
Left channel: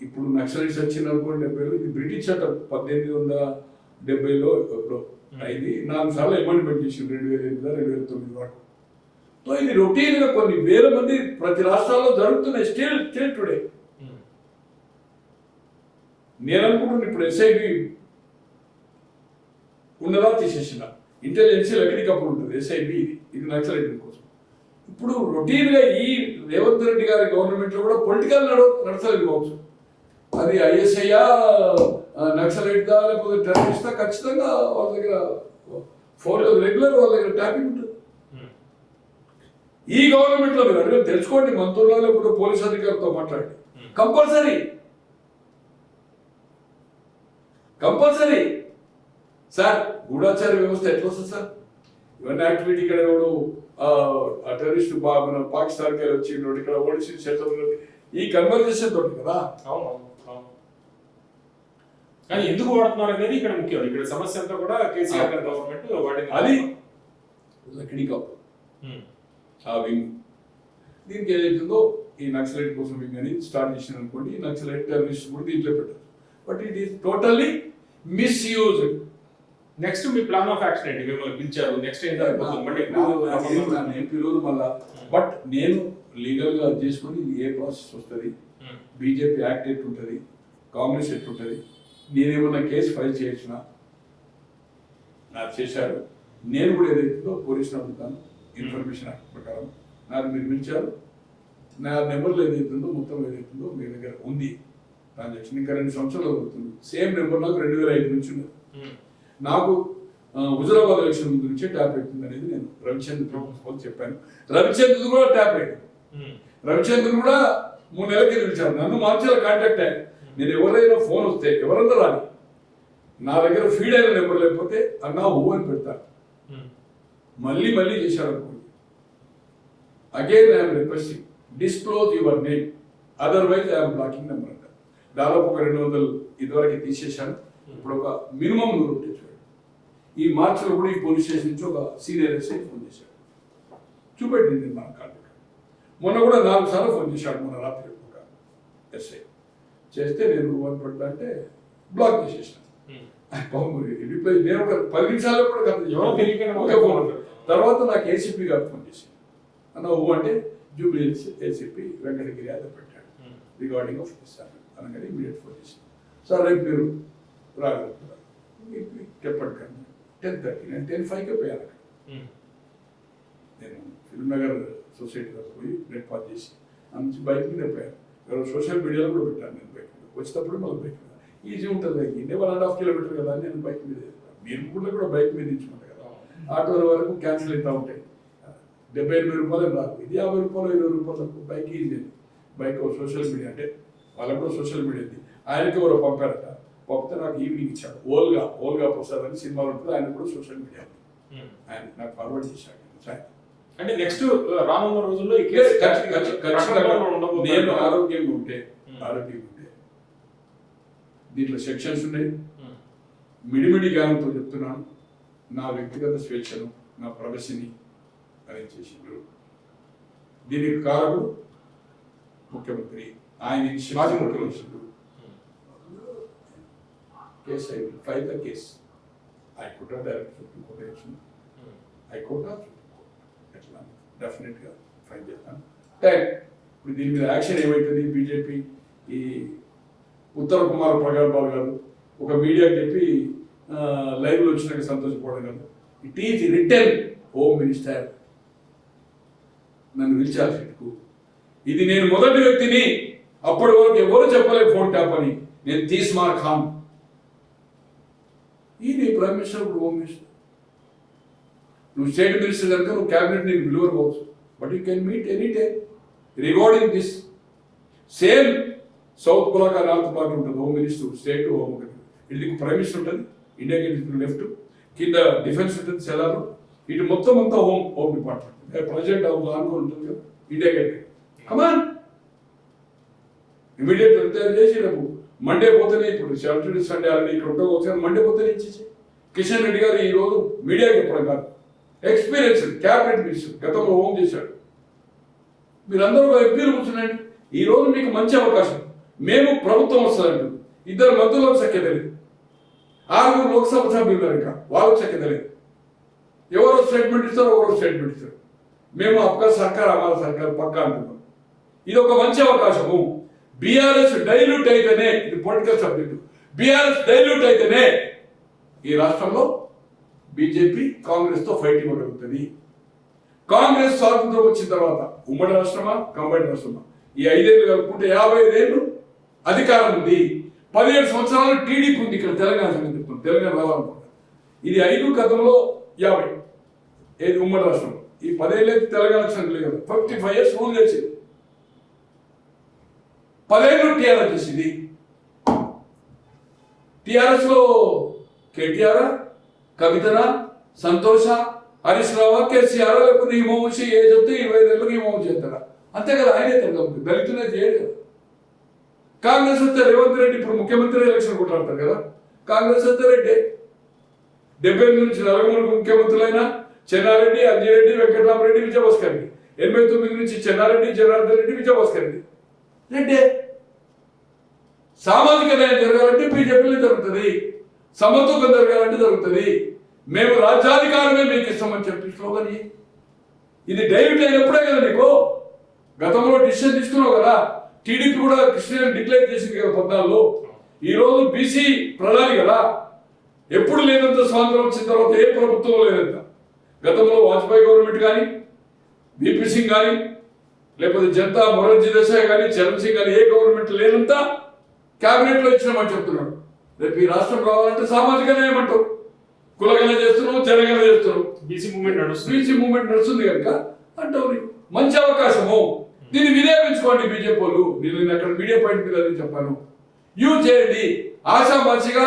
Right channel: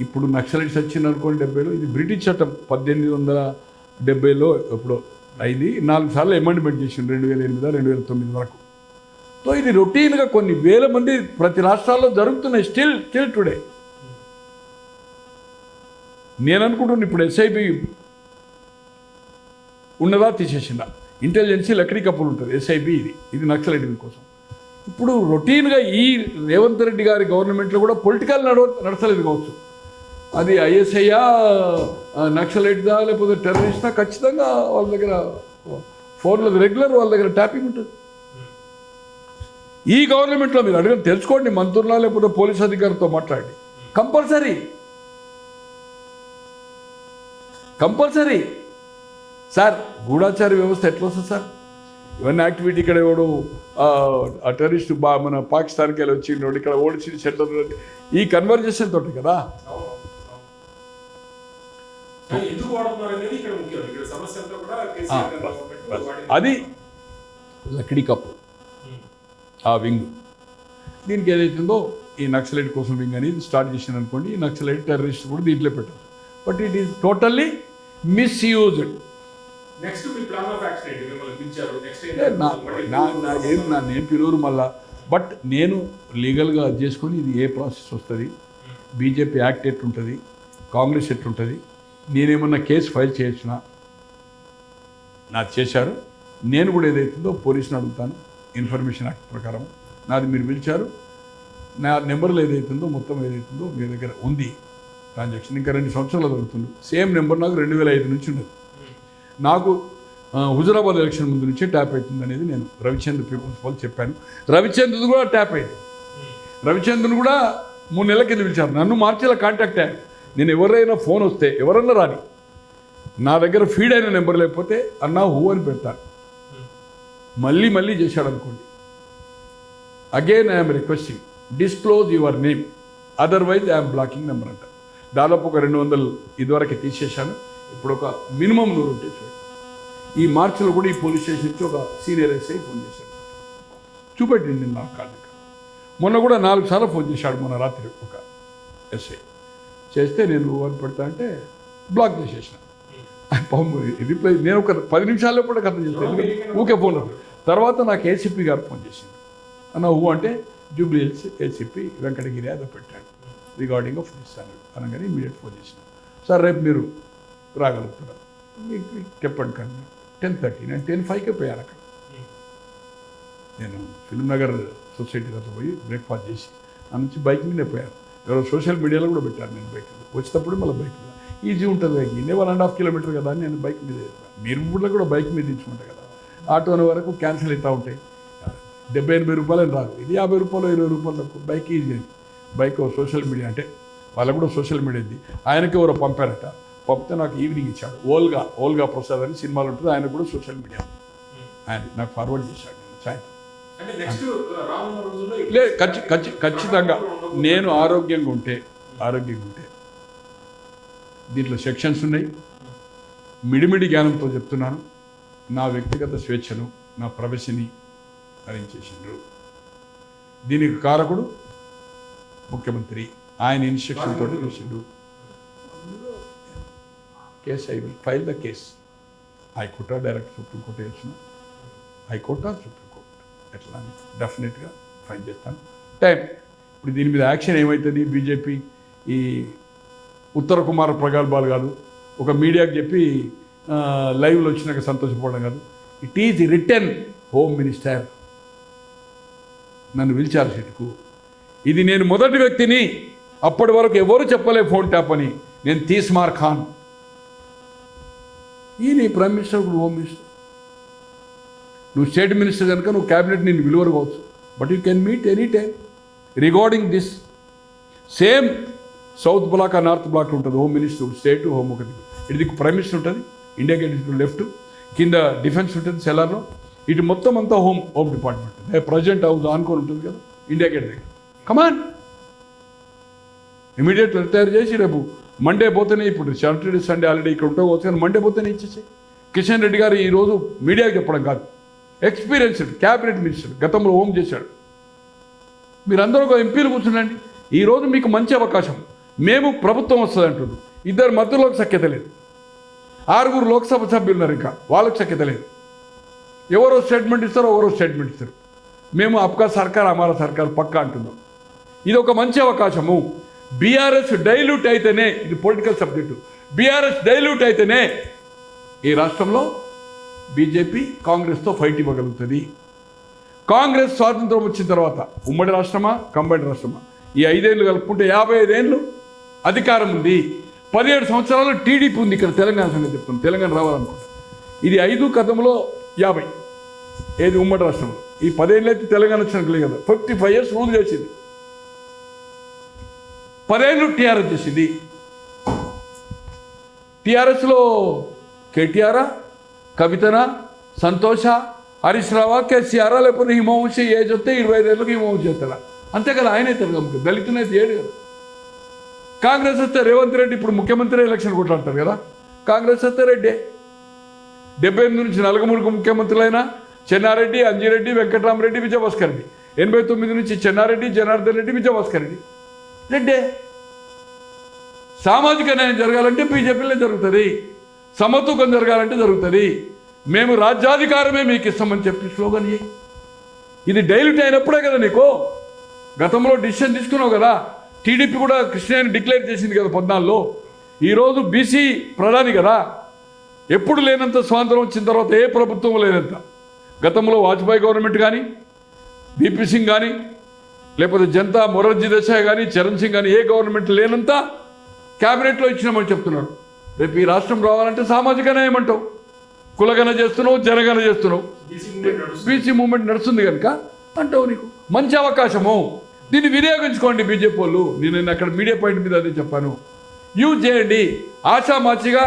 ఇప్పుడు నక్సలైట్స్ వచ్చింది అనుకోండి 70లో, ఇది బ్రిటిష్ చట్టం 1870లో ఇప్పుడు అయింది, 4 సార్లు అమెండ్మెంట్ చేసింది 2008, 2009 వరకు. సో ఇది రొటీన్గా కొన్ని వేల మంది ప్రతి రాష్ట్రాల్లో జరుగుతున్నాయి స్టిల్ టుడే. నేను అనుకుంటున్నాను ఇప్పుడు ఎస్ఐబి ఉన్నదా తీసేసిందా, ఇంటెలిజెన్సీ లక్డీ కప్పులు ఉంటుంది, ఎస్ఐబి ఇది నక్సలైట్ కోసం. ఇప్పుడు రొటీన్గా ఈ రేవంత్ రెడ్డి గారి గవర్నమెంట్లో కూడా పొలిటికల్ నడచలేదు కావచ్చు, అది ఐఎస్ఐయా నక్సలైట్దా లేకపోతే టెర్రరిస్టా, ఖచ్చితంగా వాళ్ళ దగ్గర ఫోన్లో రెగ్యులర్ వాళ్ళ దగ్గర ట్యాపింగ్ ఉంటుంది. ఈ గవర్నమెంట్లో మీరు అడిగి తెలుసుకోండి, మంత్రులా లేకపోతే పోలీస్ అధికారులతో మాట్లాడి, కంపల్సరీ సార్ గూఢాచార వ్యవస్థ ఎట్లా వస్తుంది సార్? ఇవన్నీ యాక్టివిటీ ఇక్కడ ఎవడు ఆ టెర్రరిస్ట్ మన పాకిస్తాన్కి వెళ్ళి వచ్చిండు, ఇక్కడ ఓడిచి సెటిల్, ఈ కన్వర్జేషన్ తోటి కదా. ఎందుకు వాడుతున్నారు అనేది ఇక్కడ ముఖ్యం. ఇక్కడ సమస్య అంతా కూడా కేసీఆర్ గవర్నమెంట్ అది లక్డీ కప్పు ఆ వింగ్. దీనికి ఏదైతుందో ఈ నక్సలైట్ కోసం వింగ్ అనేది స్టార్ట్ చేసింది అనుకోండి, ఈ నక్సలైట్ టెర్రరిస్ట్ కూడా దీంట్లో పెట్టారు. But it is totally misused. Next me plan of action ఏంటి? మిమ్మల్ని పిలిచారు, నెక్స్ట్ నేను పిలువరు మళ్ళా. బట్ నేను లీగల్గా చేసుకొని ఇది ఏ ప్రాసెస్ వస్తుంది, బీజేపీ యాక్ట్ ఎట్లుంటుంది, కాంగ్రెస్ ఎట్లుంటుంది, నేనేమన్నా కేసు ఫైల్ చేయొచ్చునా, నాది చేశారు. నేను కూడా ఏదైతుందో పోలీసుని అడుగుతాను ఇన్ఫర్మేషన్ యాక్ట్ ప్రకారం. నాది మీరు పిలిచారు, నా నెంబర్లు ఏదైతుందో మొత్తం ఏదైతుందో మీ దగ్గర ఉంది, ట్రాన్సాక్షన్ ఇంకా 2 సంవత్సరాలు జరుగుతుంది. సేమ్ నెంబర్ నాకు 2005 నుంచి ఉండదు. నాకు హుజురాబాద్ ఎలక్షన్ ముందు నుంచే ట్యాప్ అవుతుంది అనేది నేను రవిచంద్ర పీపుల్స్ వాళ్ళు చెప్పాను. రవిచంద్రుడు కూడా ట్యాప్ అయింది. రవిచంద్రుని కూడా 3 నెలల కింద పిలిచాను, నన్ను మార్చేలా కాంటాక్ట్ అయ్యాను. నేను ఎవరైనా ఫోన్ వస్తే ఎవరన్నా రాని, నా దగ్గర ఫీడ్ అయిన నెంబర్ లేకపోతే అన్నా హూ అని పెడతాను. మళ్ళీ చేశాడు అనుకోండి, again I'm requesting disclose your name, otherwise I'm blocking number అంట. దాదాపు ఒక 200 ఇదివరకు తీసేశాను, ఇప్పుడు ఒక మినిమం 100 తీసాడు. ఈ మార్చిలో కూడా ఈ పోలీస్ స్టేషన్ నుంచి ఒక సీనియర్ ఎస్ఐ ఫోన్ చేశాడు, చూపెట్టింది నేను నా కార్డు. మొన్న కూడా 4 సార్లు ఫోన్ చేశాడు, మొన్న రాత్రి ఒక ఎస్ఐ చేస్తే నేను అని పెడతా అంటే బ్లాక్ చేసేసిన. రిప్లై నేను ఒక 10 నిమిషాల్లో కూడా కథ చేశాను, ఊకే ఫోన్ తర్వాత నాకు ఏసీపీ గారు ఫోన్ చేసింది. అన్న అంటే Jubilee hills ACP Venkatagiri Yadav పెట్టాడు రిగార్డింగ్ ఆఫ్ దిస్ అనగానే ఇమీడియట్ ఫోన్ చేసిన. సార్ రేపు మీరు రాగలుగుతారా? మీకు చెప్పండి కానీ 10:30. నేను 10:05కే పోయాను అక్కడ. నేను ఫిల్మ్ నగర్ సొసైటీ దగ్గర పోయి బ్రేక్ఫాస్ట్ చేసి ఆ నుంచి బైక్ మీదే పోయాను. ఎవరో సోషల్ మీడియాలో కూడా పెట్టాను నేను బైక్ వచ్చేటప్పుడు మళ్ళీ బైక్ మీద ఈజీ ఉంటుంది కదా, 1.5 కిలోమీటర్ కదా అని నేను బైక్ మీద మీరు ఊళ్ళో కూడా బైక్ మీద ఇచ్చుకుంటారు కదా. ఆటోల వరకు క్యాన్సిల్ అవుతూ ఉంటాయి. 70-80 రూపాయలు రాదు, ఇది 50 రూపాయలు 20 రూపాయలకు bike easy. Bike social media అంటే వాళ్ళకు కూడా సోషల్ మీడియా ఉంది. ఆయనకి ఎవరో పంపారట, పంపితే నాకు ఈవినింగ్ ఇచ్చాడు. ఓల్గా ప్రసాద్ అని సినిమాలు ఉంటుంది, ఆయన కూడా సోషల్ మీడియా ఆయన నాకు ఫార్వర్డ్ చేశాడు సాయంత్రం. అంటే నెక్స్ట్ రానున్న రోజుల్లో ఖచ్చితంగా నేను ఆరోగ్యంగా ఉంటే దీంట్లో సెక్షన్స్ ఉన్నాయి. మిడిమిడి జ్ఞానంతో చెప్తున్నాను, నా వ్యక్తిగత స్వేచ్ఛను నా ప్రవేశని హరించేసిండ్రు. దీనికి కారకుడు ముఖ్యమంత్రి, ఆయన ఇన్స్ట్రక్షన్ తోటి చేసిండు. Case I will file the case. హైకోర్టా డైరెక్ట్ సుప్రీంకోర్టు వేసిన హైకోర్టా సుప్రీంకోర్టు ఎట్లా డెఫినెట్గా ఫైల్ చేస్తాను. అంటే ఇప్పుడు దీని మీద యాక్షన్ ఏమవుతుంది? బీజేపీ ఈ ఉత్తర కుమార్ ప్రగల్భాలు కాదు, ఒక మీడియాకి చెప్పి లైవ్లో వచ్చినాక సంతోషపడడం కాదు. It is return home minister నన్ను పిలిచారు సీటుకు. ఇది నేను మొదటి వ్యక్తిని, అప్పటి వరకు ఎవరు చెప్పలే ఫోన్ ట్యాప్ అని. నేను తీస్మార్ ఖాన్, ఈ నీ ప్రైమ్ మినిస్టర్, ఇప్పుడు హోమ్ మినిస్టర్. నువ్వు స్టేట్ మినిస్టర్ కనుక నువ్వు క్యాబినెట్ నేను విలువలు కావచ్చు, but you can meet any time regarding this. Same South Block North Block ఉంటుంది, హోమ్ మినిస్టర్ స్టేట్ హోమ్ ఒకటి. ఇటు ప్రైమ్ మినిస్టర్ ఉంటుంది, ఇండియా గేట్ లెఫ్ట్, కింద డిఫెన్స్ ఉంటుంది సెలార్లో, ఇటు మొత్తం అంతా హోమ్ డిపార్ట్మెంట్. ప్రెసిడెంట్ హౌస్ ఆనుకొని ఉంటుంది కదా ఇండియా గేట్ దగ్గర. కమాన్ ఇమీడియట్ రిటైర్ చేసి రేపు మండే పోతేనే, ఇప్పుడు సాటర్డే సండే ఆల్రెడీ ఇక్కడ ఉంటే వచ్చి మండే పోతేనే ఇచ్చేసి. కిషన్ రెడ్డి గారు ఈరోజు మీడియాకి చెప్పడం కాదు, ఎక్స్పీరియన్స్డ్ క్యాబినెట్ మినిస్టర్, గతంలో హోమ్ చేశాడు. మీరందరూ ఎంపీలు కూర్చున్నాండి. ఈరోజు మీకు మంచి అవకాశం. మేము ప్రభుత్వం వస్తుంది అంటున్నాం, ఇద్దరు మంత్రులకు సఖ్యత లేదు, 6 లోక్సభ సభ్యులు ఉన్నారు, ఇంకా వాళ్ళకి సఖ్యత లేదు. ఎవరో స్టేట్మెంట్ ఇస్తారో ఎవరో స్టేట్మెంట్ ఇస్తారు. మేము అప్కా సర్కార్ అమారా సర్కార్ పక్కా అంటున్నాం. ఇది ఒక మంచి అవకాశము. బీఆర్ఎస్ డైల్యూట్ అయితేనే, ఇది పొలిటికల్ సబ్జెక్టు, బీఆర్ఎస్ డైల్యూట్ అయితేనే ఈ రాష్ట్రంలో బీజేపీ కాంగ్రెస్తో ఫైట్ ఇవ్వగలుగుతుంది. కాంగ్రెస్ స్వాతంత్రం వచ్చిన తర్వాత ఉమ్మడి రాష్ట్రమా కంబైన్డ్ రాష్ట్రమా, ఈ 5 ఏళ్ళు కలుపుకుంటే 55 ఏళ్ళు అధికారం ఉంది. 17 సంవత్సరాలు టీడీపీ ఉంది ఇక్కడ తెలంగాణ సంగతి చెప్తుంది. తెలంగాణ రావాలనుకుంటుంది. ఇది 5 కథంలో 50 ఏది ఉమ్మడి రాష్ట్రం. ఈ 10 ఏళ్ళు అయితే తెలంగాణ వచ్చినట్లే కదా, 55 years రూల్ చేసింది. 10 ఏళ్ళు టీఆర్ఎస్ చేసింది. టీఆర్ఎస్లో కేటీఆర్, కవితనా, సంతోష, హరీష్ రావా, కేసీఆర్, లేకపోతే హిమవంశి ఏ చెప్తే 25 ఏళ్ళకి హిమవంశి చేస్తారా, అంతే కదా. ఆయనే తెలంగాణ దళితులైతే ఏడు కదా. కాంగ్రెస్ వస్తే రేవంత్ రెడ్డి ఇప్పుడు ముఖ్యమంత్రి ఎలక్షన్ కొట్లాడతారు కదా. కాంగ్రెస్ వస్తే రెడ్డి 78 నుంచి 43 ముఖ్యమంత్రులైన చెన్నారెడ్డి, అంజిరెడ్డి, వెంకటరామరెడ్డి, విజయభాస్కర్ రెడ్డి. 89 నుంచి చెన్నారెడ్డి, జనార్దన్ రెడ్డి, విజయభాస్కర్ రెడ్డి రెడ్డి. సామాజిక న్యాయం జరగాలంటే బీజేపీలో జరుగుతుంది, సమత్వం జరగాలంటే జరుగుతుంది. మేము రాజ్యాధికారమే మీకు ఇస్తామని చెప్పి స్లోగన్. ఇది డైల్యూట్ అయినప్పుడే కదా నీకు గతంలో డిసిషన్ తీసుకున్నావు కదా. టీడీపీ కూడా కృష్ణని డిక్లేర్ చేసింది కదా 14లో. ఈరోజు బీసీ ప్రధాని కదా. ఎప్పుడు లేనంత స్వాతంత్రం వచ్చిన తర్వాత ఏ ప్రభుత్వం లేనంత. గతంలో వాజ్పేయి గవర్నమెంట్ కానీ, బీపీ సింగ్ కానీ, లేకపోతే జనతా మొరార్జీ దేశాయ్ కానీ, చరణ్ సింగ్ కానీ, ఏ గవర్నమెంట్ లేనంత క్యాబినెట్లో ఇచ్చినామని చెప్తున్నాడు. రేపు ఈ రాష్ట్రం రావాలంటే సామాజిక న్యాయం అంటావు, కులగన చేస్తున్నావు, జనగన చేస్తున్నావు. బీసీ మూవ్మెంట్ నడుస్తుంది కనుక అంటావు. నీకు మంచి అవకాశము, దీన్ని వినియోగించుకోండి బీజేపీ వాళ్ళు. నేను అక్కడ మీడియా పాయింట్ మీద అదే చెప్పాను. యూజ్ చేయండి. ఆశామాచిగా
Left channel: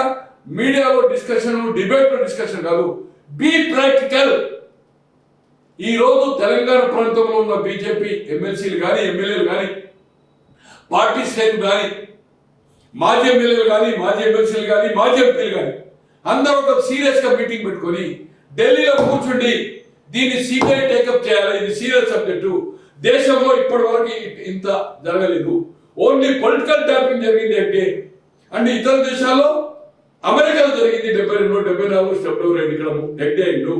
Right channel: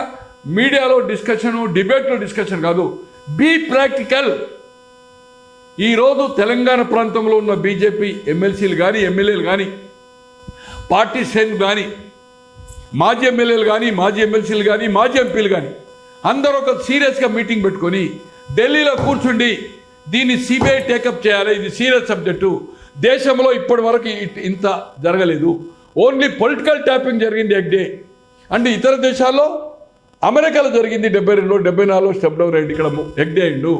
మీడియాలో డిస్కషన్, డిబేట్లో డిస్కషన్ కాదు, బీ ప్రాక్టికల్. ఈరోజు తెలంగాణ ప్రాంతంలో ఉన్న బీజేపీ ఎమ్మెల్సీలు కానీ, ఎమ్మెల్యేలు కానీ, పార్టీ శ్రేణులు కానీ, మాజీ ఎమ్మెల్యేలు కానీ, మాజీ ఎమ్మెల్సీలు కానీ, మాజీ ఎంపీలు కానీ అందరూ ఒక సీరియస్గా మీటింగ్ పెట్టుకొని ఢిల్లీలో కూర్చుండి దీన్ని సిబిఐ టేకప్ చేయాలి. ఇది సీరియస్ సబ్జెక్టు. దేశంలో ఇప్పటి వరకు ఇంత జరగలేదు. ఓన్లీ పొలిటికల్ ట్యాపింగ్ జరిగింది ఎగ్డే. అంటే ఇతర దేశాల్లో, అమెరికాలో జరిగింది 72, 74 స్టెప్ డౌన్ అయ్యింది, ఇక్కడ ఎగ్డే అయిండు.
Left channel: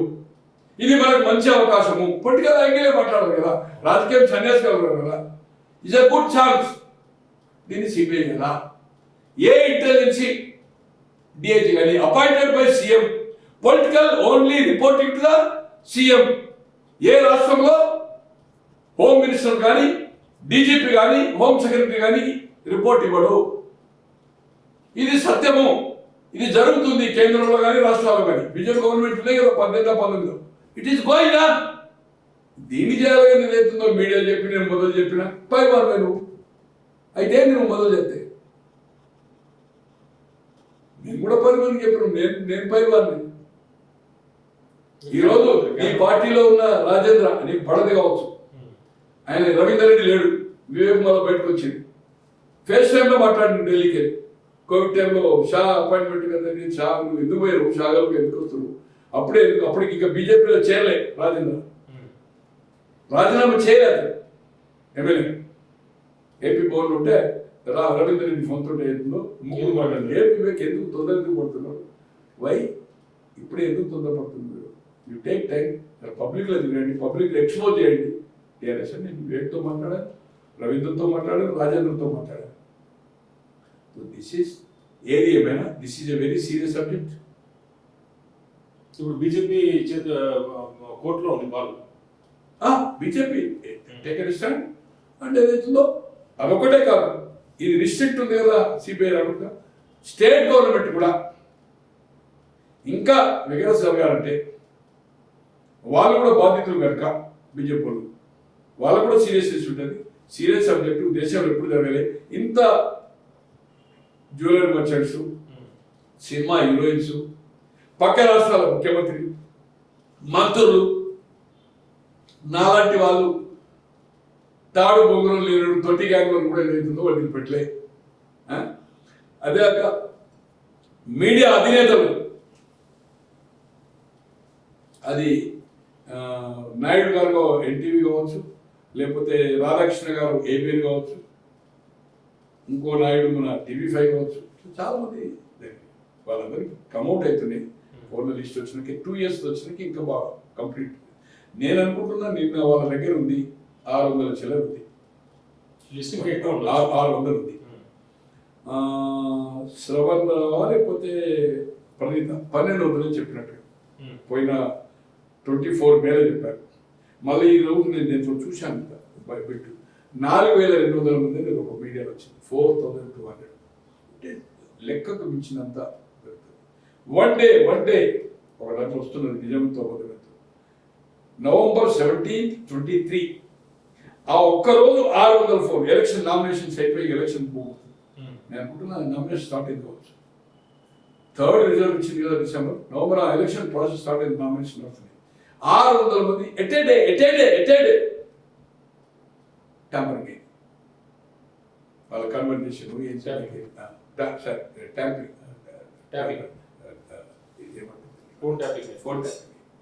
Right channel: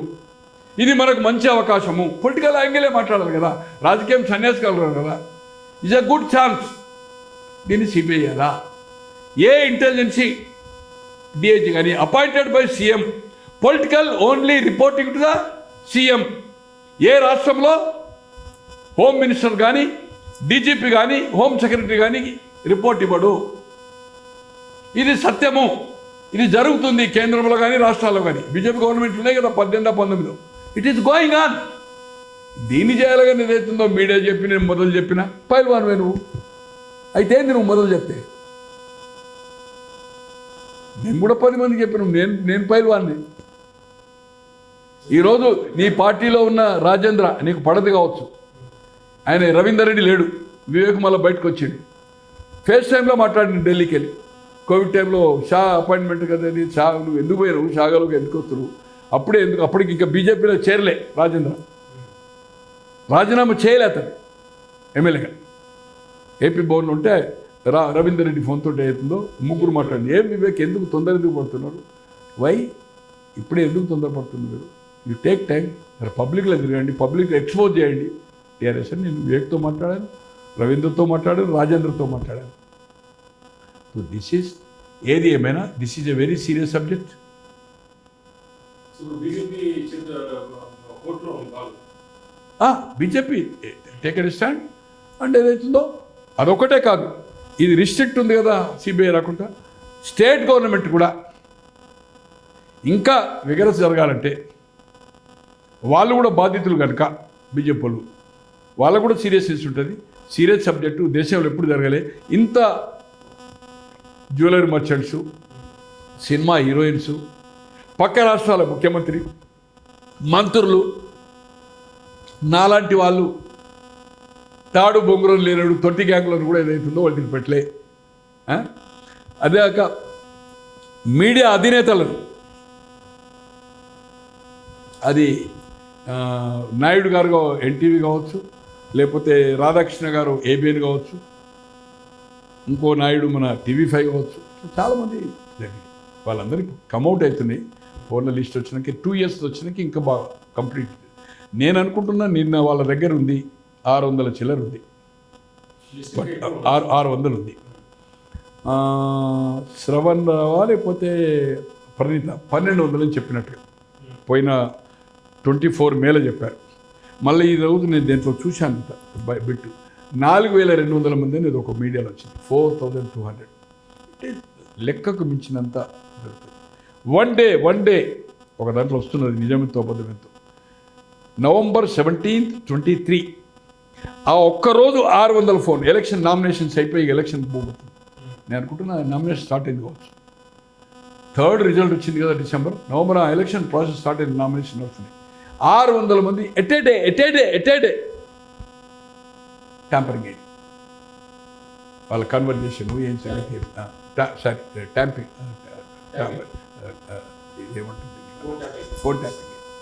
ఇది మనకు మంచి అవకాశము. పొలిటికల్ యాంగిలే మాట్లాడాలి కదా, రాజకీయం సన్యాసగలరు కదా. It's a good chance. దీన్ని సిబిఐ కదా, ఏ ఇంటెలిజెన్సీ డిఐజీ కానీ appointed by CM, political only reporting to the CM. ఏ రాష్ట్రంలో హోమ్ మినిస్టర్ కానీ డీజీపీ కానీ హోమ్ సెక్రటరీ కానీ రిపోర్ట్ ఇవ్వడు. ఇది సత్యము. ఇది జరుగుతుంది కేంద్రంలో కానీ రాష్ట్రాల్లో కానీ. బీజేపీ గవర్నమెంట్ ఉన్నాయి కదా 18-19. It is going on. దీన్ని చేయాలిగా నేనైతుందో మీడియా చెప్పి నేను మొదలు చెప్పిన పైవారు నువ్వు అయితే నువ్వు మొదలు చెప్తే నేను కూడా 10 మందికి చెప్పిన నేను పైవాన్ని. ఈరోజు నీ పార్టీలో ఉన్న రాజేంద్ర నీకు పడదు కావచ్చు, ఆయన రవీందర్ రెడ్డి లేడు, వివేక్ మళ్ళీ బయటకు వచ్చిండు. ఫేస్ టైంలో మాట్లాడింది ఢిల్లీకి వెళ్ళి. కోవిడ్ టైంలో షా అపాయింట్మెంట్ కదా, షా నువ్వు ఎందుకు పోయారు, షాగాలకు ఎందుకు వస్తారు, అప్పటికి ఇంకా బీజేపీలో చేరలే రాజేంద్ర, రాజీనామా చేయలే అతను ఎమ్మెల్యేగా. ఏపీ భవన్లో ఉంటే రవీందర్ రెడ్డి ఫోన్తో అవుతుందో ముగ్గురు మాట్లాడింది. ఏం వివేక్ ఎందుకు తొందర ఎందుకు పడుతున్నాడు, వై ఇప్పుడే ఎందుకు తొందరపడుతుంది మీరు, యూ టేక్ టైం, పబ్లిక్లో తిరగండి, పబ్లిక్లో ఎక్స్పోజ్ చేయండి టీఆర్ఎస్ అని. నేను వివేక్తో మాట్లాడాను, రవీంద్రతో మాట్లాడాను, రాజేంద్రతో మాట్లాడాను. సో దిస్ ఈజ్ ఏది ఏమైనా this is a very serious subject. ఇప్పుడు బీజేపీ కోర్టులో ఉంది వాళ్ళు, బీజేపీ టేకెన్ స్టాండ్ అంటే ఏదైతుందో అదొకటే కాదు, ఇది రిస్ట్రిక్ట్ ఉంది కదా సిబిఐ రాకుండా, స్టేట్ గవర్నమెంట్ కూడా ఇంకా విగరస్ జరగాలంటే వాళ్ళు కూడా బాధితులు కనుక బీజేపీ వాళ్ళు, వాళ్ళకు కూడా సీరియస్ ఇష్యూ ఉంటుంది. సీరియస్ సబ్జెక్టు దేశంలో ఎప్పుడు జరగాలి. ఇంత జ్యువెలరీ మర్చెంట్స్, సినిమా హీరోయిన్స్, పక్క రాష్ట్రాల ముఖ్యమంత్రి, మంత్రులు, నాలాంటి వాళ్ళు తాడు బొంగురం లేనడు తొట్టి గ్యాంగ్లను కూడా ఏదైతుందో వాటిని పెట్టలే. అదే కాక మీడియా అధినేతలు, అది నాయుడు గారు ఎన్టీవీ కావచ్చు, లేకపోతే రాధాకృష్ణ గారు ఏబిఎన్ కావచ్చు, ఇంకో నాయుడు మన TV5 కావచ్చు, చాలామంది వాళ్ళందరికీ కమౌట్ అవుతున్నాయి. ఫోన్ల లిస్ట్ వచ్చినాక 2 years వచ్చినాక ఇంకా బాగా కంప్లీట్. నేను అనుకుంటున్నా నిన్న వాళ్ళ దగ్గర ఉంది 600 చిల్లర ఉంది, 600 ఉంది. శ్రవణ్ రావా లేకపోతే ప్రణీత 1200 అని చెప్పినట్టు పోయిన 24 మేలో చెప్పారు. మళ్ళీ ఈ రోజు నేను దీంట్లో చూశాను బిట్ 4200 మంది అనేది ఒక మీడియాలో వచ్చింది, 4200 అంటే లెక్కకు మించినంత. వన్ డే ఒక దాంట్లో వస్తున్నది నిజంతో అబద్ధంతో. November 17th 23 ఆ ఒక్కరోజు 600 ఫోన్. ఎలక్షన్ నామినేషన్స్ అయిపోయి ఎలక్షన్ పోతుంది. నేను అనుకుంటున్నా నామినేషన్ స్టార్ట్ అయింది కావచ్చు. 3rd రిజల్ట్ వచ్చింది కదా December, November ఆ ఎలక్షన్ ప్రాసెస్ స్టార్ట్ అయింది, నామినేషన్ అవుతుంది. 600 మంది ఎటేడే ట్యాంపరింగ్ అయ్యి వాళ్ళ కన్వర్జేషన్ ఏం చేయాలి, ట్యాంపింగ్ ఏమంటుంది, ఫోన్ ట్యాపింగ్.